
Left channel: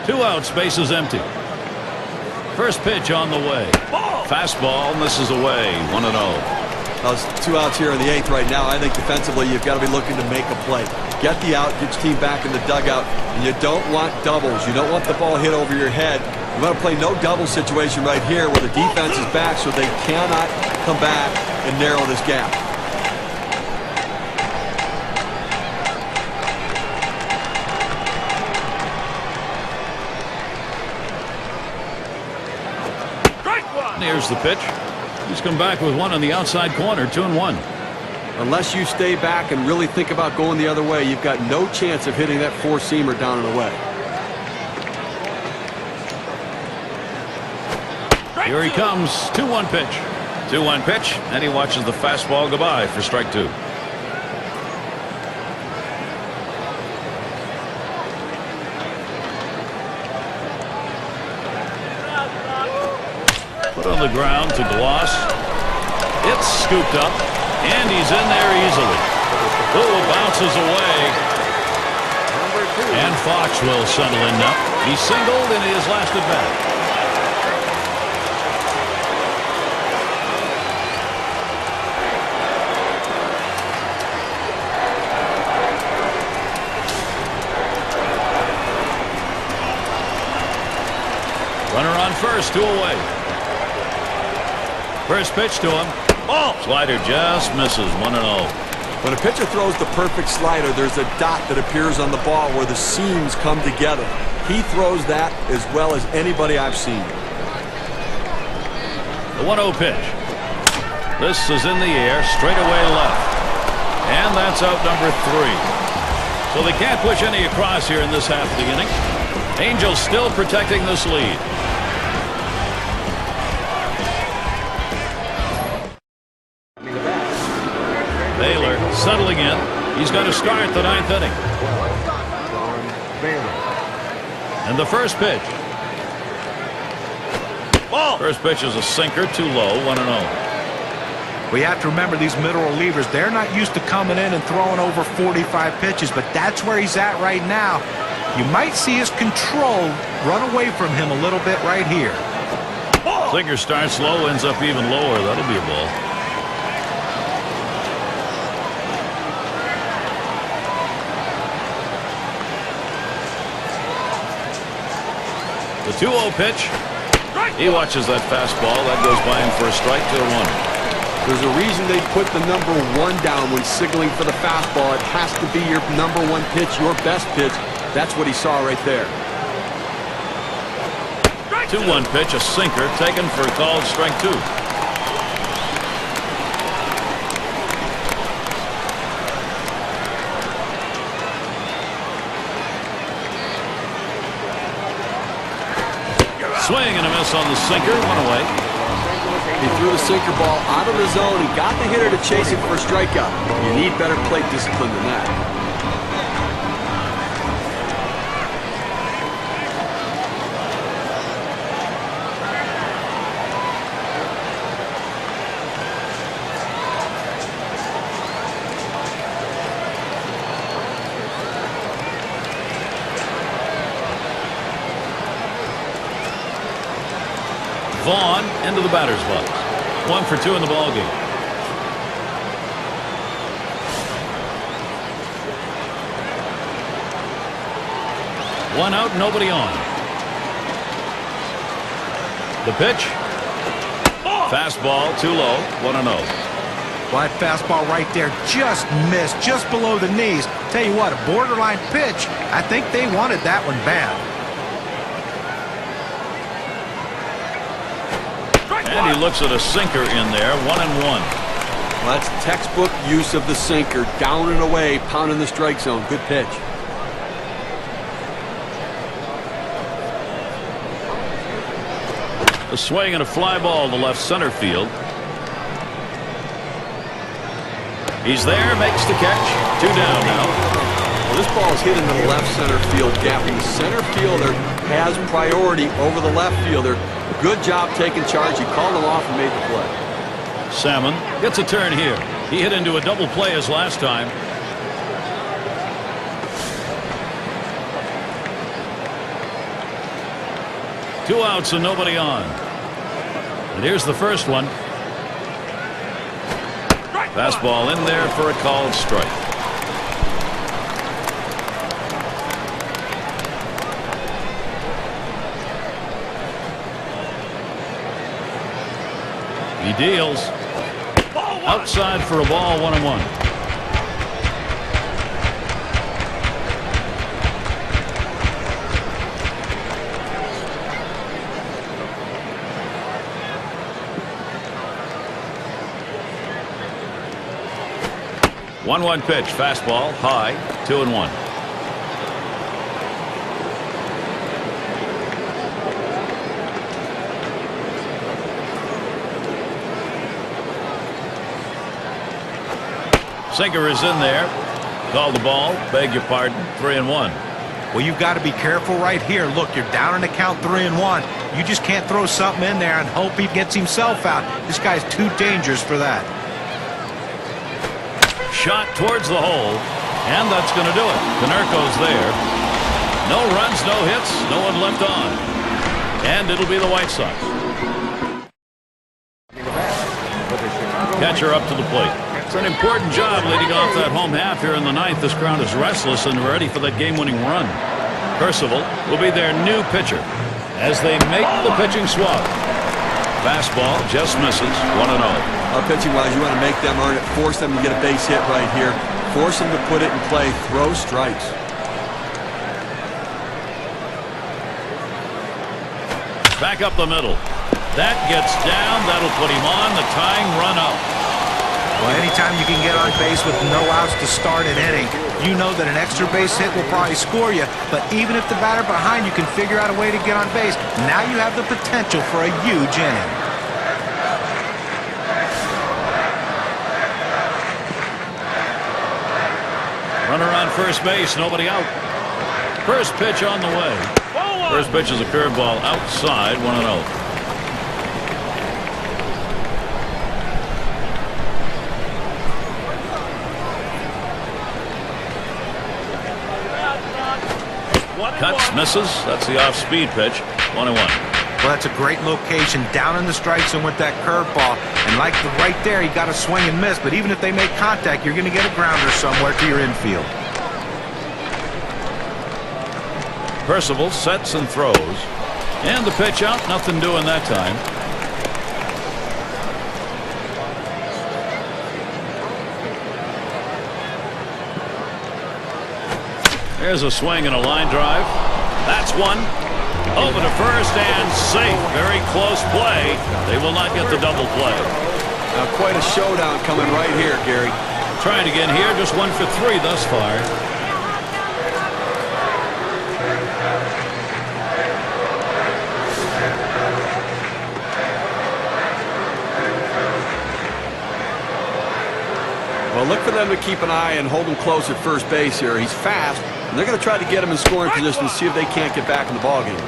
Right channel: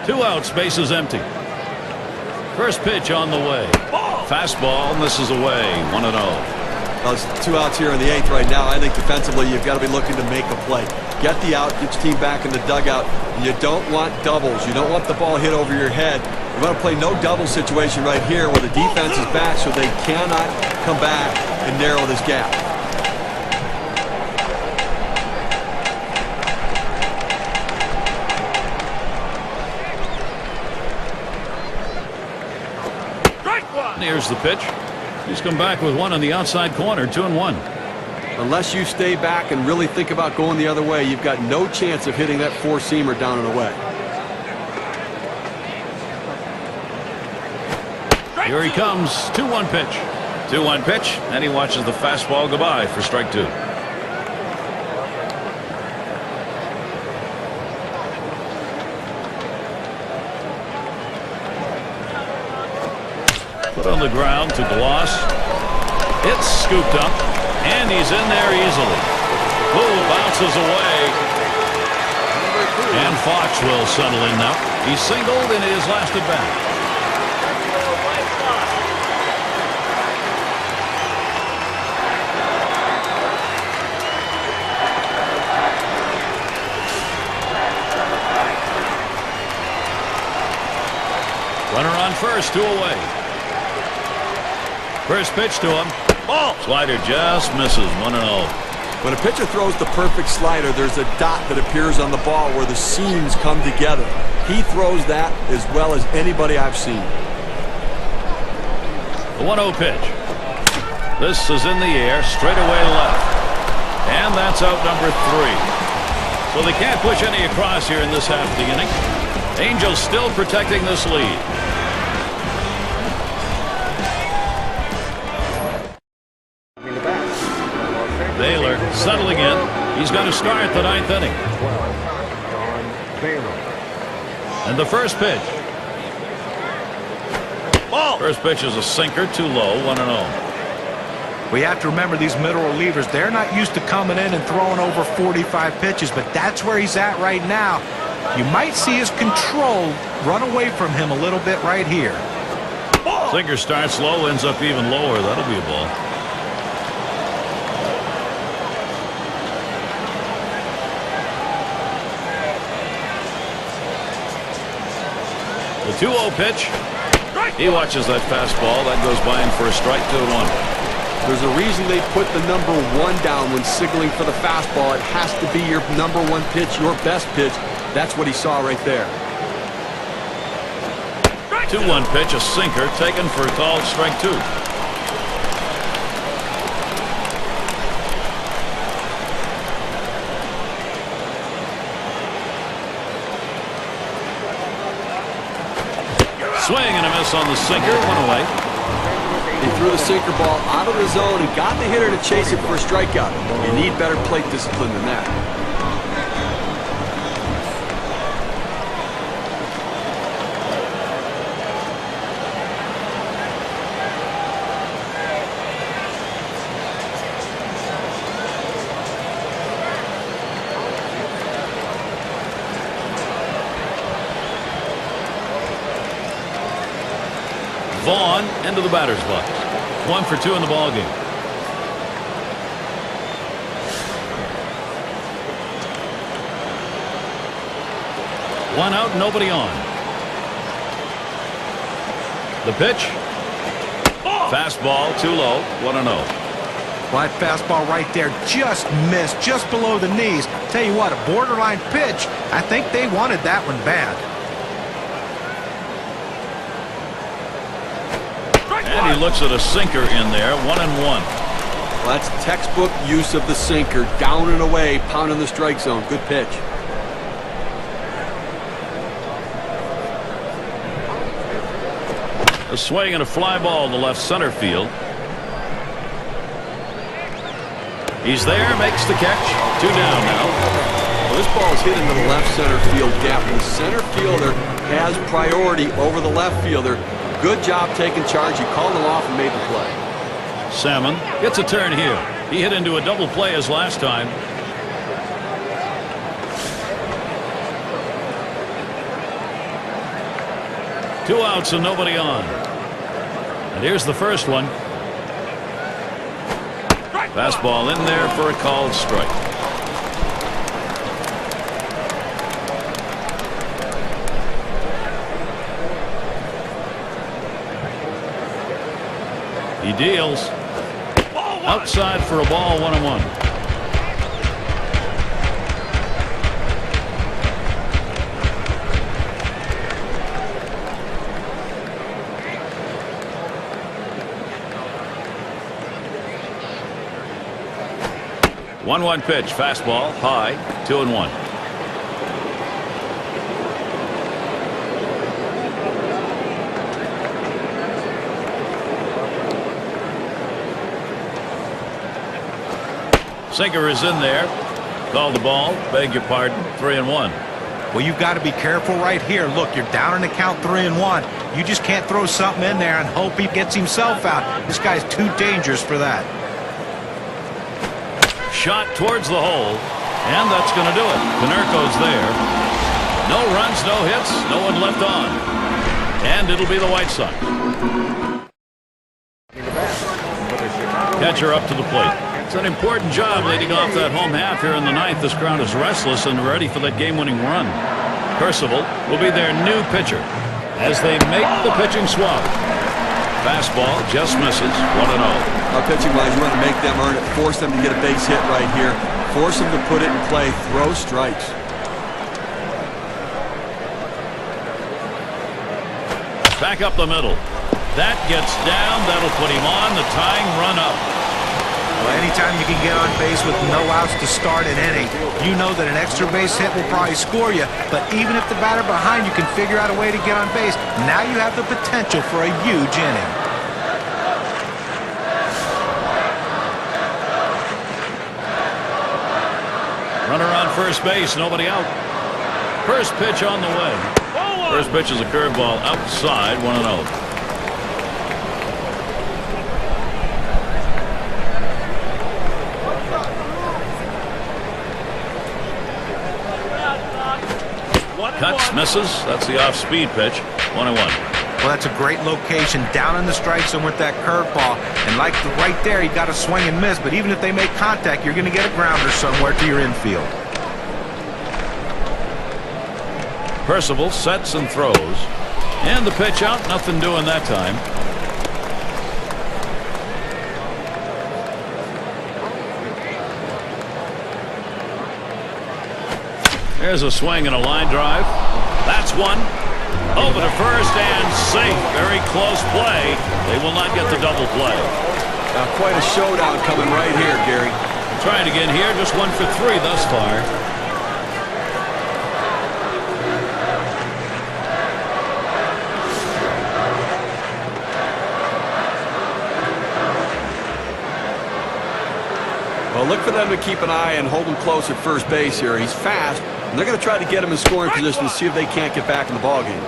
Two out, space is empty. First pitch on the way. Fastball, and this is away. 1-0. Well, it's 2 outs here in the 8th right now. I think defensively you've got to be looking to make a play. Get the out, get your team back in the dugout, and you don't want doubles. You don't want the ball hit over your head. You want to play no double situation right here where the defense is back so they cannot come back and narrow this gap. Here's the pitch. He's come back with one on the outside corner. 2-1. Unless you stay back and really think about going the other way, you've got no chance of hitting that four-seamer down and away. Here he comes. 2-1 pitch. 2-1 pitch, and he watches the fastball go by for strike 2. Put on the ground to Gloss. It's scooped up, and he's in there easily. Ooh, bounces away. And Fox will settle in now. He singled in his last at bat. Runner on first, 2 away. First pitch to him. Ball. Slider just misses. 1-0. When a pitcher throws the perfect slider, there's a dot that appears on the ball where the seams come together. He throws that as well as anybody I've seen. The 1-0 pitch. This is in the air, straight away left. And that's out number 3. So they can't push any across here in this half of the inning. Angels still protecting this lead. Baylor settling in. He's going to start the 9th inning. And the first pitch. Ball. First pitch is a sinker, too low, 1-0. We have to remember these middle relievers, they're not used to coming in and throwing over 45 pitches, but that's where he's at right now. You might see his control run away from him a little bit right here. Ball. Sinker starts low, ends up even lower. That'll be a ball. The 2-0 pitch. He watches that fastball. That goes by him for a strike, 2-1. There's a reason they put the number 1 down when signaling for the fastball. It has to be your number 1 pitch, your best pitch. That's what he saw right there. 2-1 pitch, a sinker, taken for a called strike 2. Swing and a miss on the sinker, went away. He threw the sinker ball out of the zone and got the hitter to chase it for a strikeout. You need better plate discipline than that. Vaughn into the batter's box. 1 for 2 in the ball game. One out, nobody on. The pitch. Fastball, too low, 1-0. Well, that fastball right there just missed, just below the knees. Tell you what, a borderline pitch. I think they wanted that one bad. And he looks at a sinker in there, 1-1. Well, that's textbook use of the sinker. Down and away, pounding the strike zone. Good pitch. A swing and a fly ball to left center field. He's there, makes the catch. 2 down now. Well, this ball is hit into the left center field gap, and the center fielder has priority over the left fielder. Good job taking charge. He called him off and made the play. Salmon gets a turn here. He hit into a double play as last time. Two outs and nobody on. And here's the first one. Fastball in there for a called strike. He deals. Outside for a ball, 1-1. One pitch, fastball, high, 2-1. Sinker is in there. Call the ball. Beg your pardon. 3-1. Well, you've got to be careful right here. Look, you're down in the count 3-1. You just can't throw something in there and hope he gets himself out. This guy's too dangerous for that. Shot towards the hole, and that's going to do it. Konerko's there. No runs, no hits, no one left on. And it'll be the White Sox. Catcher up to the plate. It's an important job leading off that home half here in the ninth. This crowd is restless and ready for that game-winning run. Percival will be their new pitcher as they make the pitching swap. Fastball just misses. 1-0. Pitching-wise, you want to make them earn it. Force them to get a base hit right here. Force them to put it in play. Throw strikes. Back up the middle. That gets down. That'll put him on the tying run up. Well, anytime you can get on base with no outs to start an inning, you know that an extra base hit will probably score you. But even if the batter behind you can figure out a way to get on base, now you have the potential for a huge inning. Runner on first base, nobody out. First pitch on the way. First pitch is a curveball outside. 1-0. Cuts, misses. That's the off-speed pitch. 1-1. Well, that's a great location down in the strike zone with that curveball. And like right there, he got a swing and miss. But even if they make contact, you're going to get a grounder somewhere to your infield. Percival sets and throws. And the pitch out. Nothing doing that time. There's a swing and a line drive. That's one. Over to first and safe. Very close play. They will not get the double play. Now quite a showdown coming right here, Gary. We're trying again here. Just 1 for 3 thus far. Well, look for them to keep an eye and hold him close at first base here. He's fast, and they're going to try to get him in scoring position to see if they can't get back in the ballgame.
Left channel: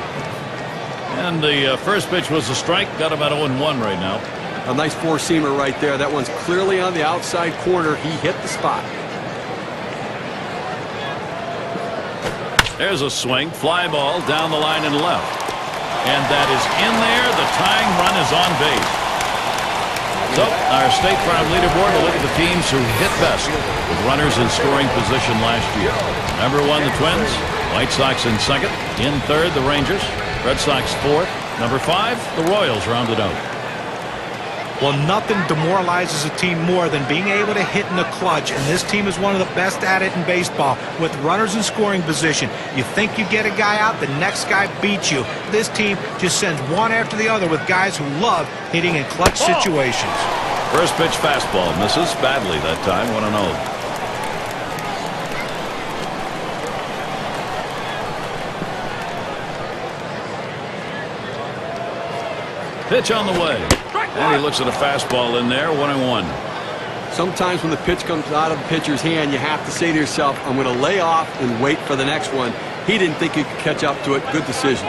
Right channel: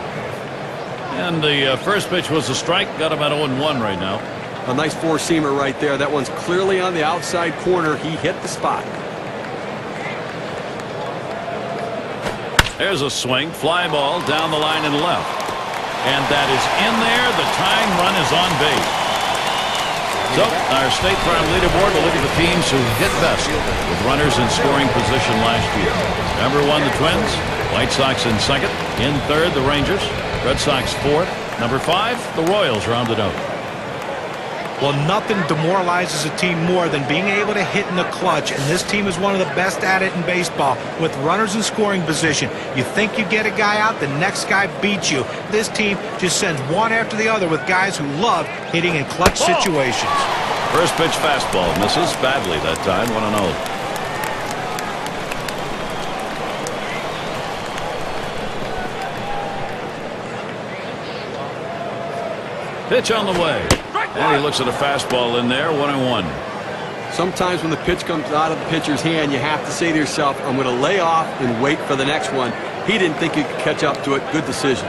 And the first pitch was a strike. Got him at 0-1 right now. A nice four-seamer right there. That one's clearly on the outside corner. He hit the spot. There's a swing. Fly ball down the line and left. And that is in there. The tying run is on base. So, our State Farm leaderboard will look at the teams who hit best with runners in scoring position last year. Number 1, the Twins. White Sox in second. In third, the Rangers. Red Sox fourth. Number 5, the Royals rounded out. Well, nothing demoralizes a team more than being able to hit in the clutch, and this team is one of the best at it in baseball with runners in scoring position. You think you get a guy out, the next guy beats you. This team just sends one after the other with guys who love hitting in clutch situations. First pitch fastball misses badly that time. 1-0. Pitch on the way. And he looks at a fastball in there. 1-1. Sometimes when the pitch comes out of the pitcher's hand, you have to say to yourself, I'm going to lay off and wait for the next one. He didn't think he could catch up to it. Good decision.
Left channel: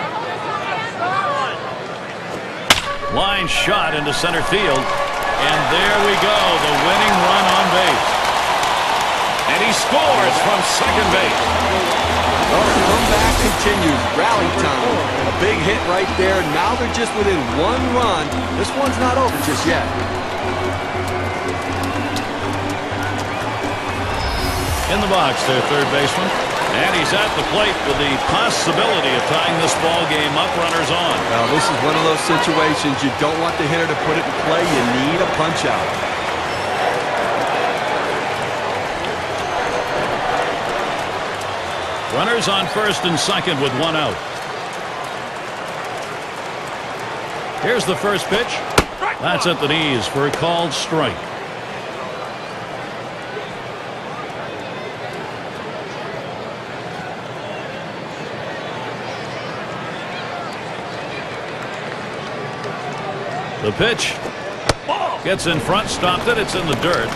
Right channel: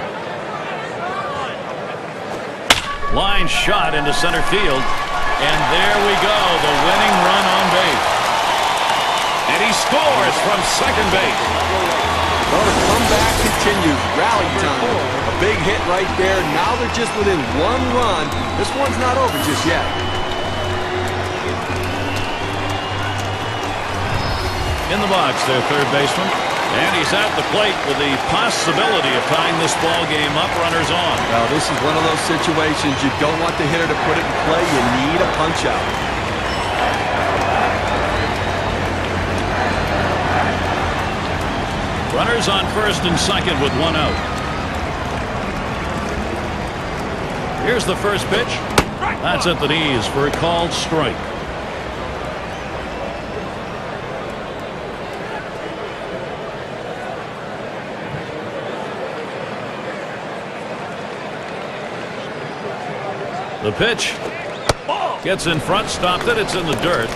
Line shot into center field. And there we go. The winning run on base. And he scores from second base. Well, the comeback continues. Rally time. A big hit right there. Now they're just within 1 run. This one's not over just yet. In the box, their third baseman. And he's at the plate with the possibility of tying this ball game up. Runners on. Now, this is one of those situations you don't want the hitter to put it in play. You need a punch out. Runners on first and second with 1 out. Here's the first pitch. That's at the knees for a called strike. The pitch gets in front, stopped it. It's in the dirt.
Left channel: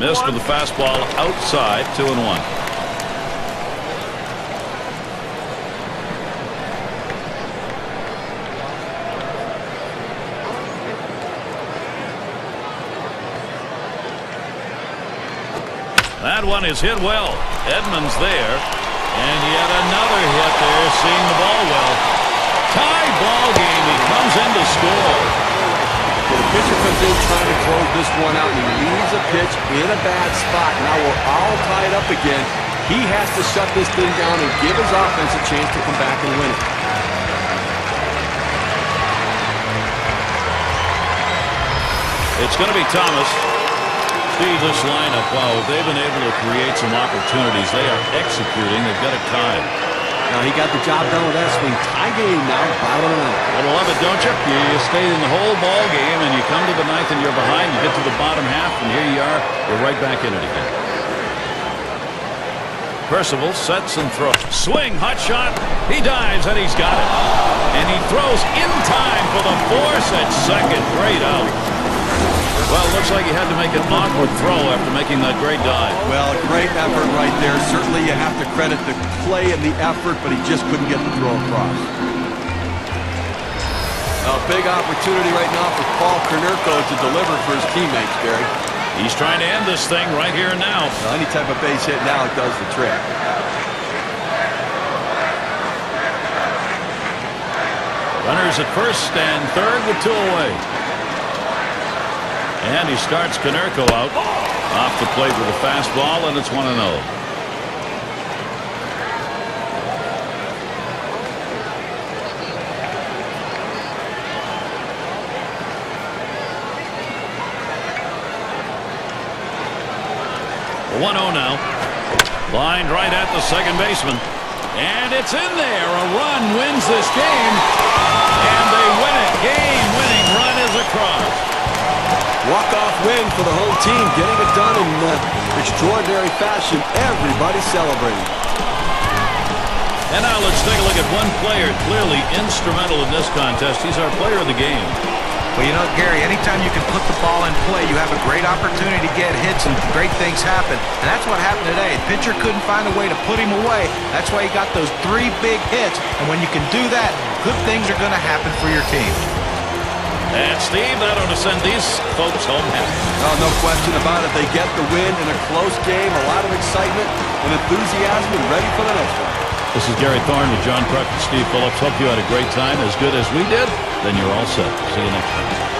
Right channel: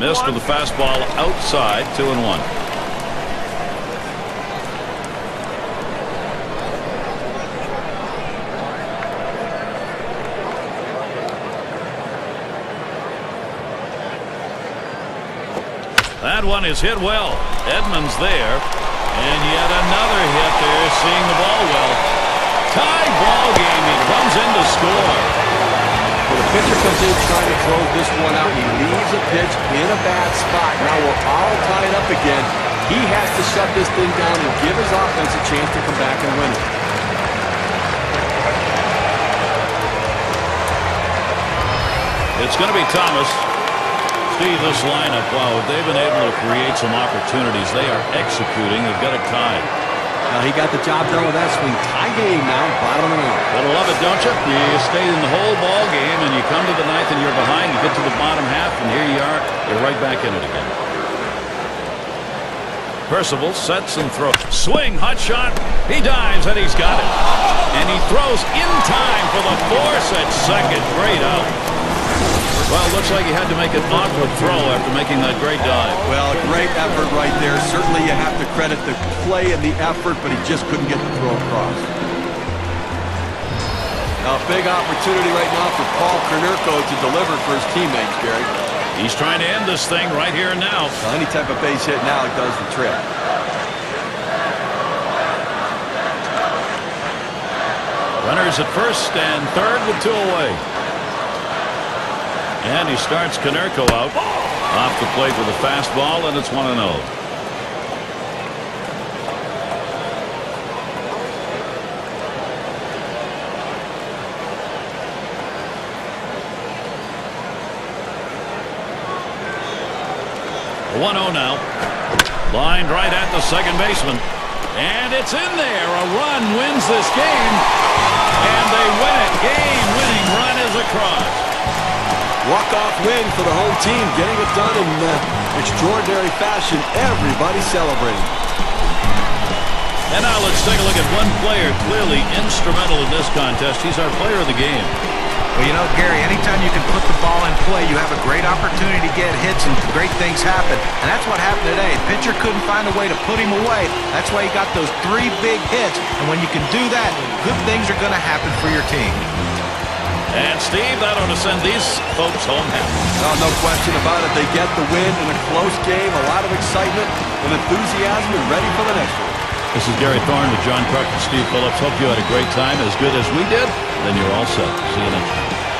Missed with the fastball outside. 2-1. That one is hit well. Edmonds there. And yet another hit there, seeing the ball well. Tie ball game. He comes in to score. So the pitcher comes in trying to close this one out, and he leaves a pitch in a bad spot. Now we're all tied up again. He has to shut this thing down and give his offense a chance to come back and win it. It's going to be Thomas. Steve, this lineup, wow, if they've been able to create some opportunities, they are executing. They've got it tied. Now he got the job done with that swing. Tie game now, bottom of the ninth. Gotta love it, don't you? You stay in the whole ball game, and you come to the ninth, and you're behind. You get to the bottom half, and here you are. You're right back in it again. Percival sets and throws. Swing, hot shot. He dives, and he's got it. And he throws in time for the force at second. Great out. Well, looks like he had to make an awkward throw after making that great dive. Well, a great effort right there. Certainly you have to credit the play and the effort, but he just couldn't get the throw across. Now, a big opportunity right now for Paul Konerko to deliver for his teammates, Gary. He's trying to end this thing right here and now. Well, any type of base hit now, it does the trick. Runners at first and third with 2 away. And he starts Konerko out off the plate with a fastball, and it's 1-0. The 1-0 now. Lined right at the second baseman. And it's in there. A run wins this game. And they win it. Game-winning run is across. Walk-off win for the home team, getting it done in extraordinary fashion. Everybody celebrating. And now let's take a look at one player clearly instrumental in this contest. He's our player of the game. Well, you know, Gary, anytime you can put the ball in play, you have a great opportunity to get hits and great things happen. And that's what happened today. The pitcher couldn't find a way to put him away. That's why he got those 3 big hits. And when you can do that, good things are going to happen for your team. And Steve, that ought to send these folks home happy. Oh, no question about it. They get the win in a close game. A lot of excitement and enthusiasm and ready for the next one. This is Gary Thorne with John Kruk and Steve Phillips. Hope you had a great time. As good as we did, then you're all set. See you next time.